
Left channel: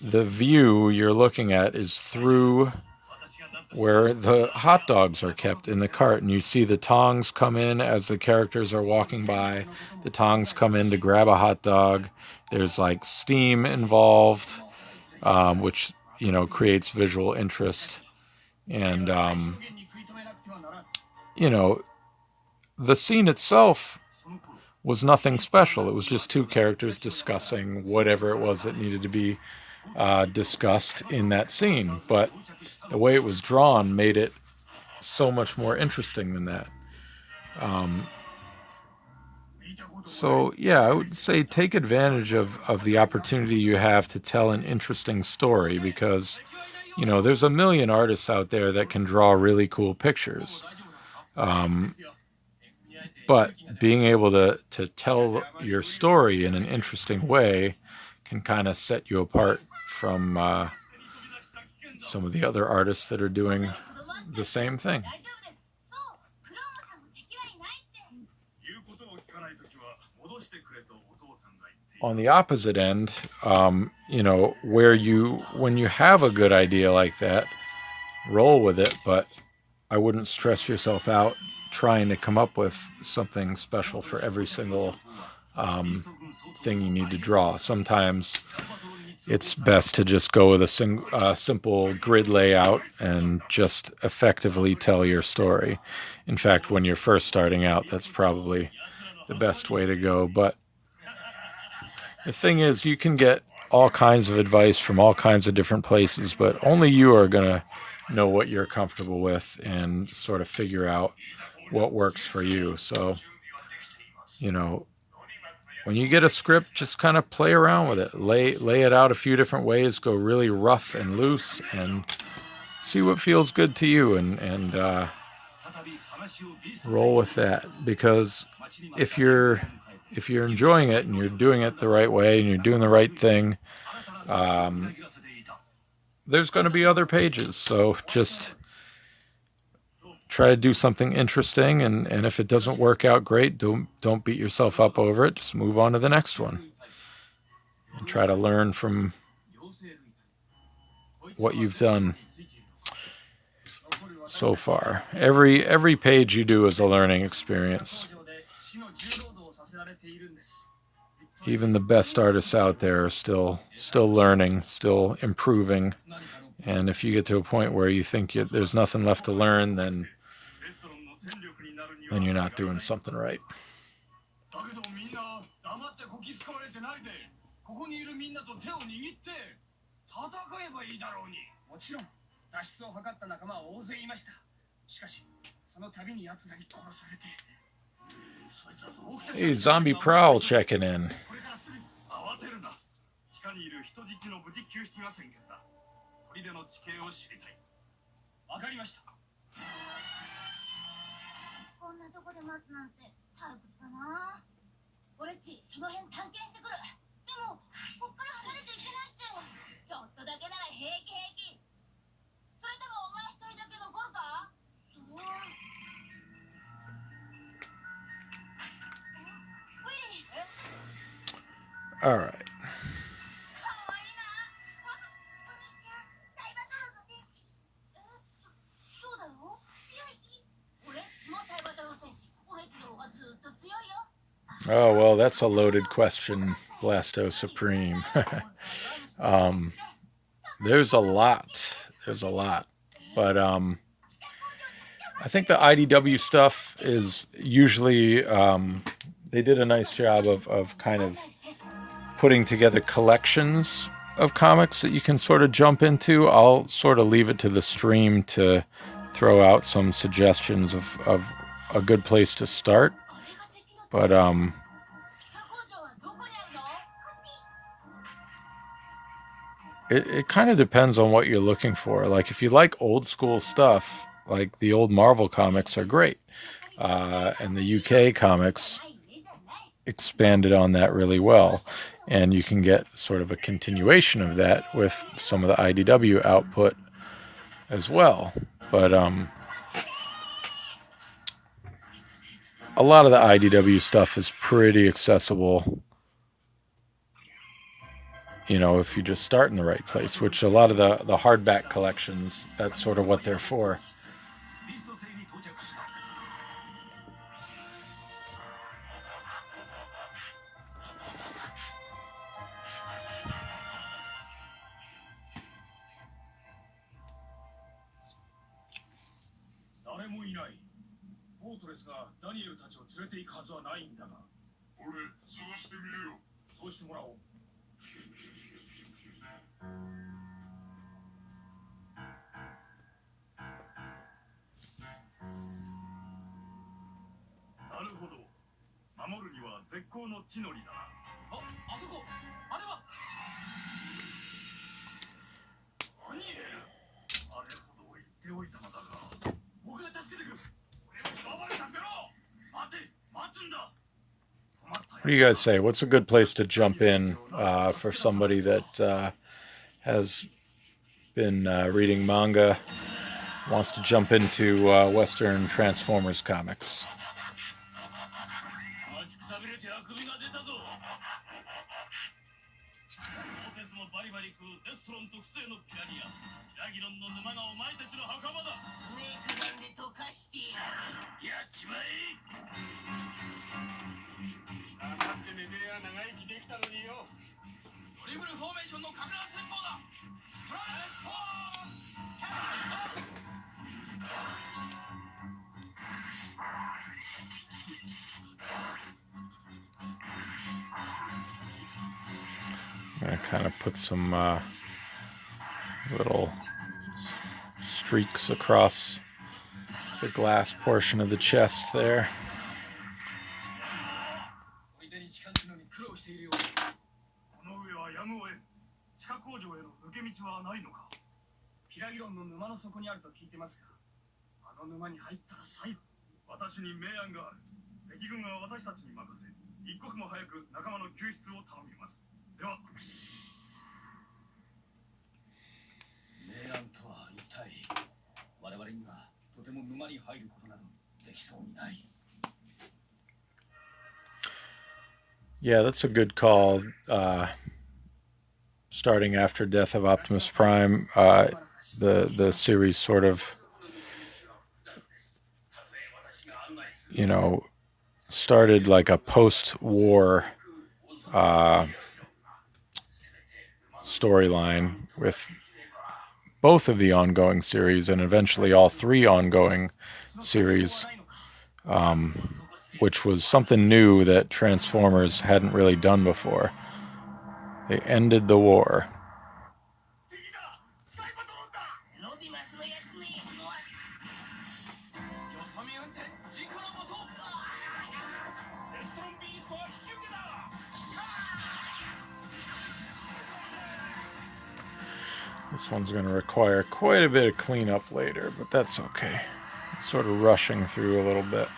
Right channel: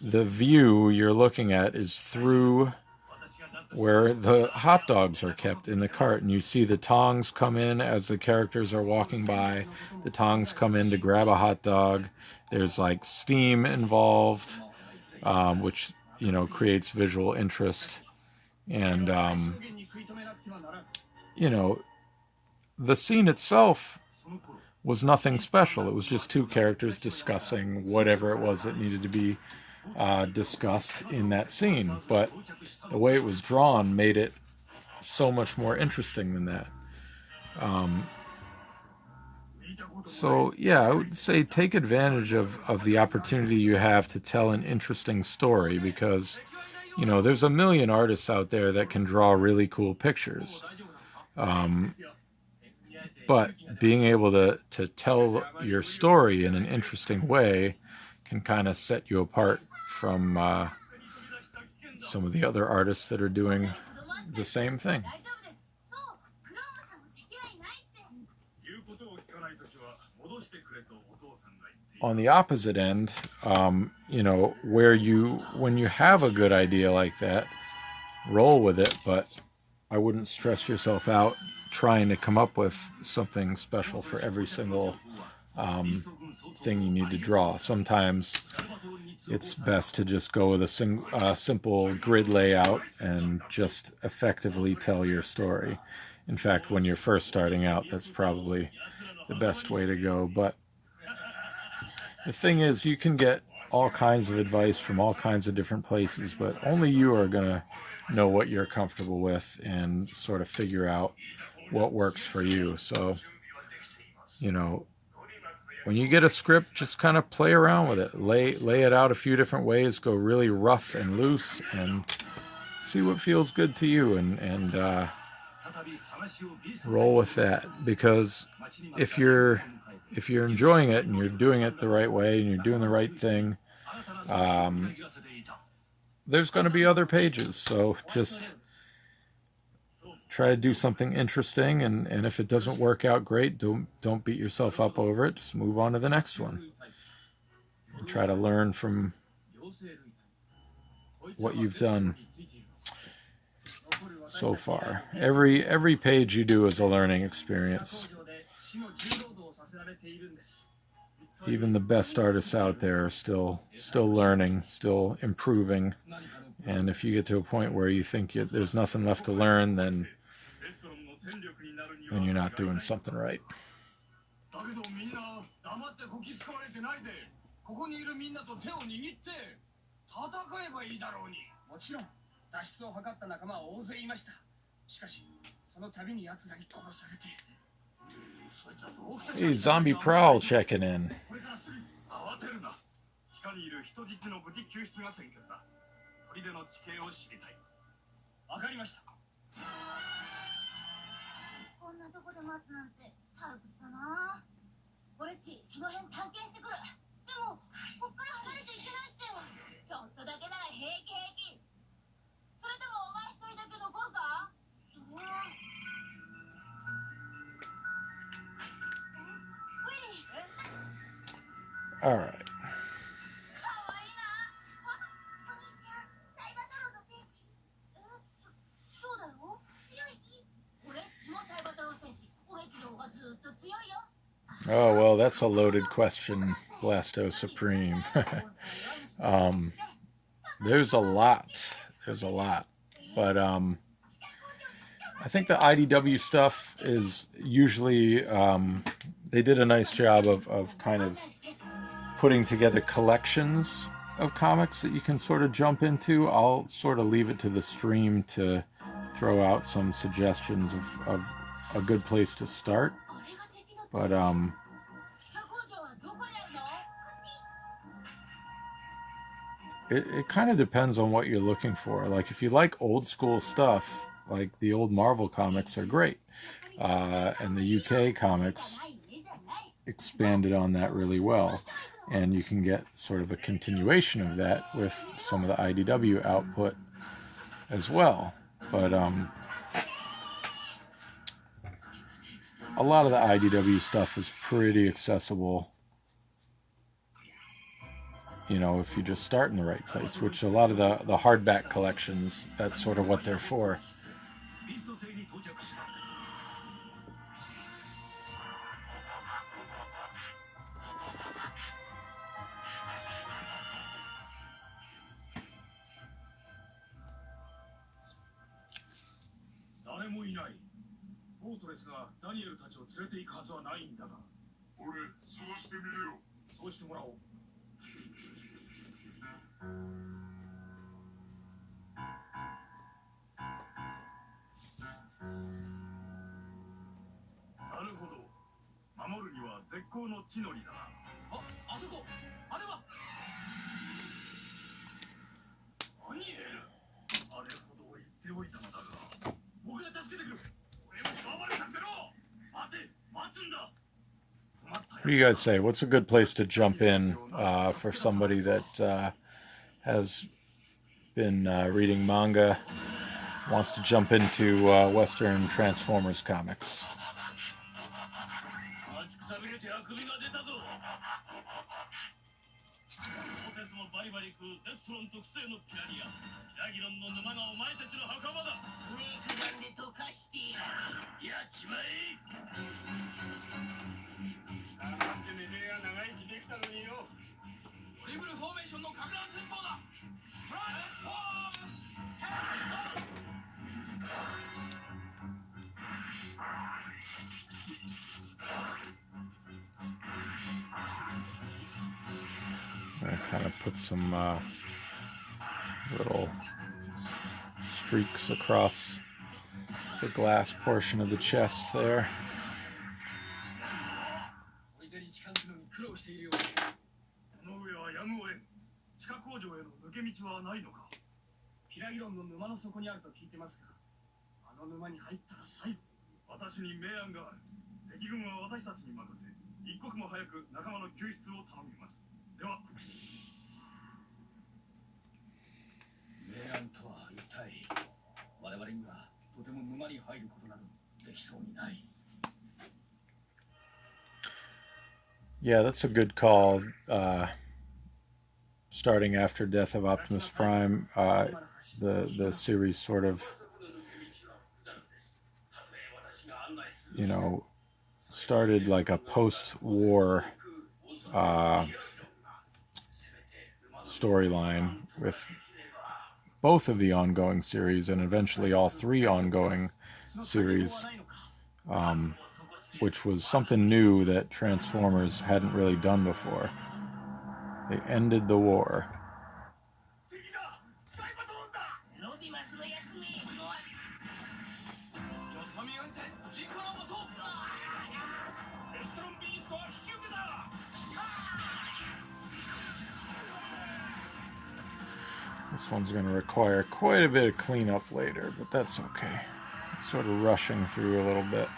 the view you're looking at is through where the hot dogs are kept in the cart, and you see the tongs come in as the characters are walking by. The tongs come in to grab a hot dog. There's like steam involved, which creates visual interest. And the scene itself was nothing special. It was just 2 characters discussing whatever it was that needed to be discussed in that scene. But the way it was drawn made it so much more interesting than that. So yeah, I would say take advantage of the opportunity you have to tell an interesting story, because there's a million artists out there that can draw really cool pictures. But being able to tell your story in an interesting way can kind of set you apart from some of the other artists that are doing the same thing. On the opposite end, when you have a good idea like that, roll with it, but I wouldn't stress yourself out trying to come up with something special for every single thing you need to draw. Sometimes it's best to just go with a simple grid layout and just effectively tell your story. In fact, when you're first starting out, that's probably the best way to go. But the thing is, you can get all kinds of advice from all kinds of different places, but only you are going to know what you're comfortable with and sort of figure out what works for you. So, when you get a script, just kind of play around with it. Lay it out a few different ways, go really rough and loose, and see what feels good to you, and roll with that. Because if you're enjoying it and you're doing it the right way and you're doing the right thing, there's going to be other pages. So just try to do something interesting, and if it doesn't work out great, don't beat yourself up over it. Just move on to the next one and try to learn from what you've done so far. Every page you do is a learning experience. Even the best artists out there are still learning, still improving. And if you get to a point where you think there's nothing left to learn, then you're not doing something right. Hey, Zombie Prowl checking in. All right. Oh, well, that's a loaded question, Blasto Supreme. There's a lot. But I think the IDW stuff is usually, they did a nice job of kind of putting together collections of comics that you can sort of jump into. I'll sort of leave it to the stream to throw out some suggestions of a good place to start. But it kind of depends on what you're looking for. Like, if you like old school stuff, like the old Marvel comics are great. And the UK comics expanded on that really well. And you can get sort of a continuation of that with some of the IDW output as well. But a lot of the IDW stuff is pretty accessible, you know, if you just start in the right place, which a lot of the hardback collections, that's sort of what they're for. What do you guys say? What's a good place to jump in for somebody that has been reading manga, wants to jump into Western Transformers comics? I'm going to kind of put some little streaks across the glass portion of the chest there. Yeah, that's a good call. Starting after Death of Optimus Prime, the series sort of, you know, started like a post-war storyline with both of the ongoing series and eventually all three ongoing series, which was something new that Transformers hadn't really done before. They ended the war. This one's going to require quite a bit of cleanup later, but that's okay. It's sort of rushing through a little bit.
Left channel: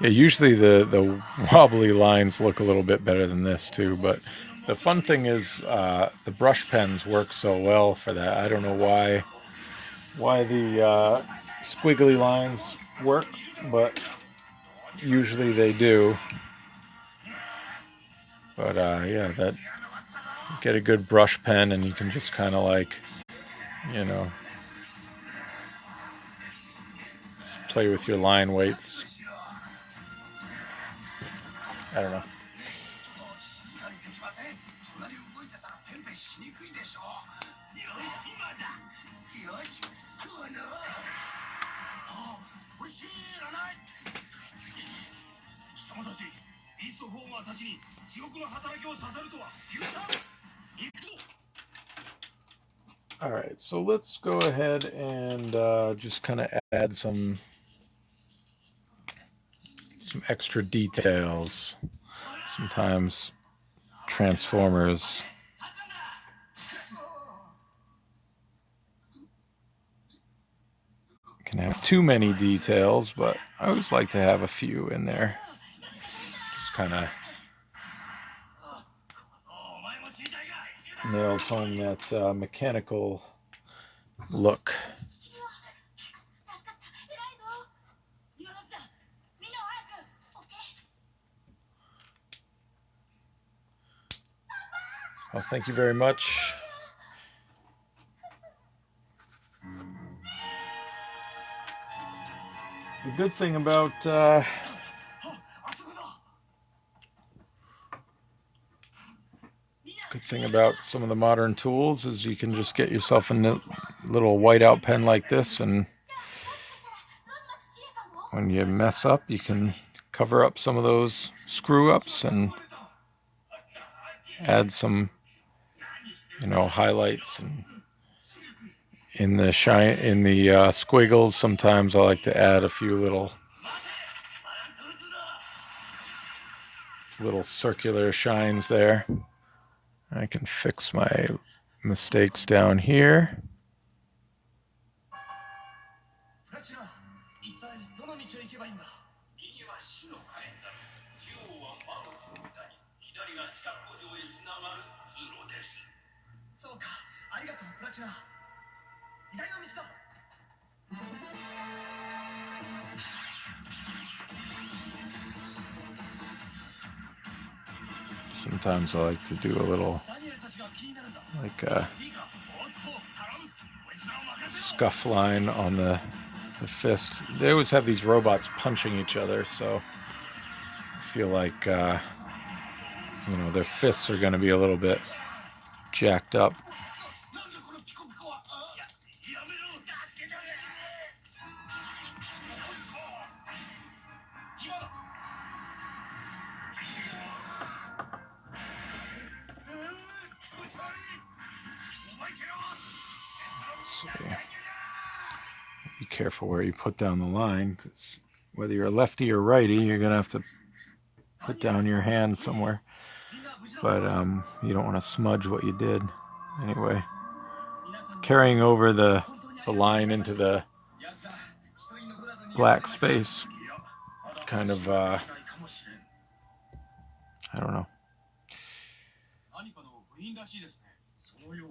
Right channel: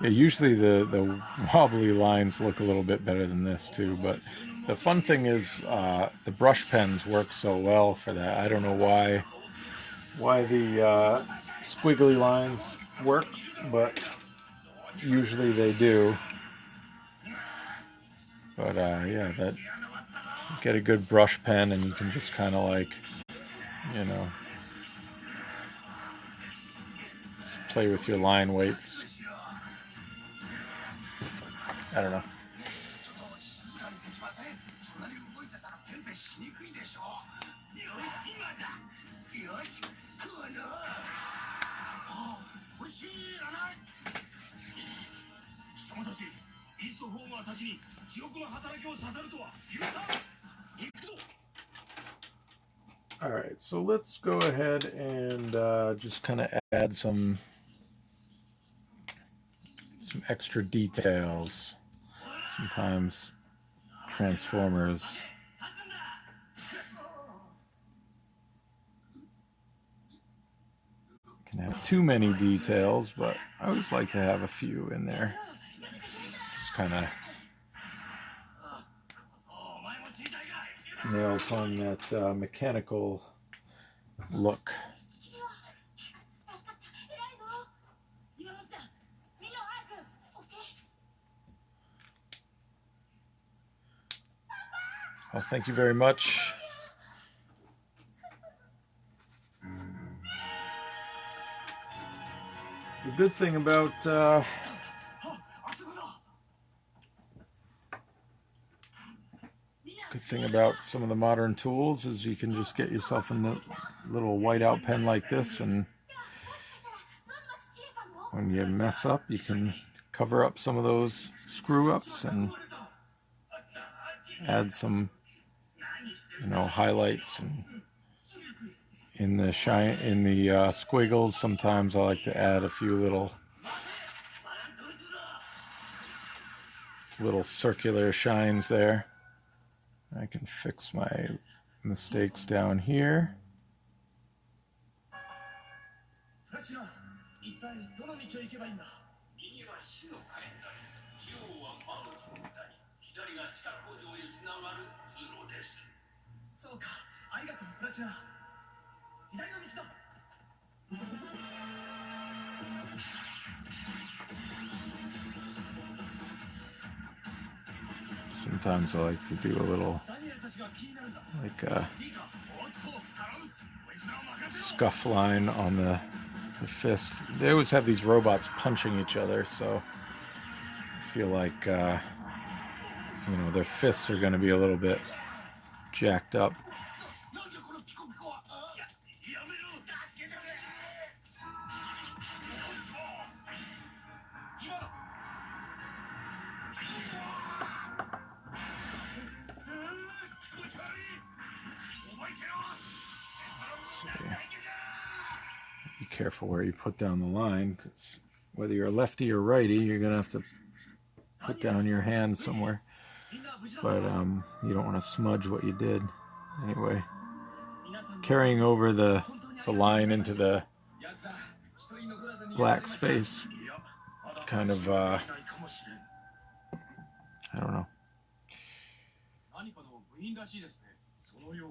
Yeah, usually the wobbly lines look a little bit better than this too, but the fun thing is the brush pens work so well for that. I don't know why the squiggly lines work, but usually they do. But yeah, that get a good brush pen and you can just kind of like, you know, just play with your line weights. I don't know. All right, so let's go ahead and just kind of add some extra details. Sometimes transformers can have too many details, but I always like to have a few in there. Just kind of nails home that mechanical look. Well, thank you very much. The good thing about some of the modern tools is you can just get yourself a little whiteout pen like this, and when you mess up, you can cover up some of those screw ups and add some, highlights. And in the squiggles, sometimes I like to add a few little circular shines there. I can fix my mistakes down here. Sometimes I like to do a little, like a scuff line on the fist. They always have these robots punching each other, so I feel like, their fists are going to be a little bit jacked up. Be careful where you put down the line, because whether you're a lefty or righty, you're going to have to put down your hand somewhere. But you don't want to smudge what you did. Anyway, carrying over the line into the black space kind of, I don't know,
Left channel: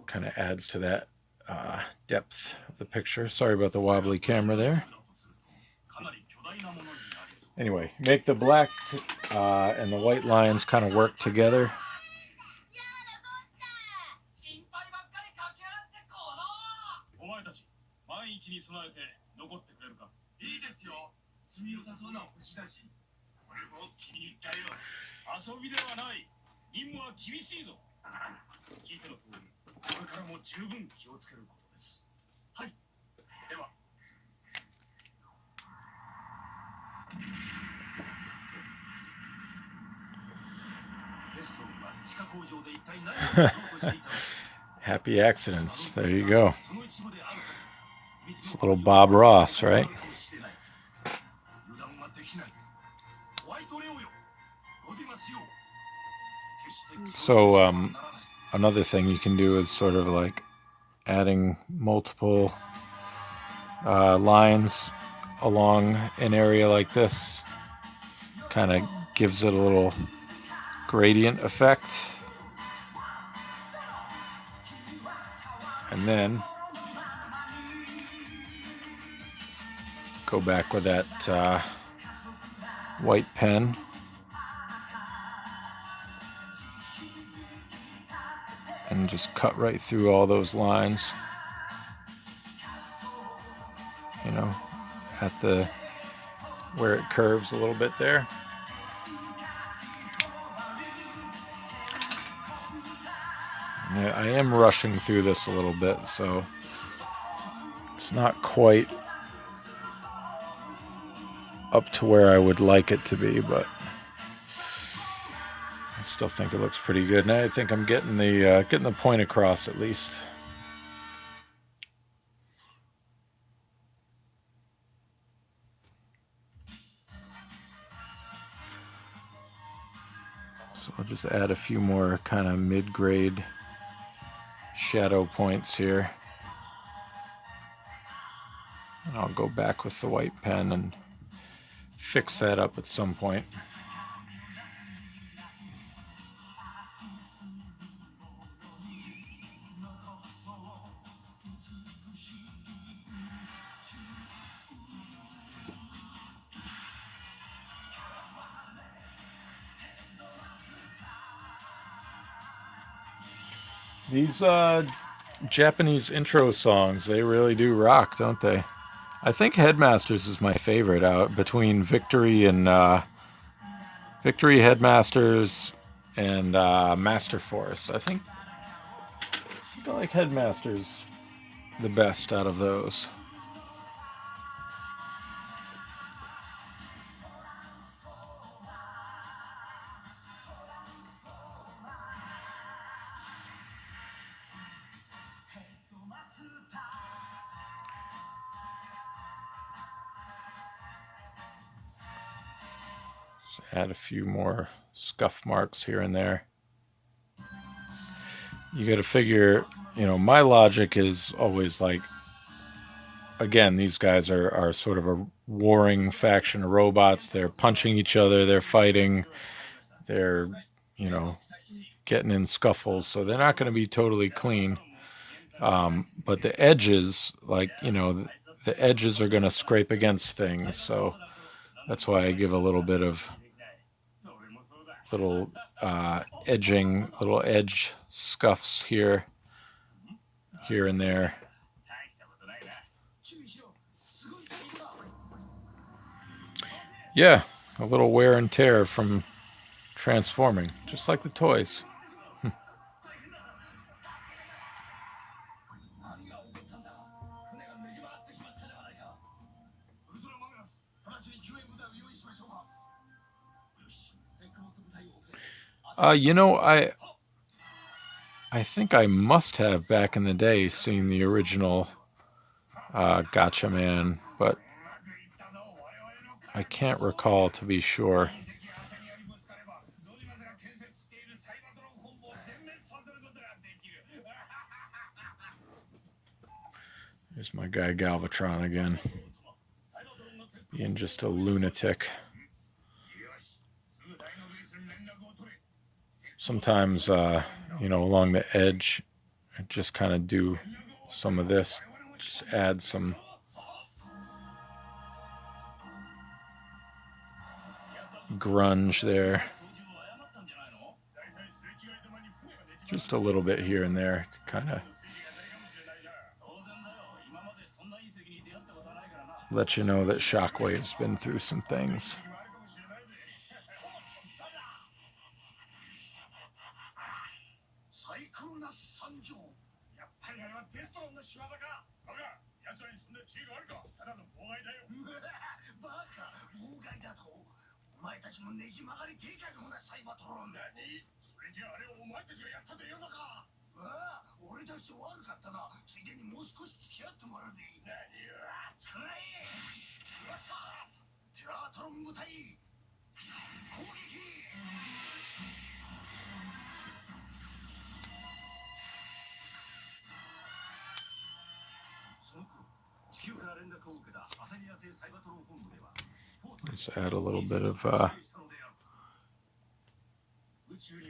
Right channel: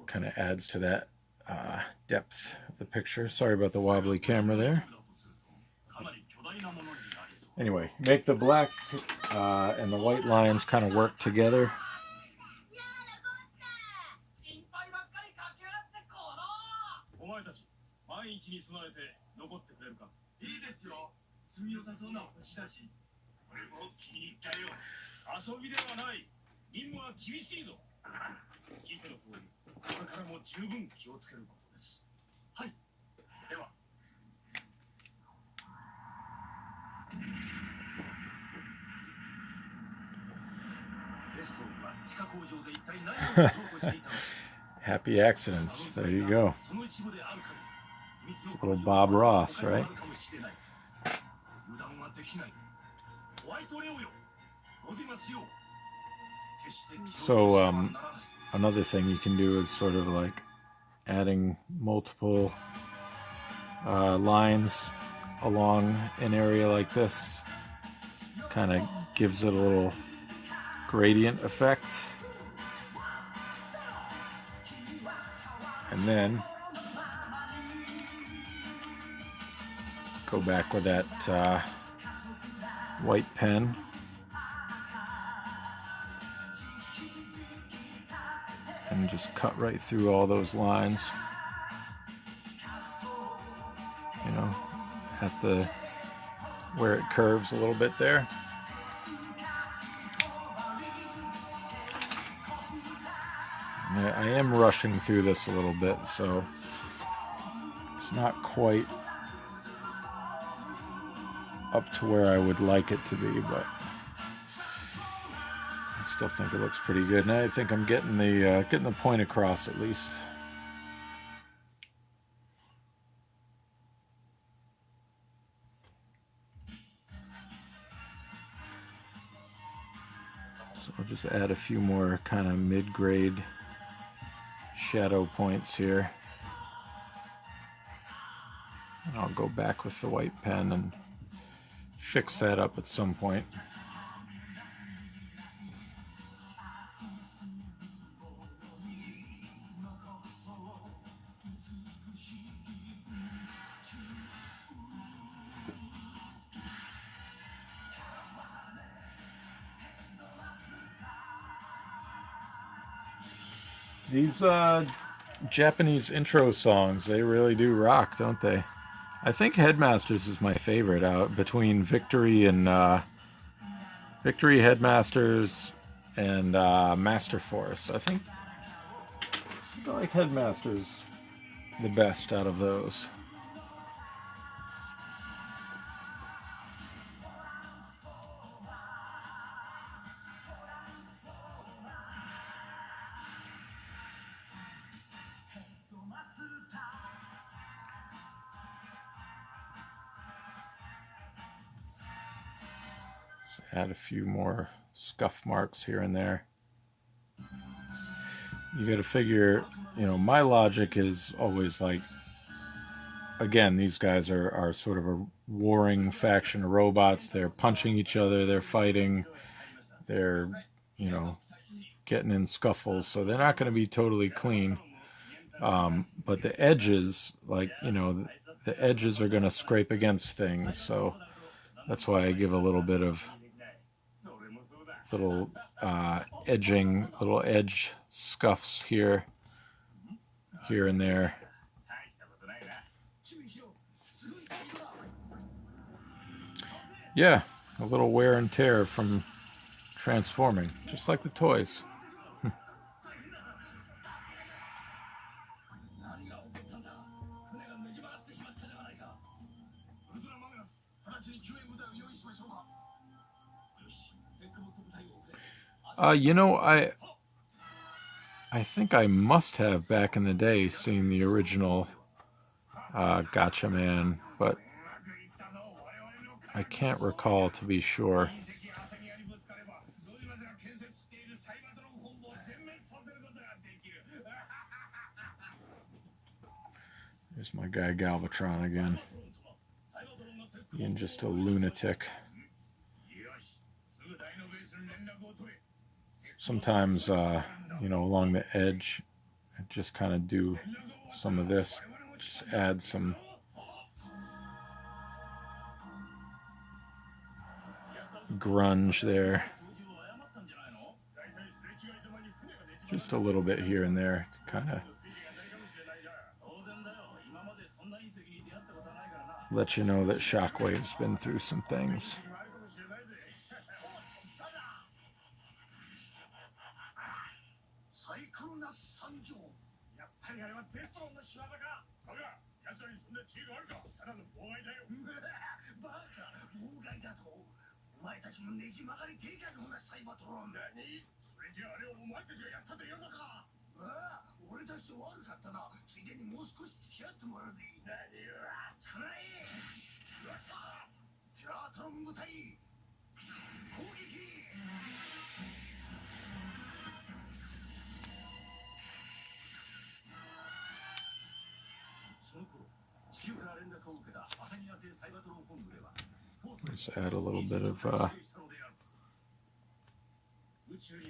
kind of adds to that depth of the picture. Sorry about the wobbly camera there. Anyway, make the black and the white lines kind of work together. Happy accidents. There you go. It's a little Bob Ross, right? So another thing you can do is sort of like adding multiple lines along an area like this. Kind of gives it a little gradient effect. And then go back with that white pen. And just cut right through all those lines. At where it curves a little bit there. I am rushing through this a little bit, so it's not quite up to where I would like it to be, but I still think it looks pretty good. And I think I'm getting the point across at least. just add a few more kind of mid-grade shadow points here. And I'll go back with the white pen and fix that up at some point. These Japanese intro songs, they really do rock, don't they? I think Headmasters is my favorite out between Victory and Victory, Headmasters, and Master Force. I think I like Headmasters the best out of those. Add a few more scuff marks here and there. You got to figure, my logic is always like, again, these guys are sort of a warring faction of robots. They're punching each other, they're fighting, they're, getting in scuffles, so they're not going to be totally clean. But the edges, the edges are going to scrape against things, so that's why I give a little bit of little edging, little edge scuffs here and there. Yeah, a little wear and tear from transforming, just like the toys. I think I must have back in the day seen the original Gotcha Man, but I can't recall to be sure. There's my guy Galvatron again, being just a lunatic. Sometimes, along the edge, I just kind of do some of this, just add some grunge there. Just a little bit here and there, kind of let you know that Shockwave's been through some things. Let's add a little bit of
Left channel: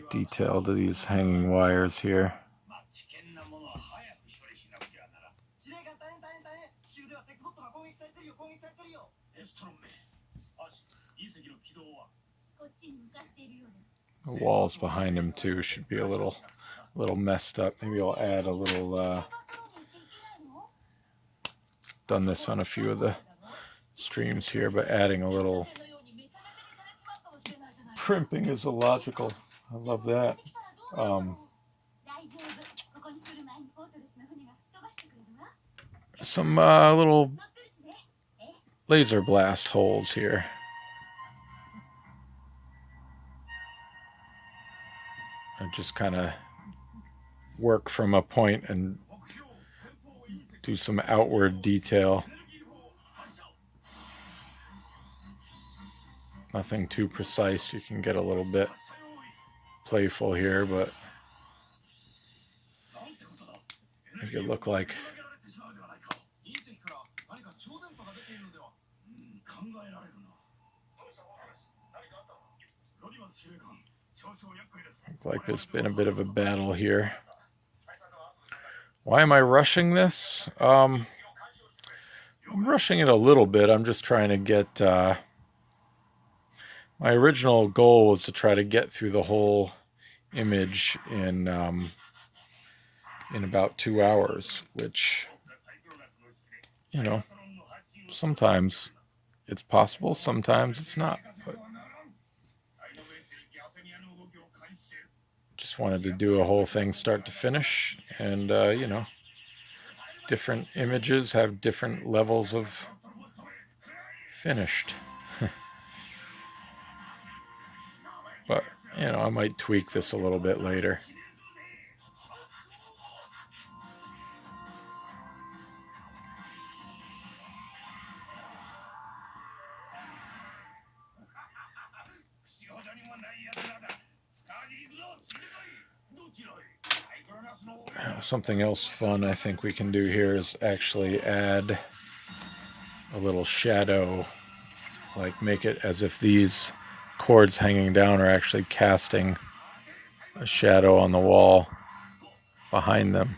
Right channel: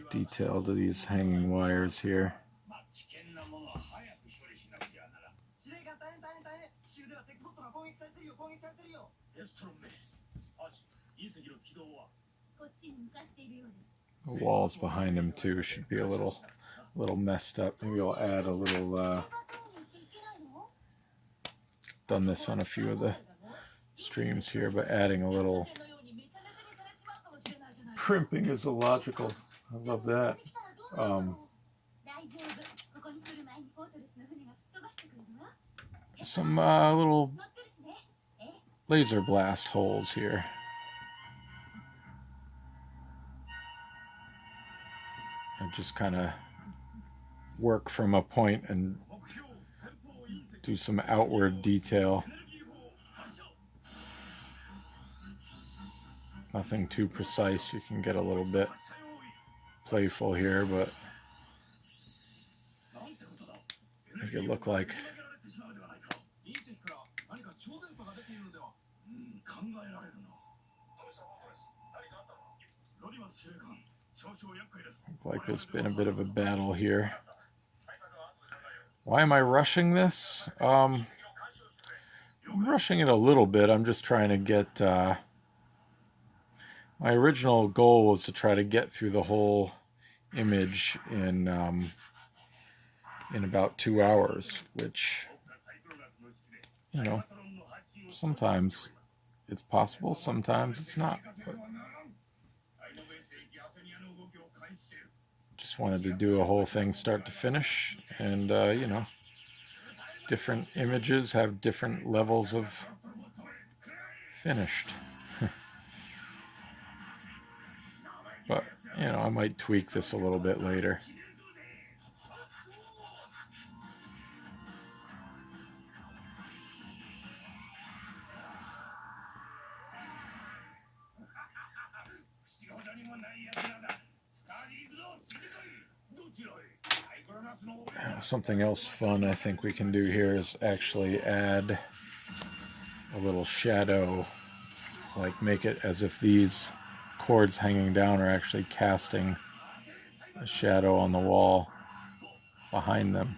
detail to these hanging wires here. The walls behind him too should be a little messed up. Maybe I'll add a little done this on a few of the streams here, but adding a little primping is illogical. I love that. Some little laser blast holes here. I just kind of work from a point and do some outward detail. Nothing too precise. You can get a little bit playful here, but make it look like there's been a bit of a battle here. Why am I rushing this? I'm rushing it a little bit. I'm just trying to get... my original goal was to try to get through the whole image in about 2 hours, which, you know, sometimes it's possible, sometimes it's not. But just wanted to do a whole thing start to finish, and you know, different images have different levels of finished. But, you know, I might tweak this a little bit later. Something else fun I think we can do here is actually add a little shadow, like make it as if these cords hanging down are actually casting a shadow on the wall behind them.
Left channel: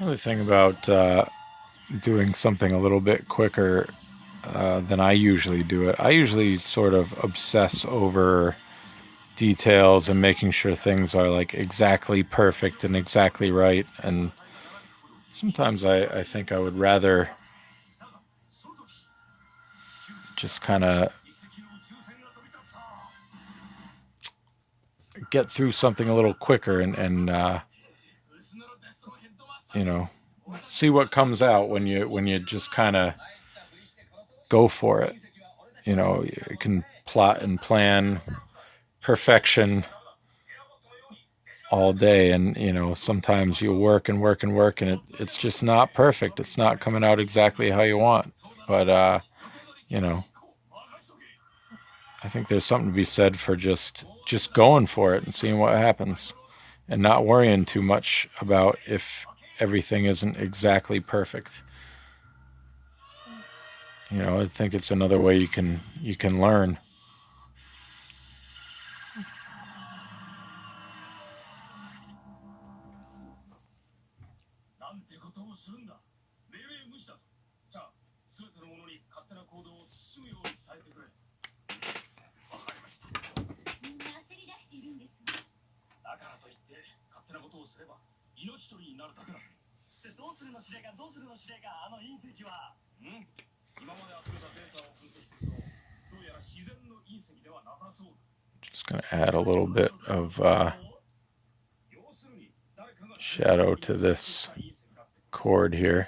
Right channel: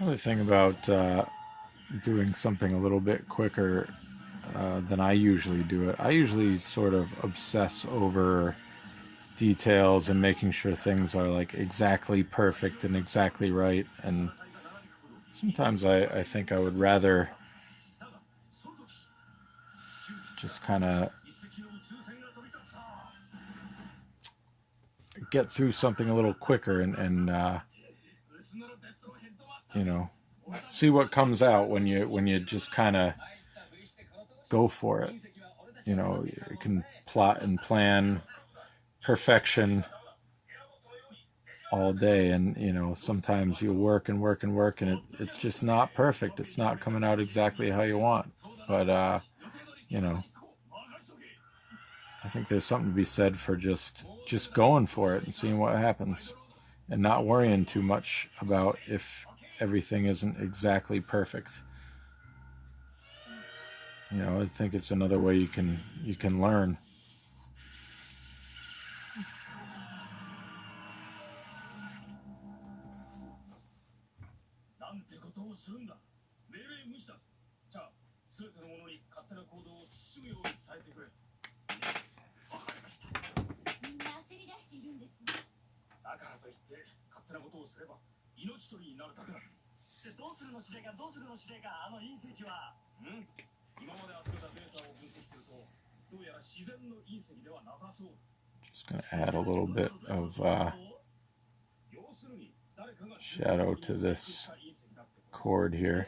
Another thing about doing something a little bit quicker than I usually do it, I usually sort of obsess over details and making sure things are like exactly perfect and exactly right, and sometimes I think I would rather just kind of get through something a little quicker and you know, see what comes out when you just kind of go for it. You know, you can plot and plan perfection all day, and you know, sometimes you work and work and work, and it's just not perfect. It's not coming out exactly how you want. But you know, I think there's something to be said for just going for it and seeing what happens, and not worrying too much about if everything isn't exactly perfect. You know, I think it's another way you can learn. Just going to add a little bit of shadow to this cord here.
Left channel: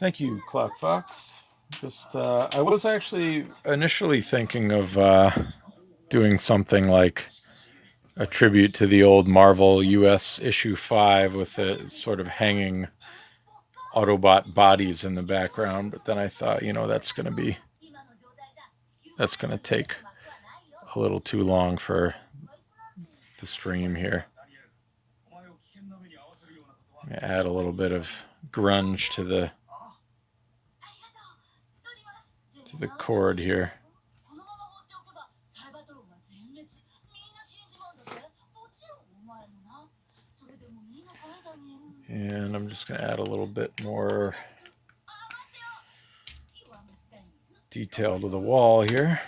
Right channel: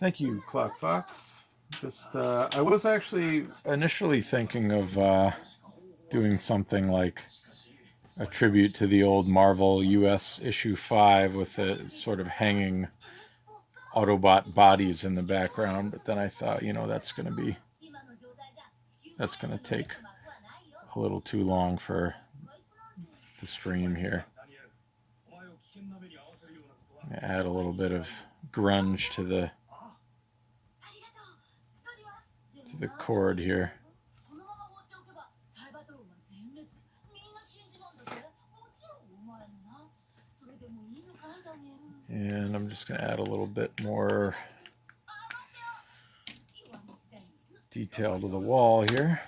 Thank you, Clockfox. Just, I was actually initially thinking of doing something like a tribute to the old Marvel US issue 5 with the sort of hanging Autobot bodies in the background. But then I thought, that's going to take a little too long for the stream here. Add a little bit of grunge to the chord here. And I'm just going to add a little bit more detail to the wall here.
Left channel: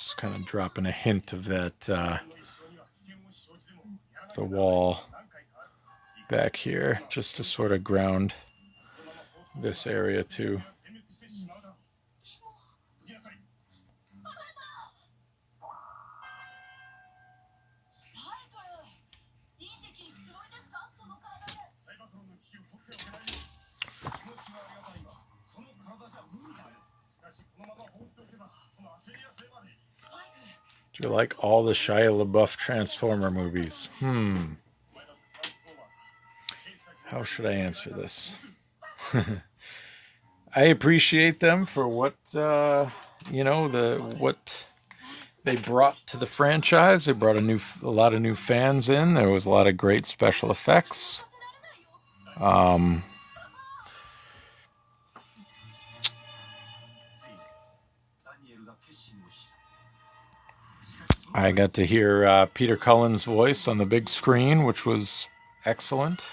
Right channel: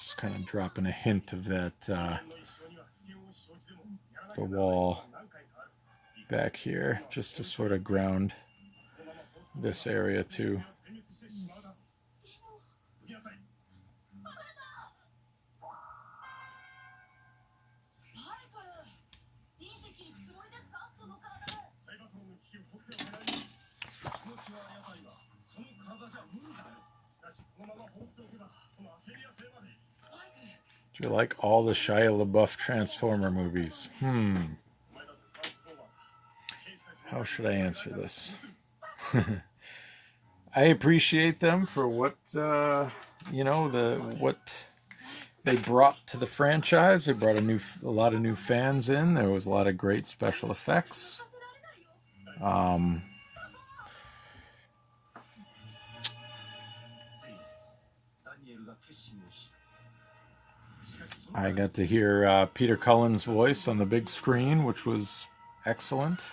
Just kind of dropping a hint of that, the wall back here, just to sort of ground this area too. Do you like all the Shia LaBeouf Transformer movies? How should I answer this? I appreciate them for what, what they brought to the franchise. They brought a lot of new fans in. There was a lot of great special effects. I got to hear Peter Cullen's voice on the big screen, which was excellent.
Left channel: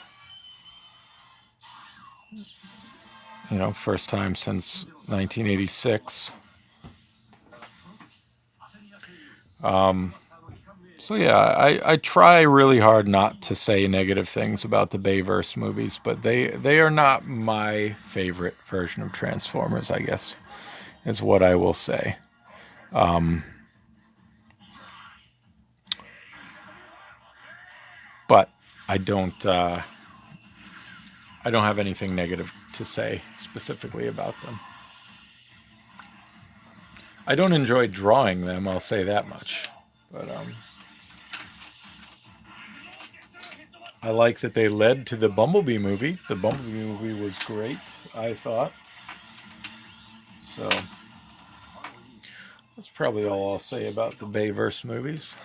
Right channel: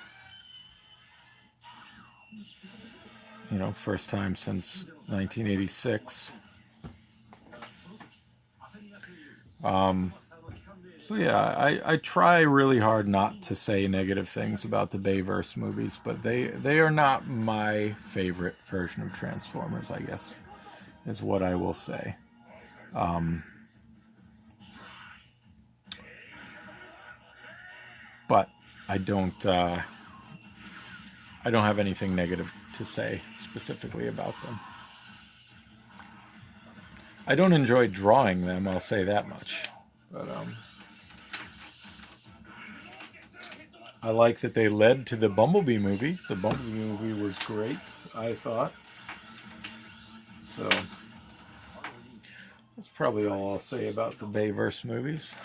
First time since 1986. So yeah, I try really hard not to say negative things about the Bayverse movies, but they are not my favorite version of Transformers, I guess, is what I will say. But I don't have anything negative to say specifically about them. I don't enjoy drawing them, I'll say that much. But I like that they led to the Bumblebee movie. The Bumblebee movie was great, I thought. So that's probably all I'll say about the Bayverse movies.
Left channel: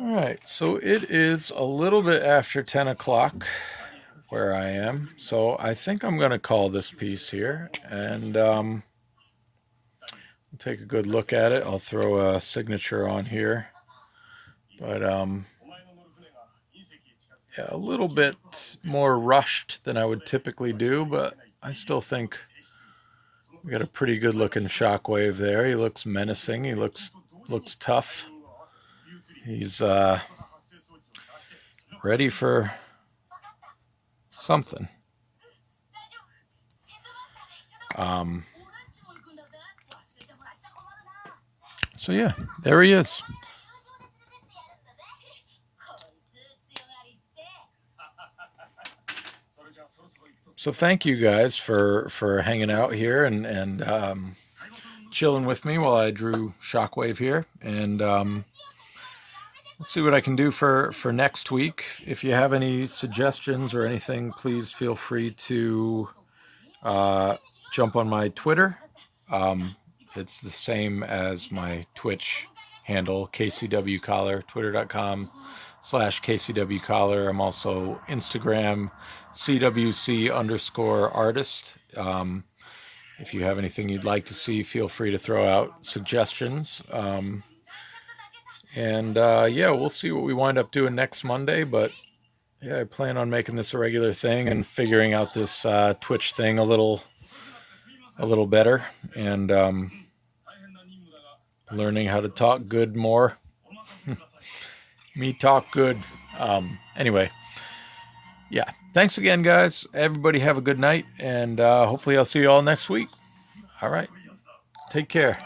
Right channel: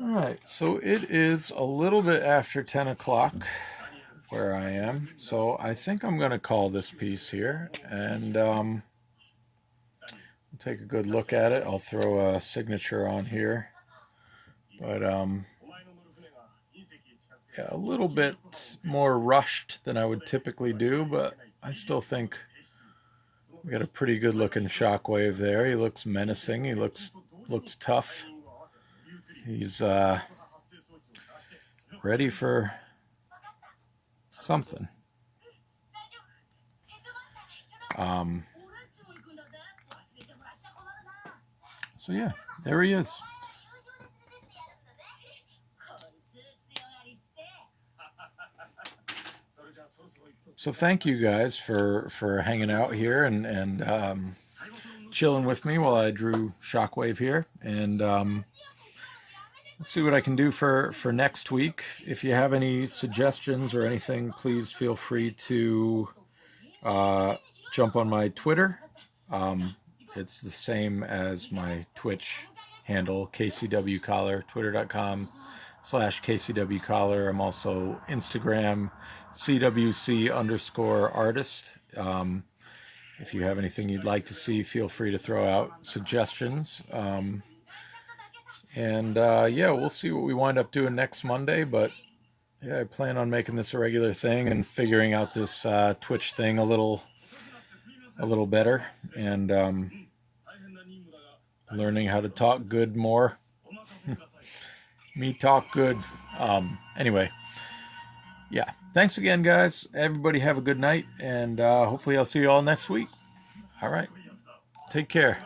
All right, so it is a little bit after 10 o'clock where I am, so I think I'm going to call this piece here, and take a good look at it. I'll throw a signature on here, but yeah, a little bit more rushed than I would typically do, but I still think we got a pretty good looking Shockwave there. He looks menacing. He looks tough. He's ready for something. So yeah, there he is. So thank you guys for hanging out here and chilling with me while I drew Shockwave here, and let's see what I can do for next week. If you have any suggestions or anything, please feel free to jump on my Twitter. It's the same as my Twitch handle, KCW Collar, twitter.com/KCW Collar. I'm also Instagram, CWC_artist. If you have anything you'd like to see, feel free to throw out suggestions. Yeah, we'll see what we wind up doing next Monday, but yeah, I plan on making this a regular thing and figuring out this Twitch thing a little better, and learning how to talk good more. Me talk good. Anyway, yeah. Thanks again, guys. Everybody have a good night, and hopefully I'll see you all next week. All right. Take care.